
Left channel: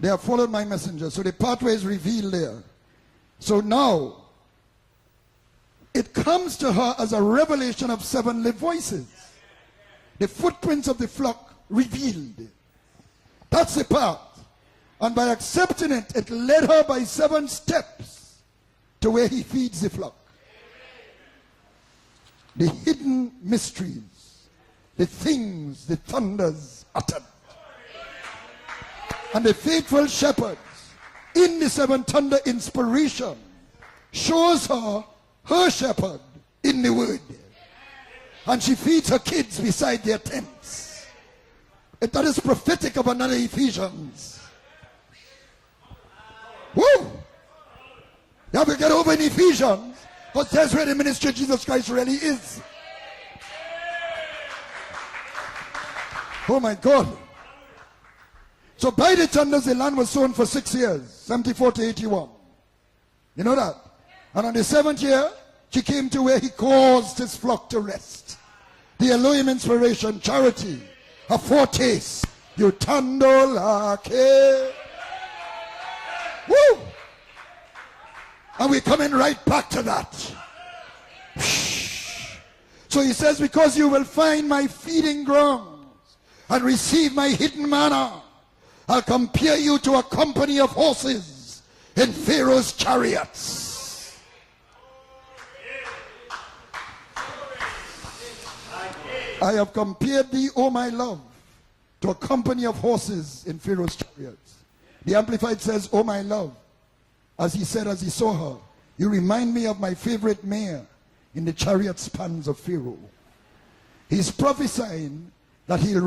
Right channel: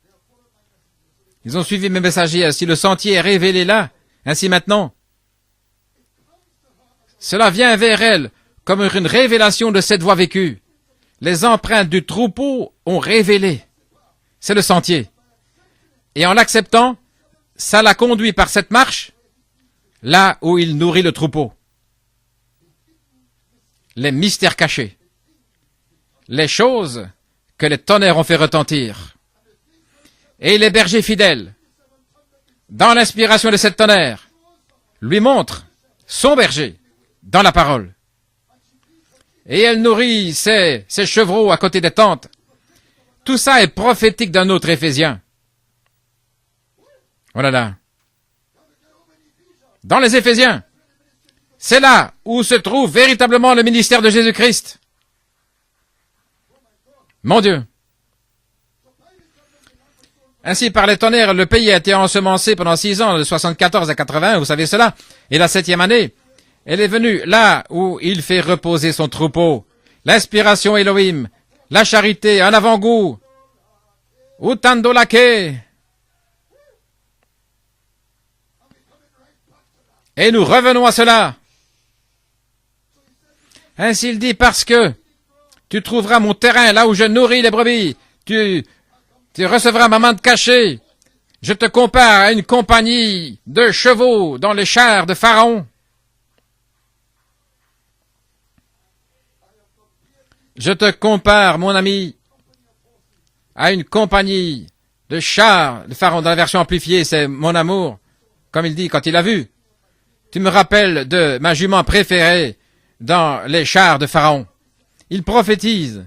They have followed my messenger. So the Ils ont suivi mes messagers. Ainsi le sentier est révélé là. Ainsi maintenant, cela vient vers elle comme une révélation de cette voix vécue. Les empreintes du troupeau ont révélé. C'est le sentier. Et en l'acceptant, ça l'a conduit par cette marche là où il nourrit le troupeau. Les mystères cachés, les choses que les tonnerres ont fait retentir. Et les bergers fidèles, dans l'inspiration de cette tonnerre, lui montrent son berger dans la parole. Et elle nourrit ses chevreaux à côté des tentes. Tout ça est prophétique d'un autre Éphésien. Voilà là. Dans les Éphésiens, c'est là où se trouve véritablement le ministère de Jésus-Christ. Mon Dieu. Ainsi, par les tonnerres, le pays a été ensemencé pendant 6 ans, de 74 à 80, vous savez cela. Et la 7e année, elle est venue là où il fait reposer son troupeau. L'inspiration Elohim, la charité, un avant-goût. Utando lake. Et nous revenons à cela. Ainsi il dit, parce que tu trouveras mon terrain là où je nourris les brebis. Tu recevras ma manne cachée. Je te compare à une compagnie de chevaux dans les chars de Pharaon. Je te compare, mon ami, à une compagnie Le char de Pharaon, dans la version amplifiée, c'est mon amour. Comme il dit quand il l'a vu. Tu me rappelles de ma jument préférée dans les chars de Pharaon. Il prophétise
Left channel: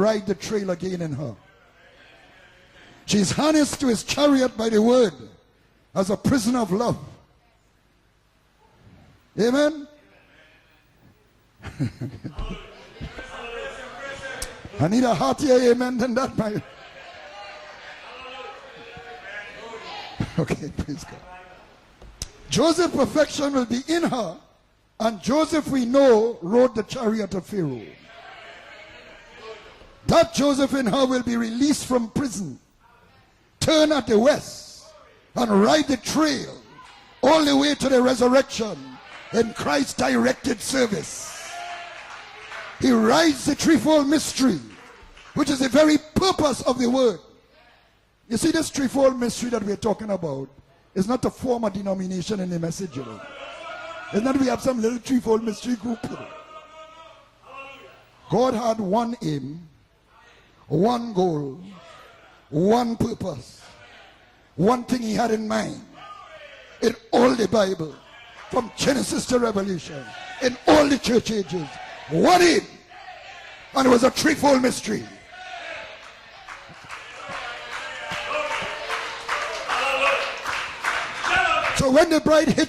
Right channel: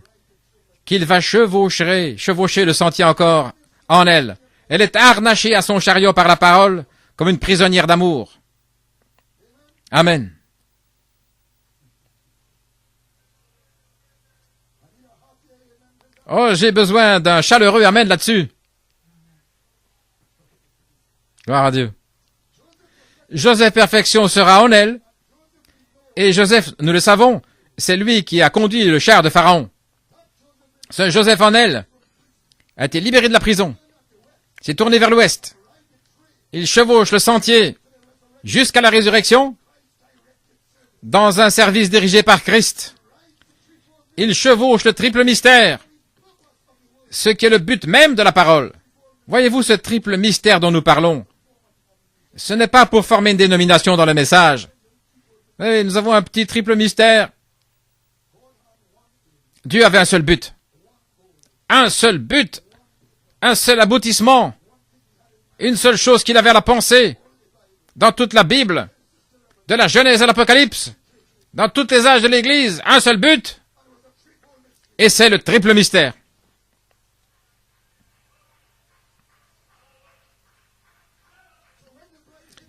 qu'il va chevaucher le sentier encore en elle. Elle est harnachée à son chariot par la parole comme une prisonnière d'amour. Amen. Oh, j'ai besoin d'un chaleureux amen là-dessus. Gloire à Dieu. Joseph Perfection sera en elle. Et Joseph, nous le savons, c'est lui qui a conduit le char de Pharaon. Ce Joseph en elle a été libéré de la prison, s'est tourné vers l'ouest. Il chevauche le sentier jusqu'à la résurrection dans un service dirigé par Christ. Il chevauche le triple mystère, ce qui est le but même de la parole. Voyez-vous ce triple mystère dont nous parlons? Ce n'est pas pour former une dénomination dans le message. Oui, nous avons un petit triple mystère. Dieu avait un seul but. Un seul but. Un seul aboutissement. Une seule chose qu'il avait à la pensée. Dans toute la Bible, de la Genèse à l'Apocalypse, dans tous les âges de l'Église, un seul but. Et c'est le triple mystère.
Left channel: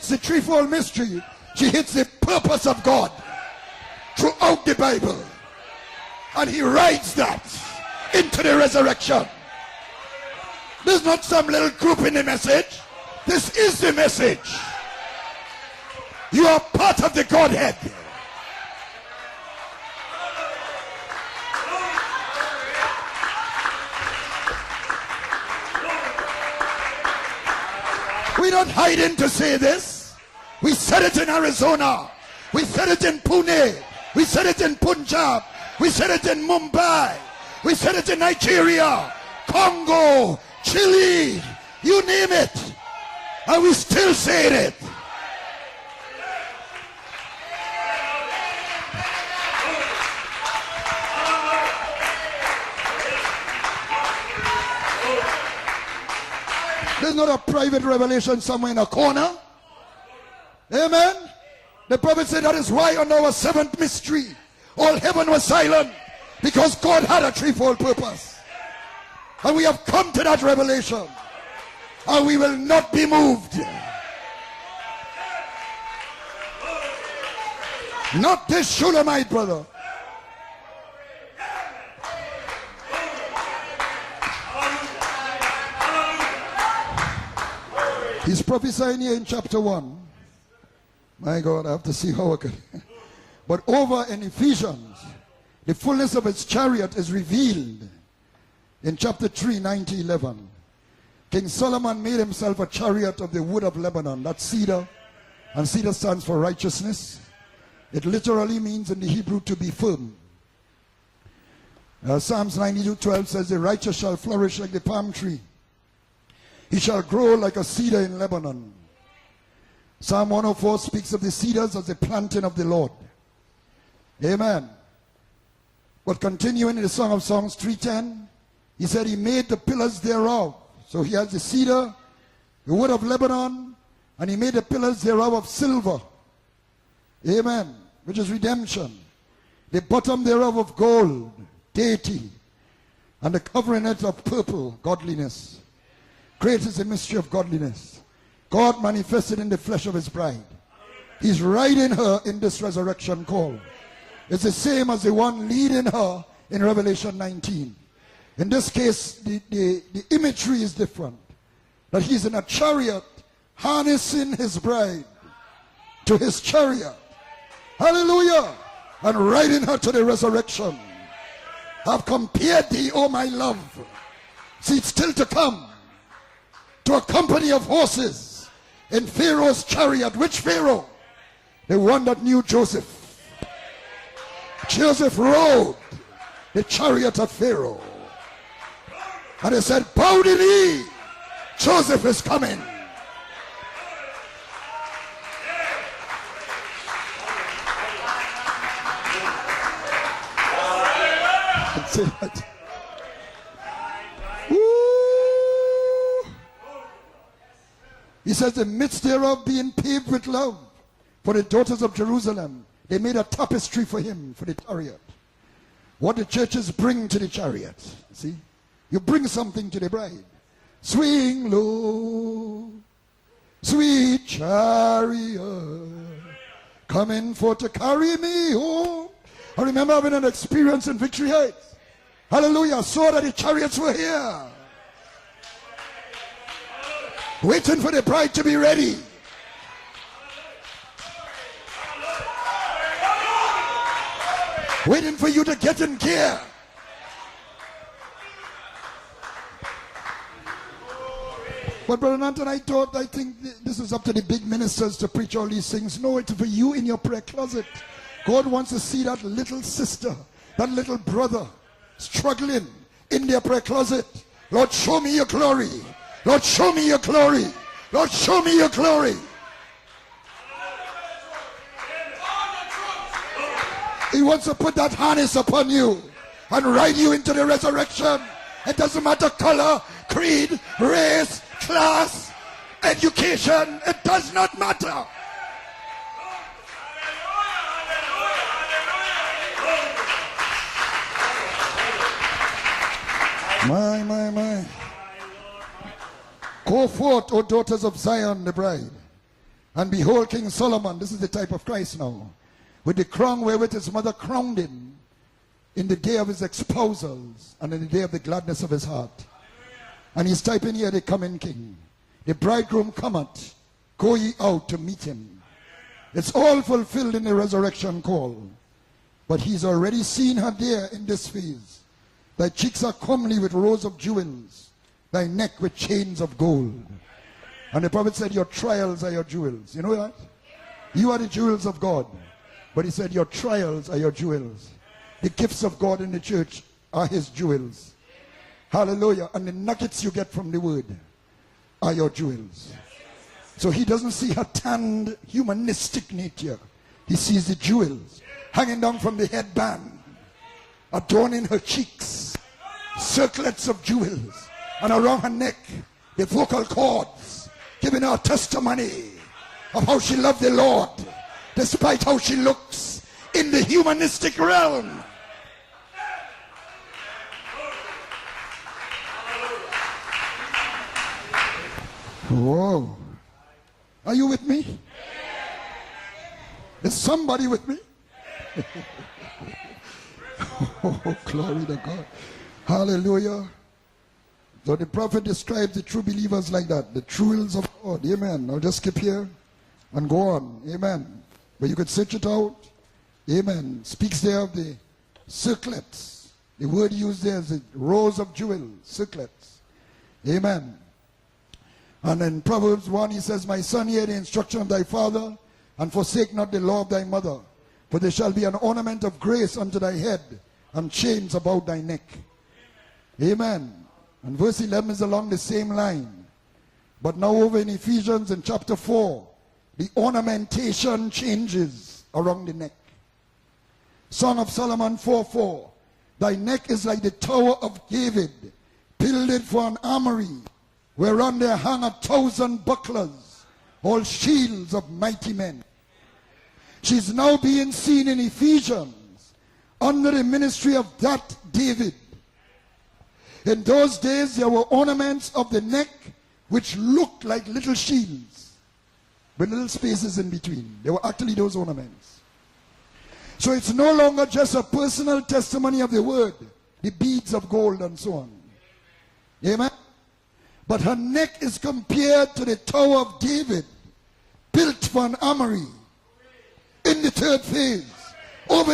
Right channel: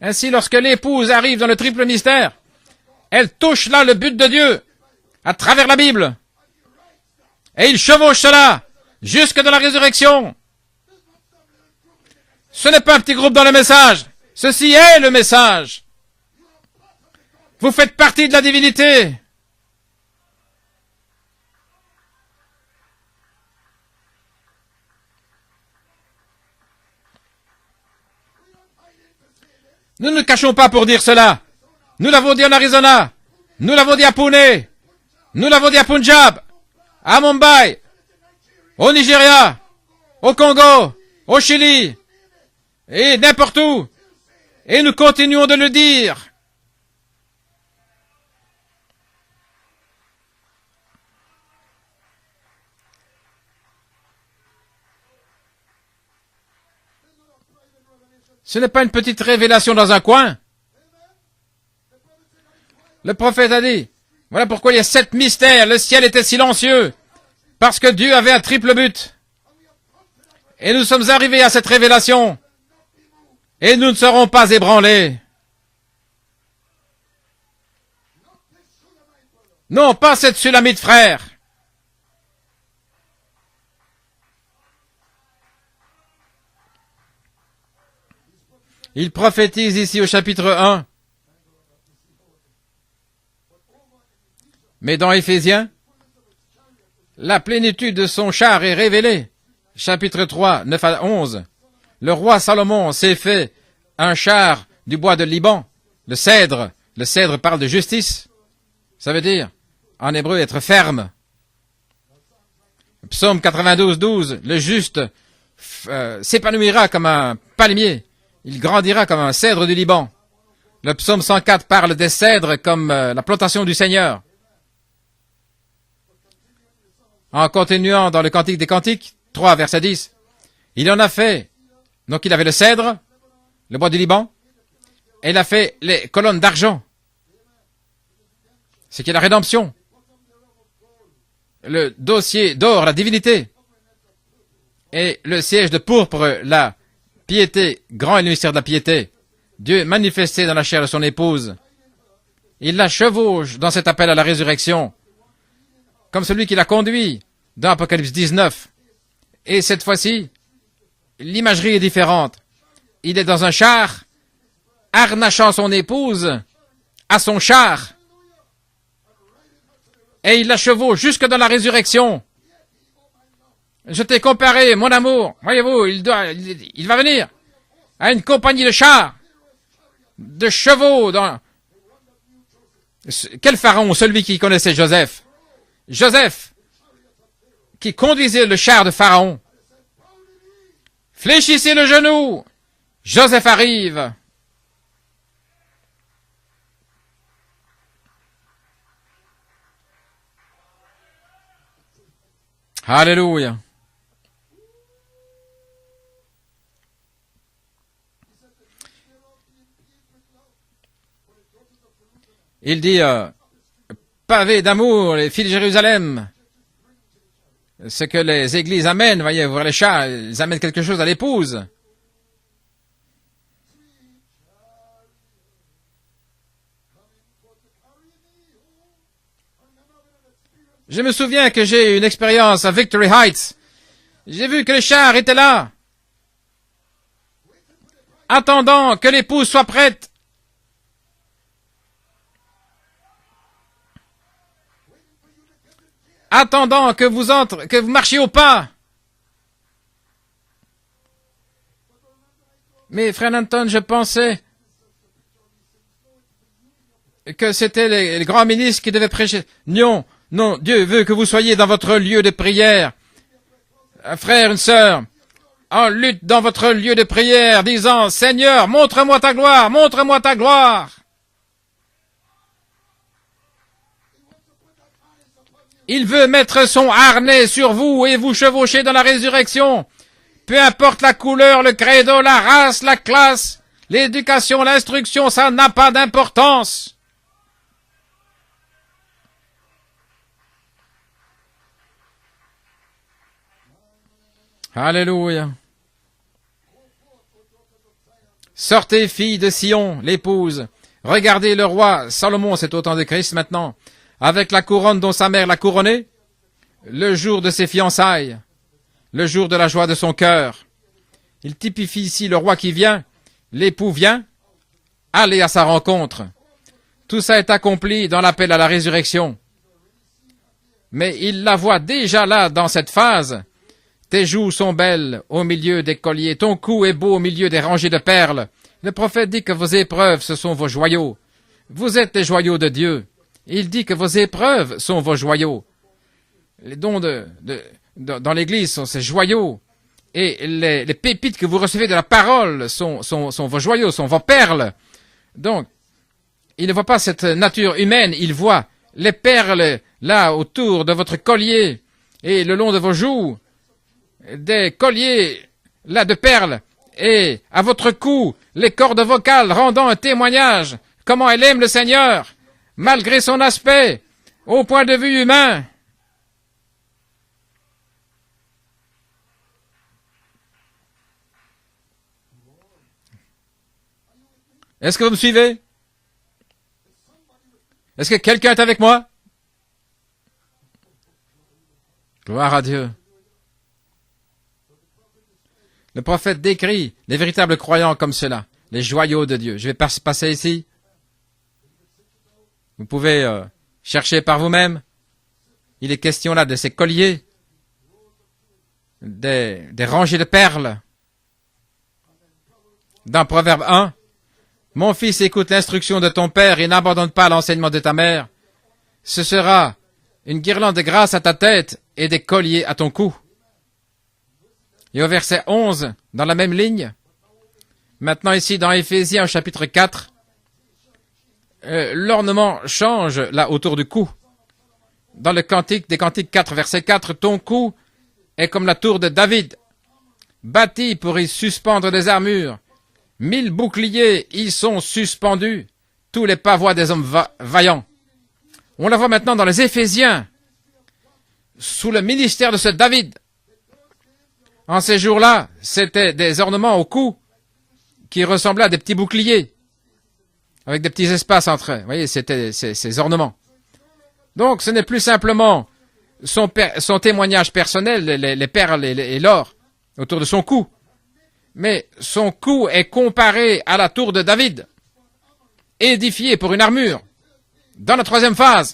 Ainsi, lorsque l'épouse arrive dans le triple mystère, elle touche là le but de Dieu à travers la Bible. Et il chevauche cela jusque dans la résurrection. Ce n'est pas un petit groupe dans le message. Ceci est le message. Vous faites partie de la divinité. Nous ne nous cachons pas pour dire cela. Nous l'avons dit en Arizona. Nous l'avons dit à Pune. Nous l'avons dit à Punjab. À Mumbai. Au Nigeria. Au Congo. Au Chili. Et n'importe où. Et nous continuons de le dire. Ce n'est pas une petite révélation dans un coin. Le prophète a dit, voilà pourquoi il y a 7 mystères. Le ciel était silencieux. Parce que Dieu avait un triple but. Et nous sommes arrivés à cette révélation. Et nous ne serons pas ébranlés. Non, pas cette Sulamite, frère. Il prophétise ici au chapitre 1. Mais dans Éphésiens, la plénitude de son char est révélée. Chapitre 3, 9 à 11. Le roi Salomon s'est fait un char du bois de Liban, le cèdre. Le cèdre parle de justice. Ça veut dire, en hébreu, être ferme. Psaume 92, 12. Le juste s'épanouira comme un palmier. Il grandira comme un cèdre du Liban. Le psaume 104 parle des cèdres comme la plantation du Seigneur. En continuant dans le Cantique des Cantiques, 3, verset 10, il en a fait. Donc il avait le cèdre, le bois du Liban, et il a fait les colonnes d'argent. C'est qui est la rédemption. Le dossier d'or, la divinité, et le siège de pourpre, la piété, grand est le mystère de la piété. Dieu manifesté dans la chair de son épouse. Il la chevauche dans cet appel à la résurrection, comme celui qui l'a conduit dans Apocalypse 19. Et cette fois-ci, l'imagerie est différente. Il est dans un char, harnachant son épouse à son char. Et il la chevauche jusque dans la résurrection. Je t'ai comparé, mon amour. Voyez-vous, il va venir à une compagnie de chars, de chevaux. Quel pharaon? Celui qui connaissait Joseph. Joseph, qui conduisait le char de Pharaon. Fléchissez le genou. Joseph arrive. Alléluia. Il dit, pavé d'amour, les filles de Jérusalem. Ce que les églises amènent, voyez, voir les chats, ils amènent quelque chose à l'épouse. Sweet chariot, coming for to carry me home. Je me souviens que j'ai eu une expérience à Victory Heights. J'ai vu que les chars étaient là, attendant que l'épouse soit prête. Attendant que vous marchiez au pas. Mais frère Anton, je pensais que c'était les grands ministres qui devaient prêcher. Non, non, Dieu veut que vous soyez dans votre lieu de prière. Un frère, une sœur, en lutte dans votre lieu de prière, disant, Seigneur, montre-moi ta gloire, montre-moi ta gloire. Il veut mettre son harnais sur vous et vous chevaucher dans la résurrection. Peu importe la couleur, le credo, la race, la classe, l'éducation, l'instruction, ça n'a pas d'importance. Alléluia. Sortez, filles de Sion, l'épouse. Regardez le roi Salomon, c'est au temps de Christ maintenant, avec la couronne dont sa mère l'a couronné, le jour de ses fiançailles, le jour de la joie de son cœur. Il typifie ici le roi qui vient, l'époux vient, allez à sa rencontre. Tout ça est accompli dans l'appel à la résurrection. Mais il la voit déjà là, dans cette phase. Tes joues sont belles au milieu des colliers. Ton cou est beau au milieu des rangées de perles. Le prophète dit que vos épreuves, ce sont vos joyaux. Vous êtes les joyaux de Dieu. Il dit que vos épreuves sont vos joyaux. Les dons dans l'Église sont ces joyaux. Et les pépites que vous recevez de la parole sont vos joyaux, sont vos perles. Donc, il ne voit pas cette nature humaine. Il voit les perles là autour de votre collier et le long de vos joues, des colliers là de perles, et à votre cou, les cordes vocales rendant un témoignage comment elle aime le Seigneur, malgré son aspect, au point de vue humain. Est-ce que vous me suivez? Est-ce que quelqu'un est avec moi? Gloire à Dieu. Le prophète décrit les véritables croyants comme cela, les joyaux de Dieu. Je vais passer ici. Vous pouvez chercher par vous-même. Il est question là de ces colliers, des rangées de perles. Dans Proverbe 1, « Mon fils, écoute l'instruction de ton père et n'abandonne pas l'enseignement de ta mère. Ce sera une guirlande de grâce à ta tête et des colliers à ton cou. » Et au verset 11, dans la même ligne, maintenant ici dans Éphésiens chapitre 4, l'ornement change là autour du cou. Dans le Cantique des Cantiques 4, verset 4, ton cou est comme la tour de David, bâti pour y suspendre des armures. 1000 boucliers y sont suspendus, tous les pavois des hommes vaillants. On la voit maintenant dans les Éphésiens, sous le ministère de ce David. En ces jours-là, c'était des ornements au cou qui ressemblaient à des petits boucliers, avec des petits espaces entre eux. Vous voyez, c'était ces ornements. Donc, ce n'est plus simplement son témoignage personnel, les perles et l'or autour de son cou. Mais son cou est comparé à la tour de David, édifiée pour une armure. Dans la troisième phase,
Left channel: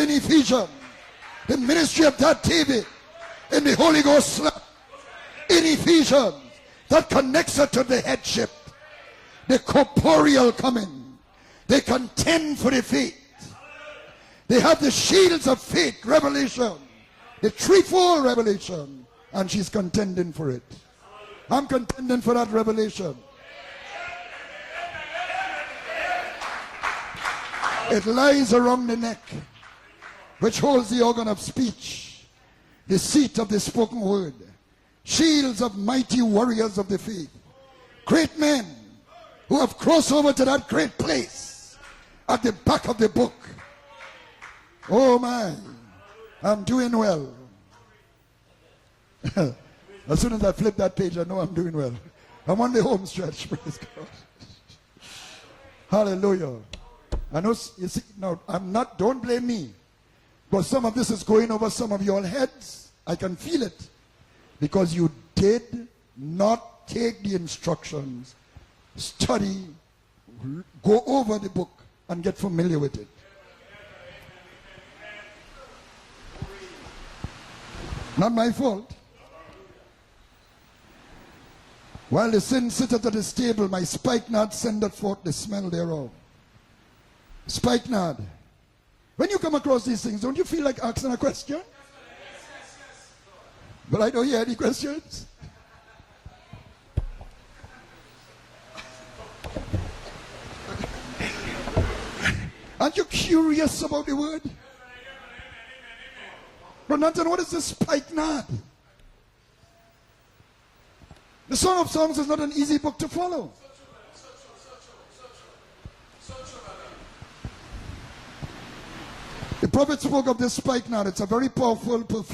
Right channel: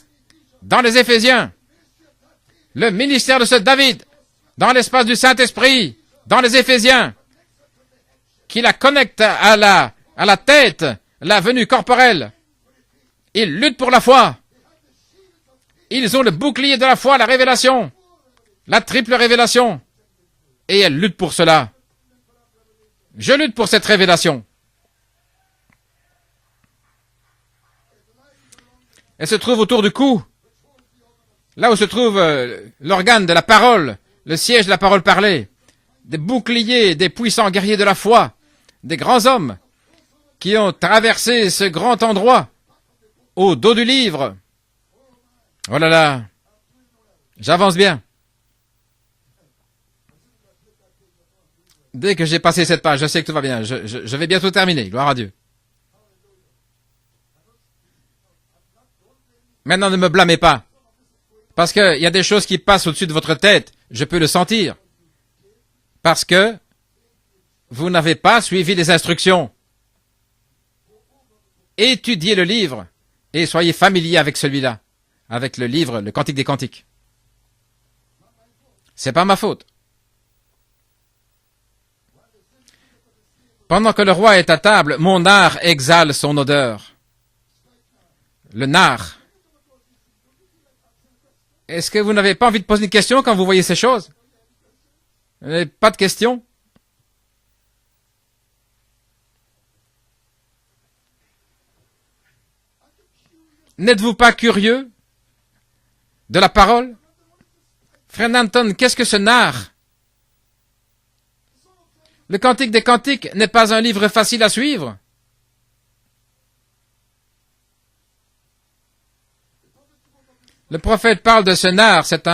dans les Éphésiens, le ministère de ce David, dans l'espace du Saint-Esprit, dans les Éphésiens, qui la connecte à la tête, la venue corporelle. Ils luttent pour la foi. Ils ont le bouclier de la foi, la révélation, la triple révélation. Et elles luttent pour cela. Je lutte pour cette révélation. Elle se trouve autour du cou, là où se trouve l'organe de la parole, le siège de la parole parlée, des boucliers, des puissants guerriers de la foi. des grands hommes qui ont traversé ce grand endroit au dos du livre. Oh my, Oh là là, I'm doing well. j'avance bien. As soon as I flip that page, I know I'm doing well. Dès que j'ai passé cette page, je sais que tout va bien. Je vais bientôt terminer. Gloire à Dieu. Hallelujah. I know, you see, no, I'm not, don't blame me. Maintenant, ne me blâmez pas. Because some of this is going over Parce some of qu'il y a des your choses qui heads. passent au-dessus de I votre can feel tête. it. Je peux le sentir. Because you did Parce que not take the instruction. vous n'avez pas suivi les instructions. Go over the book Étudiez and le get familiar livre with it. et soyez familier avec celui-là. Avec le livre, le Cantique des Cantiques. Not my fault. C'est pas ma faute. While the sin sitteth at his table, Pendant que le roi est à table, mon art exhale son odeur. Spikenard. Le nard. When you come across these things, don't you feel like asking a question? Est-ce que vous n'avez pas envie de poser une question quand vous voyez ces choses? I don't hear any questions. Vous n'avez pas de questions? Aren't you curious? N'êtes-vous pas curieux de la parole? Brother, what is this spikenard? Frère Nanton, qu'est-ce que ce nard? The Song of Songs is not Le an Cantique easy des book to Cantiques follow. n'est pas un livre facile à suivre. The prophet spoke of this Le spikenard. prophète It's a parle very de ce nard. powerful C'est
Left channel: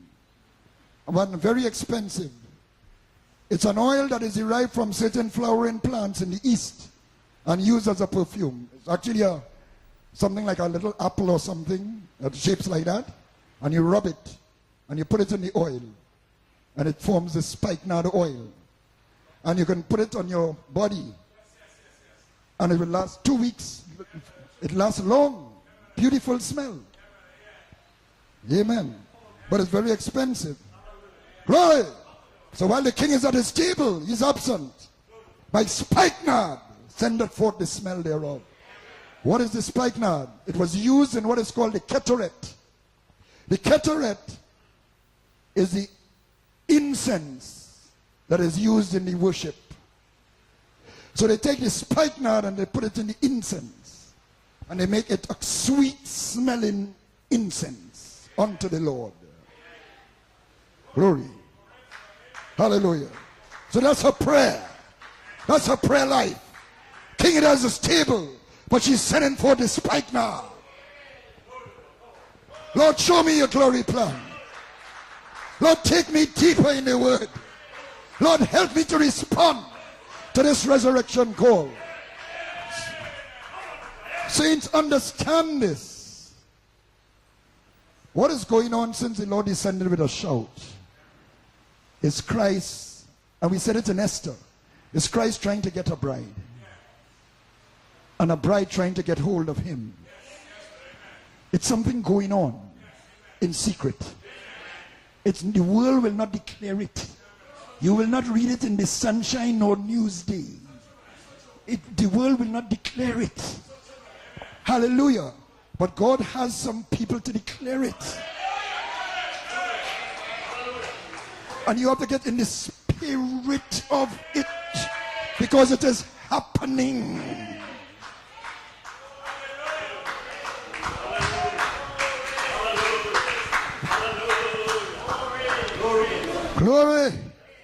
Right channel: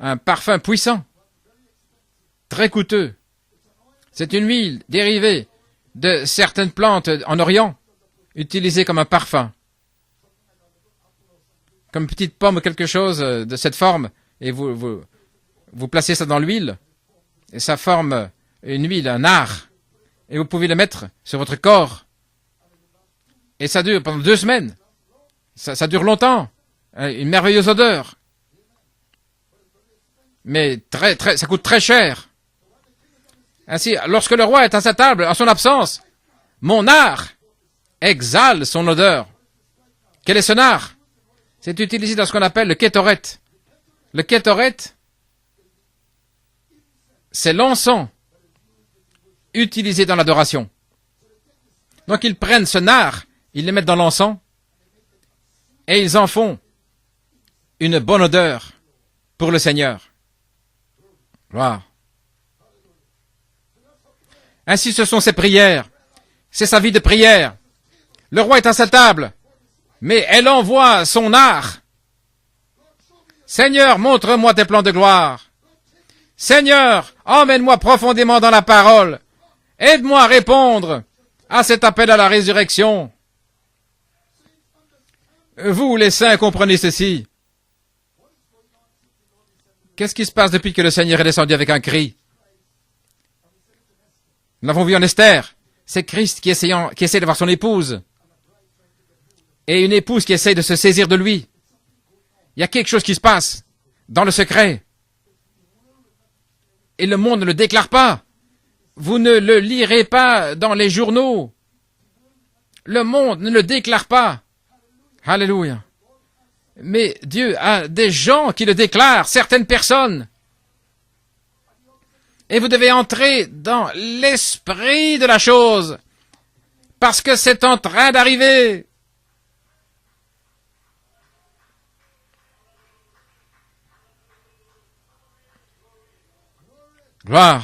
un parfum puissant, one, very expensive. très coûteux. It's an oil that C'est is une derived huile from dérivée certain flowering plants in de the certaines East plantes en and Orient, used as a perfume. utilisées comme un Actually, parfum, something like a little apple or something, comme petite that pomme ou shapes like quelque that, chose de cette and you forme. rub it, Et vous and you put it in the oil, placez ça dans l'huile, and it forms this et ça spikenard forme oil. une huile, un nard. And you can put it on Et your vous pouvez le body, mettre sur votre corps. and it will last 2 weeks. Et ça dure pendant 2 semaines. It lasts long. Ça dure Really longtemps. different smell. Une merveilleuse odeur. Amen. But it's very expensive. Mais ça coûte très cher. So while the king is at his table, Ainsi, he's lorsque le absent. roi est à sa table, en son My absence, spikenard mon art sendeth forth the smell thereof. exhale son odeur. What is the spikenard? Quel est ce It nard? used in what is called C'est the utilisé dans ce ketoret. qu'on appelle le kétoret. The ketoret Le kétoret, is the incense c'est l'encens that is used in the worship. utilisé dans l'adoration. So they take the spikenard Donc ils and prennent they ce put it nard, in incense, ils le mettent dans l'encens, and they make it a sweet et ils en font smelling incense une bonne odeur unto the Lord. pour le Seigneur. Glory. Gloire. Hallelujah. So that's her prayer. Ainsi, ce sont ses That's her prières. prayer life. C'est sa vie de King prière. has his table, Le roi est à but sa she's table, sending forth the spikenard. mais elle envoie son art. Lord, show me your glory Seigneur, plan. montre-moi tes plans de gloire. Lord, take me deeper in Seigneur, your word. emmène-moi profondément Lord, dans la help me to parole. respond Aide-moi à to this répondre resurrection call. à cet appel à la résurrection. Saints, understand this. Vous, les saints, comprenez ceci. What is going on since the Lord descended with a Qu'est-ce qui se shout? passe depuis que le Seigneur est descendu avec un cri? It's Christ. And we said it in Esther. Nous l'avons vu en It's Esther. Christ trying to get a C'est bride. Christ qui essaie d'avoir son épouse. And a bride trying to get hold of him. Et une épouse qui essaie de se saisir de lui. It's something going on Il y a quelque chose qui se in passe secret. dans le secret. The world will not declare it. Et le monde ne le déclare You pas. will not read it in the Vous ne sunshine le or lirez newspaper. pas dans les journaux. The world will not declare Le monde it. ne le déclare pas. Hallelujah. Alléluia. But God has some Mais people to Dieu declare a it. des gens qui le déclarent, certaines personnes. And you have to get in the Et vous devez entrer spirit dans of it l'esprit de la because it chose. is happening. Parce que c'est en train d'arriver. Glory. Gloire.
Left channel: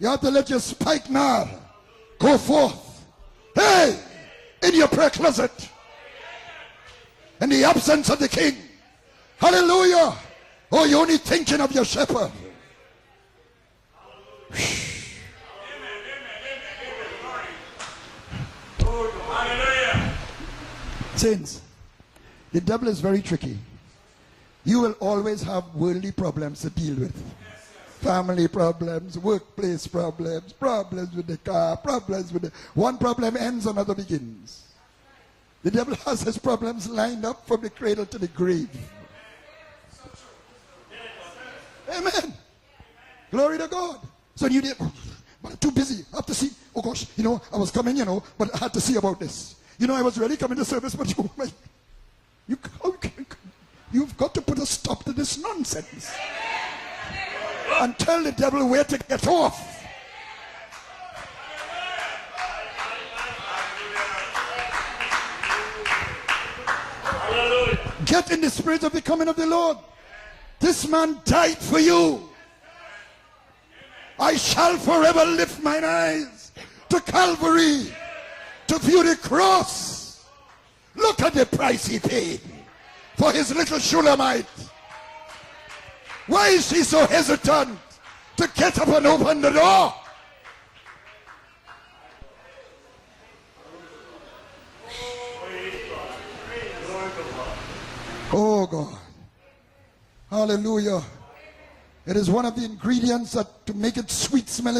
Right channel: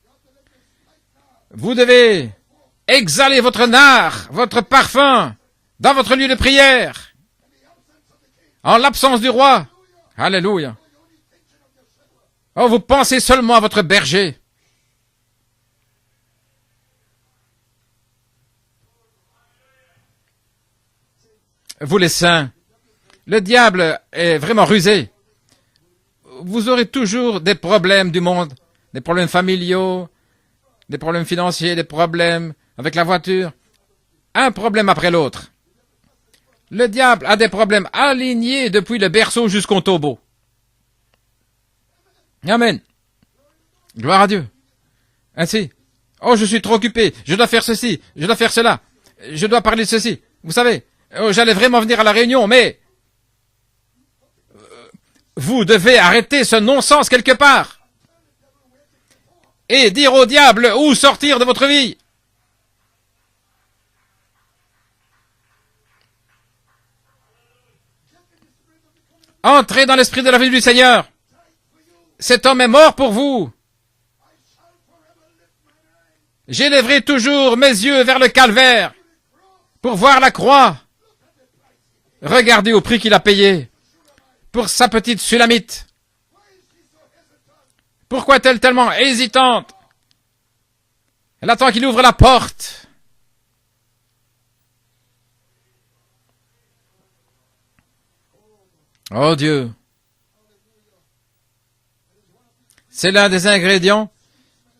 You have to let your spikenard Vous devez go forth exhaler votre nard, votre in your parfum closet dans votre lieu de prière, in the absence of the king. en l'absence du roi. Hallelujah. Alléluia. Oh, you're only thinking of your shepherd. Oh, vous pensez seulement à votre berger. Saints, Vous les saints, the devil is very le tricky. diable est vraiment You will rusé. always have worldly problems Vous to aurez deal with. toujours des problèmes du Family monde, problems, des problèmes workplace familiaux, problems, des problèmes with the financiers, car, des problèmes with avec the- la one problem voiture. ends, another begins. Un problème après l'autre. The devil has his problems Le diable lined a des up from the problèmes cradle to the alignés grave. depuis le berceau jusqu'au tombeau. Amen. Amen. Glory to God. Gloire à Dieu. So you did- Ainsi. too busy. Oh, je suis trop occupé. Je dois faire ceci. Je dois faire cela. Je dois parler de ceci. Vous savez, oh, j'allais vraiment venir à la réunion, mais You've got to put a stop to this vous devez arrêter ce non-sens quelque part and tell the devil where to get off. et dire au diable où sortir de votre vie. Get in the spirit of the coming of the Lord. Entrez dans l'esprit de la vie du This Seigneur. man died for you. Cet homme est mort pour vous. J'élèverai toujours mes yeux vers le calvaire pour voir la croix. Regardez au prix qu'il a payé pour sa petite Sulamite. Pourquoi est-elle tellement hésitante? Elle attend qu'il ouvre la porte. Oh Dieu. C'est l'un des ingrédients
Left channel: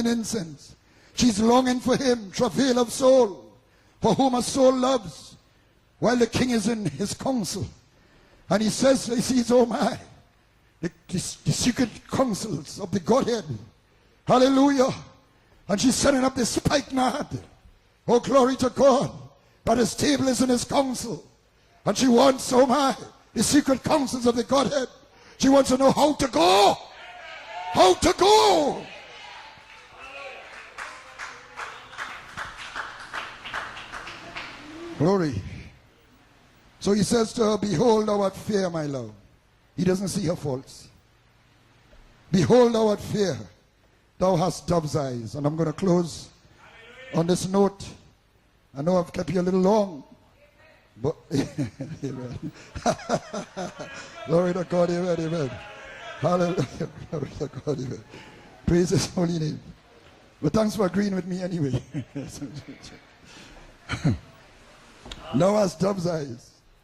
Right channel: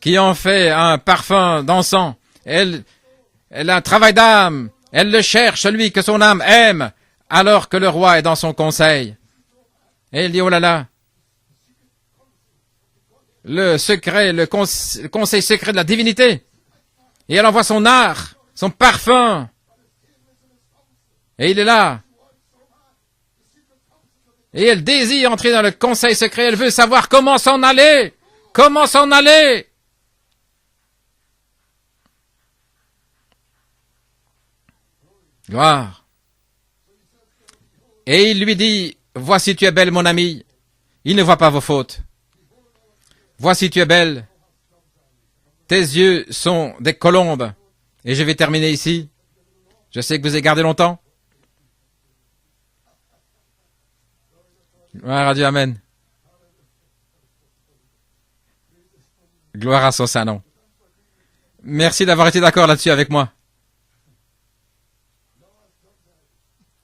qui en fait un parfum dansant. Elle a un travail d'âme. Elle le cherche, celui que son âme aime, alors que le roi est dans son conseil. Et elle dit, oh là là, le secret, le conseil secret de la divinité. Et elle envoie son art, son parfum. Et il est là. Et elle désire entrer dans le conseil secret. Elle veut savoir comment s'en aller. Comment s'en aller. Gloire. Et il lui dit, voici tu es belle mon ami. Il ne voit pas vos fautes. Voici tu es belle. Tes yeux sont des colombes. Et je vais terminer ici. Je sais que vous avez gardé longtemps. Gloire à Dieu, amen. Gloire à son saint nom. Merci d'avoir été d'accord là-dessus avec moi.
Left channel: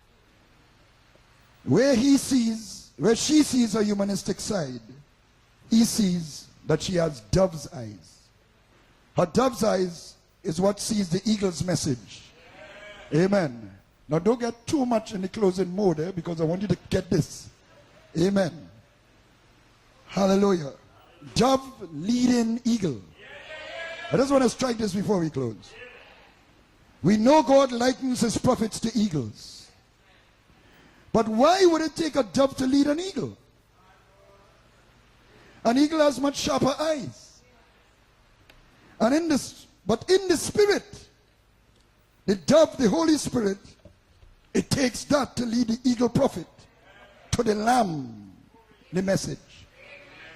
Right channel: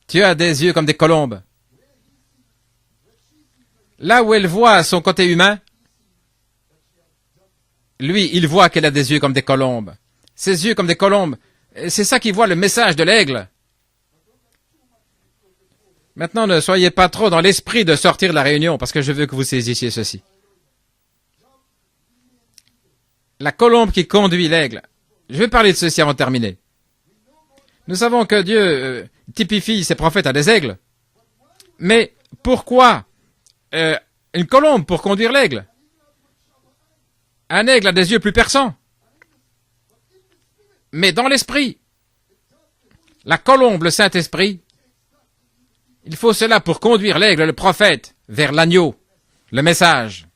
Tu as des yeux comme des colombes. Là où elle voit son côté humain, lui, il voit qu'elle a des yeux comme des colombes. Ses yeux comme des colombes. C'est ça qu'il voit, le message de l'aigle. Maintenant, ne soyez pas trop dans l'esprit de sortir de la réunion, parce que je veux que vous saisissiez ceci. La colombe qui conduit l'aigle. Je vais parler de ceci avant de terminer. Nous savons que Dieu typifie ses prophètes à des aigles. Mais pourquoi une colombe pour conduire l'aigle? Un aigle a des yeux plus perçants. Mais dans l'esprit, la colombe, le Saint-Esprit, il faut cela pour conduire l'aigle, le prophète, vers l'agneau, le message.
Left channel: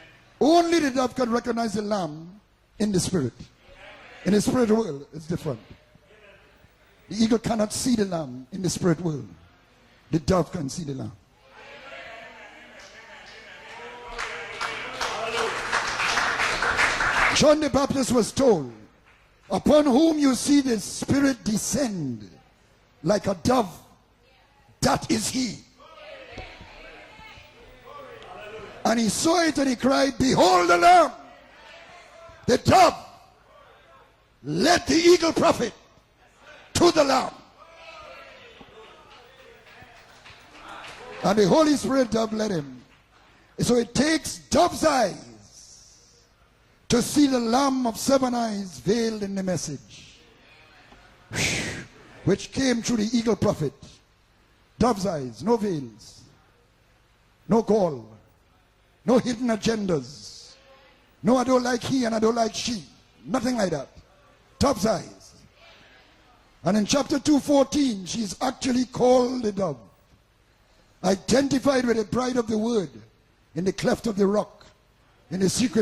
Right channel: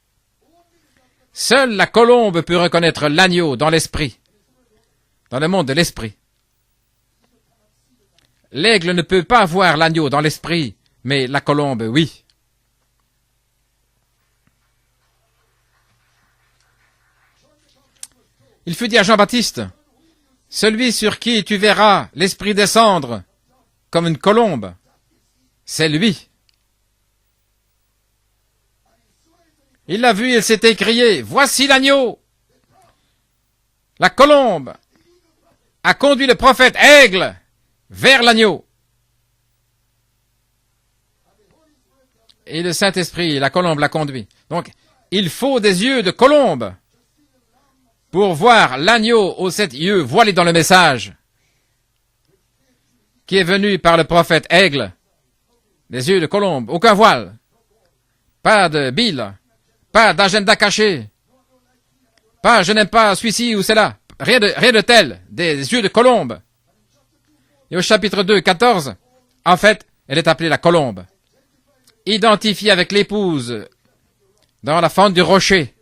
Seule la colombe peut reconnaître l'agneau dans l'esprit, dans le monde de l'esprit. L'aigle ne peut pas voir l'agneau dans l'esprit, mais la colombe, oui. Il fut dit à Jean-Baptiste, celui sur qui tu verras l'esprit descendre comme une colombe, c'est lui. Il l'a vu et s'est écrié, voici l'agneau. La colombe a conduit le prophète aigle vers l'agneau. Et le Saint-Esprit, la colombe l'a conduit. Donc, il faut des yeux de colombe pour voir l'agneau aux 7 yeux voilé dans le message qui est venu par le prophète aigle. Des yeux de colombe, aucun voile, pas de bile, pas d'agenda caché, pas je n'aime pas celui-ci ou celle-là, rien de tel, des yeux de colombe. Et au chapitre 2, 14, en fait, elle est appelée la colombe, identifiée avec l'épouse dans la fente du rocher,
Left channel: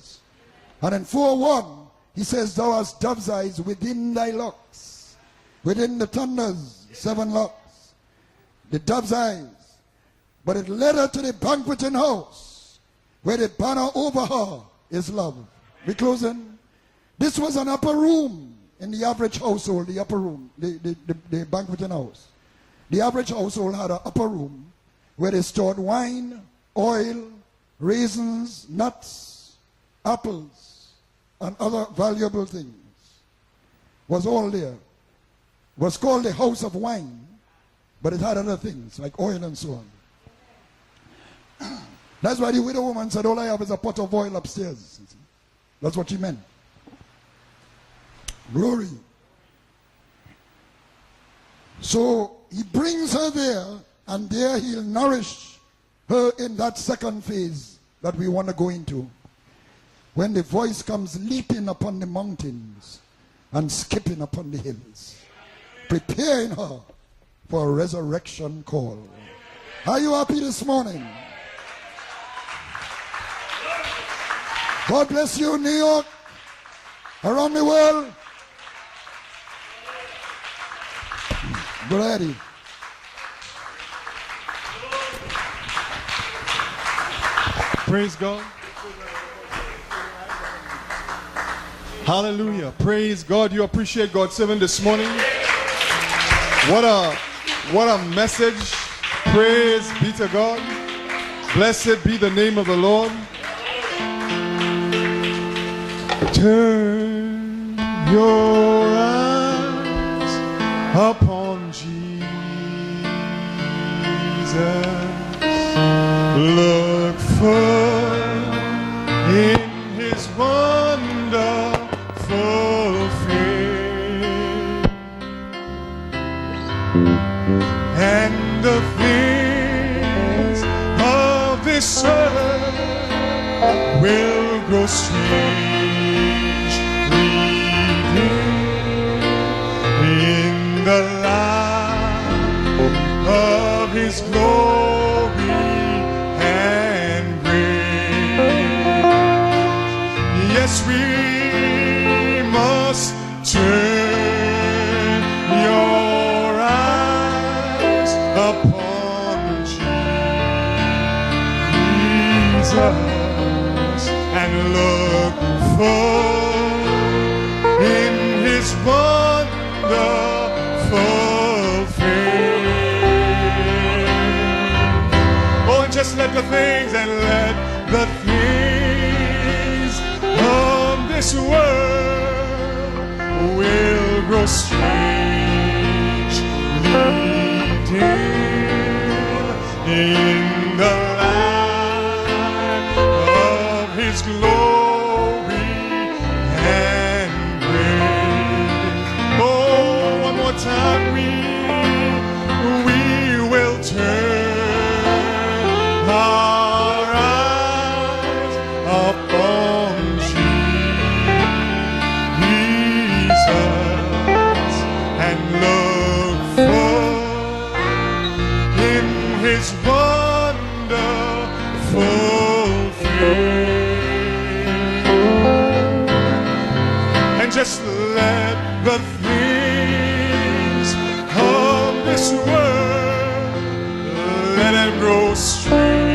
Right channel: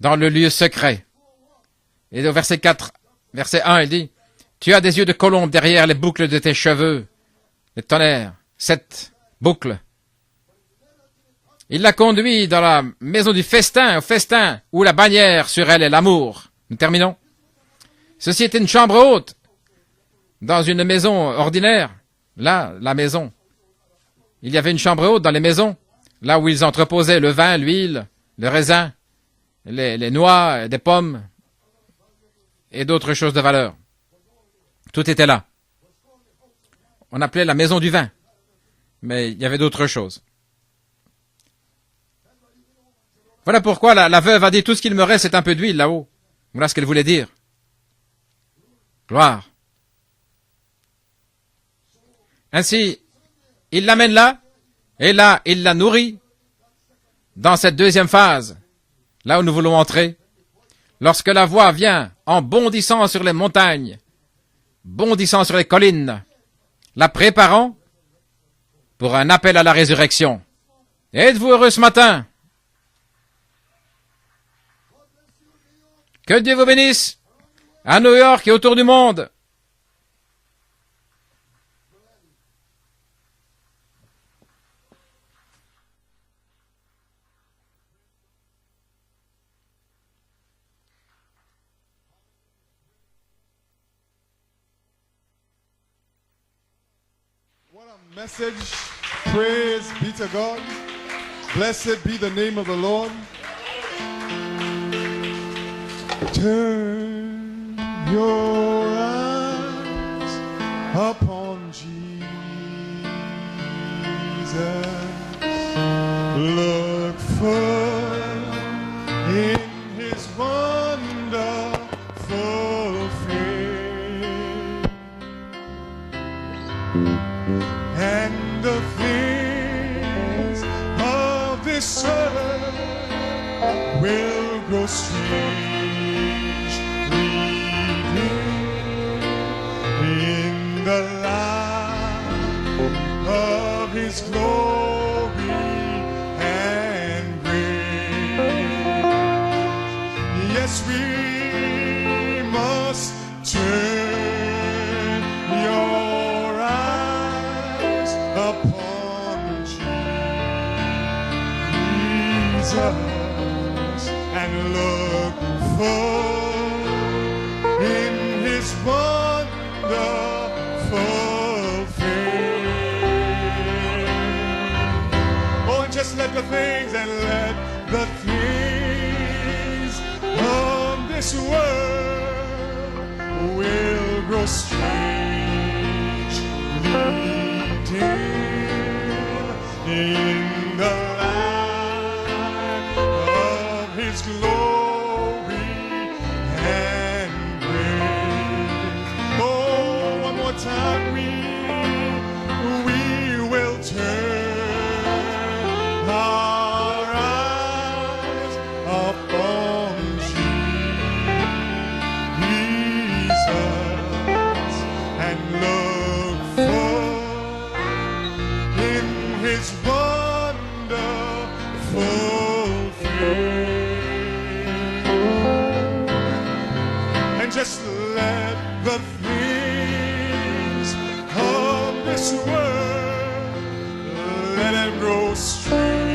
dans le lieu secret. Et au verset 4, verset 1, il dit, « Tu as des yeux de colombe derrière les boucles de tes cheveux. » Le tonnerre, 7 boucles. Il l'a conduit dans la maison du festin, au festin, où la bannière sur elle est l'amour. Nous terminons. Ceci était une chambre haute, dans une maison ordinaire. Là, la maison. Il y avait une chambre haute dans les maisons, là où ils entreposaient le vin, l'huile, le raisin, les noix, des pommes et d'autres choses de valeur. Tout était là. On appelait la maison du vin, mais il y avait d'autres choses. Voilà pourquoi la veuve a dit, tout ce qu'il me reste, c'est un peu d'huile là-haut. Voilà ce qu'elle voulait dire. Gloire. Ainsi, il l'amène là, et là, il la nourrit dans cette deuxième phase, là où nous voulons entrer. Lorsque la voix vient en bondissant sur les montagnes, bondissant sur les collines, la préparant pour un appel à la résurrection. Êtes-vous heureux ce matin? God bless you, New York. Que Dieu vous bénisse. Around the world. À New York et autour du monde. Brady. Praise God. Hallelujah. Praise God. You appreciate God's servant this morning. What a message. Praise be to God. Blessed be the name of the Lord. Turn your eyes upon Jesus. Look full in his wonderful face, and the things of this earth will grow strangely dim in the light of his glory and grace. Yes, we must turn your eyes upon Jesus and look full in his wonderful face. Oh, and just let the things and let the things of this world will grow strangely dim in the light of his glory and grace. Oh, one more time we will turn our eyes upon Jesus and look full in his wonderful face. And just let the things of this world, let them grow strangely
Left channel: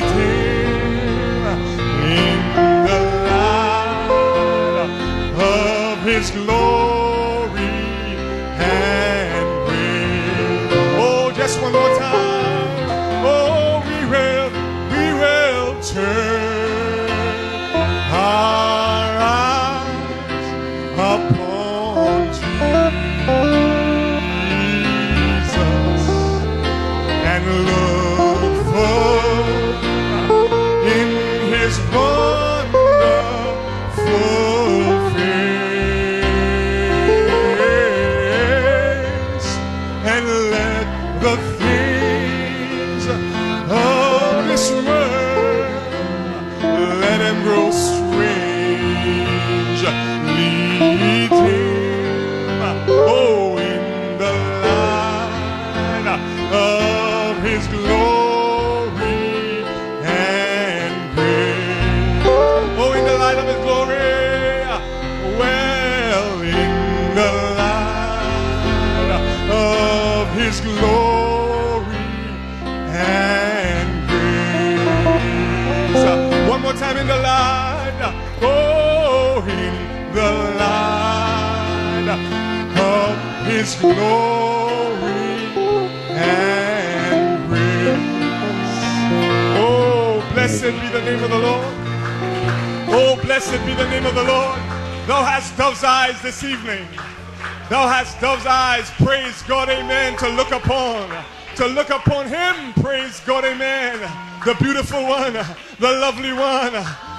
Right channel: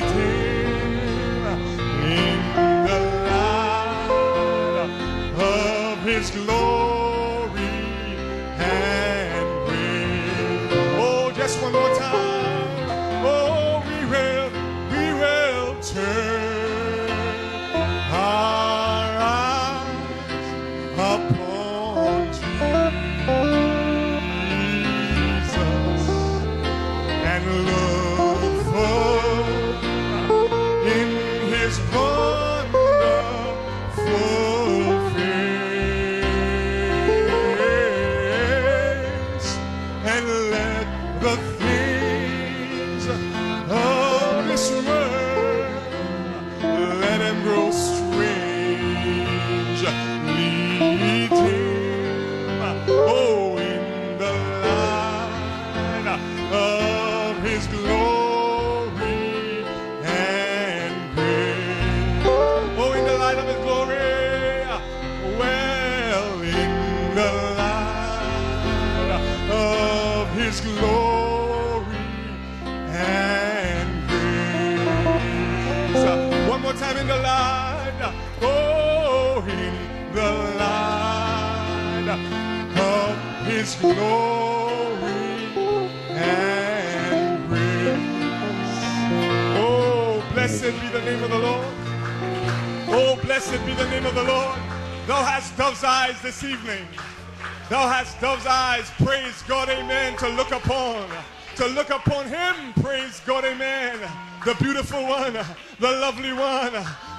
dim in the light of his glory and grace. Oh, just one more time. Oh, we will turn our eyes upon Jesus and look full in his wonderful face, and let the things of this world, let them grow strangely dim. Oh, in the light of his glory and grace. Oh, in the light of his glory. Well, in the light of his glory and grace. One more time, in the light. Oh, in the light of his glory and grace. Oh, blessed be the name of the Lord. Oh, blessed be the name of the Lord. Thou hast dove's eyes this evening. Thou hast dove's eyes, praise God, amen, to look upon him, praise God, amen, the beautiful one, the lovely one,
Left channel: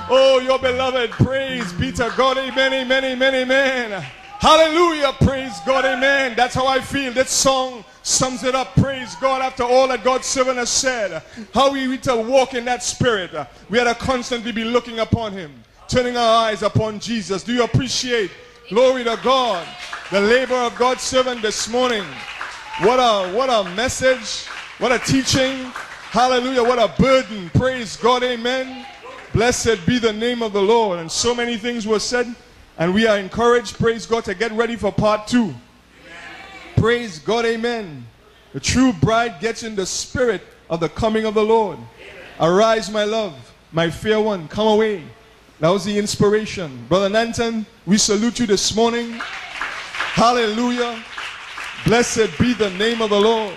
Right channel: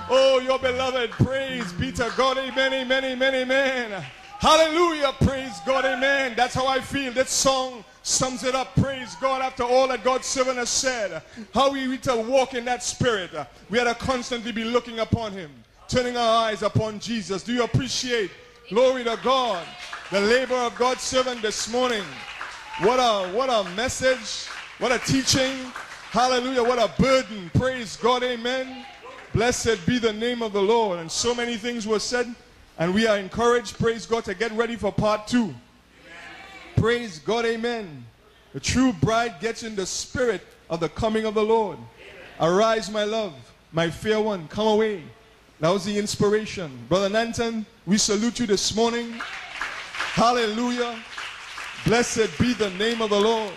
oh, your beloved, praise be to God, amen, amen, amen, amen. Hallelujah, praise God, amen. That's how I feel. That song sums it up, praise God, after all that God's servant has said. How we need to walk in that spirit. We had to constantly be looking upon him, turning our eyes upon Jesus. Do you appreciate, glory to God, the labor of God's servant this morning? What a message, what a teaching. Hallelujah. What a burden. Praise God. Amen. Blessed be the name of the Lord. And so many things were said. And we are encouraged, praise God, to get ready for part 2. Amen. Praise God. Amen. The true bride gets in the spirit of the coming of the Lord. Amen. Arise, my love, my fair one, come away. That was the inspiration. Brother Nanton, we salute you this morning. Hallelujah. Blessed be the name of the Lord.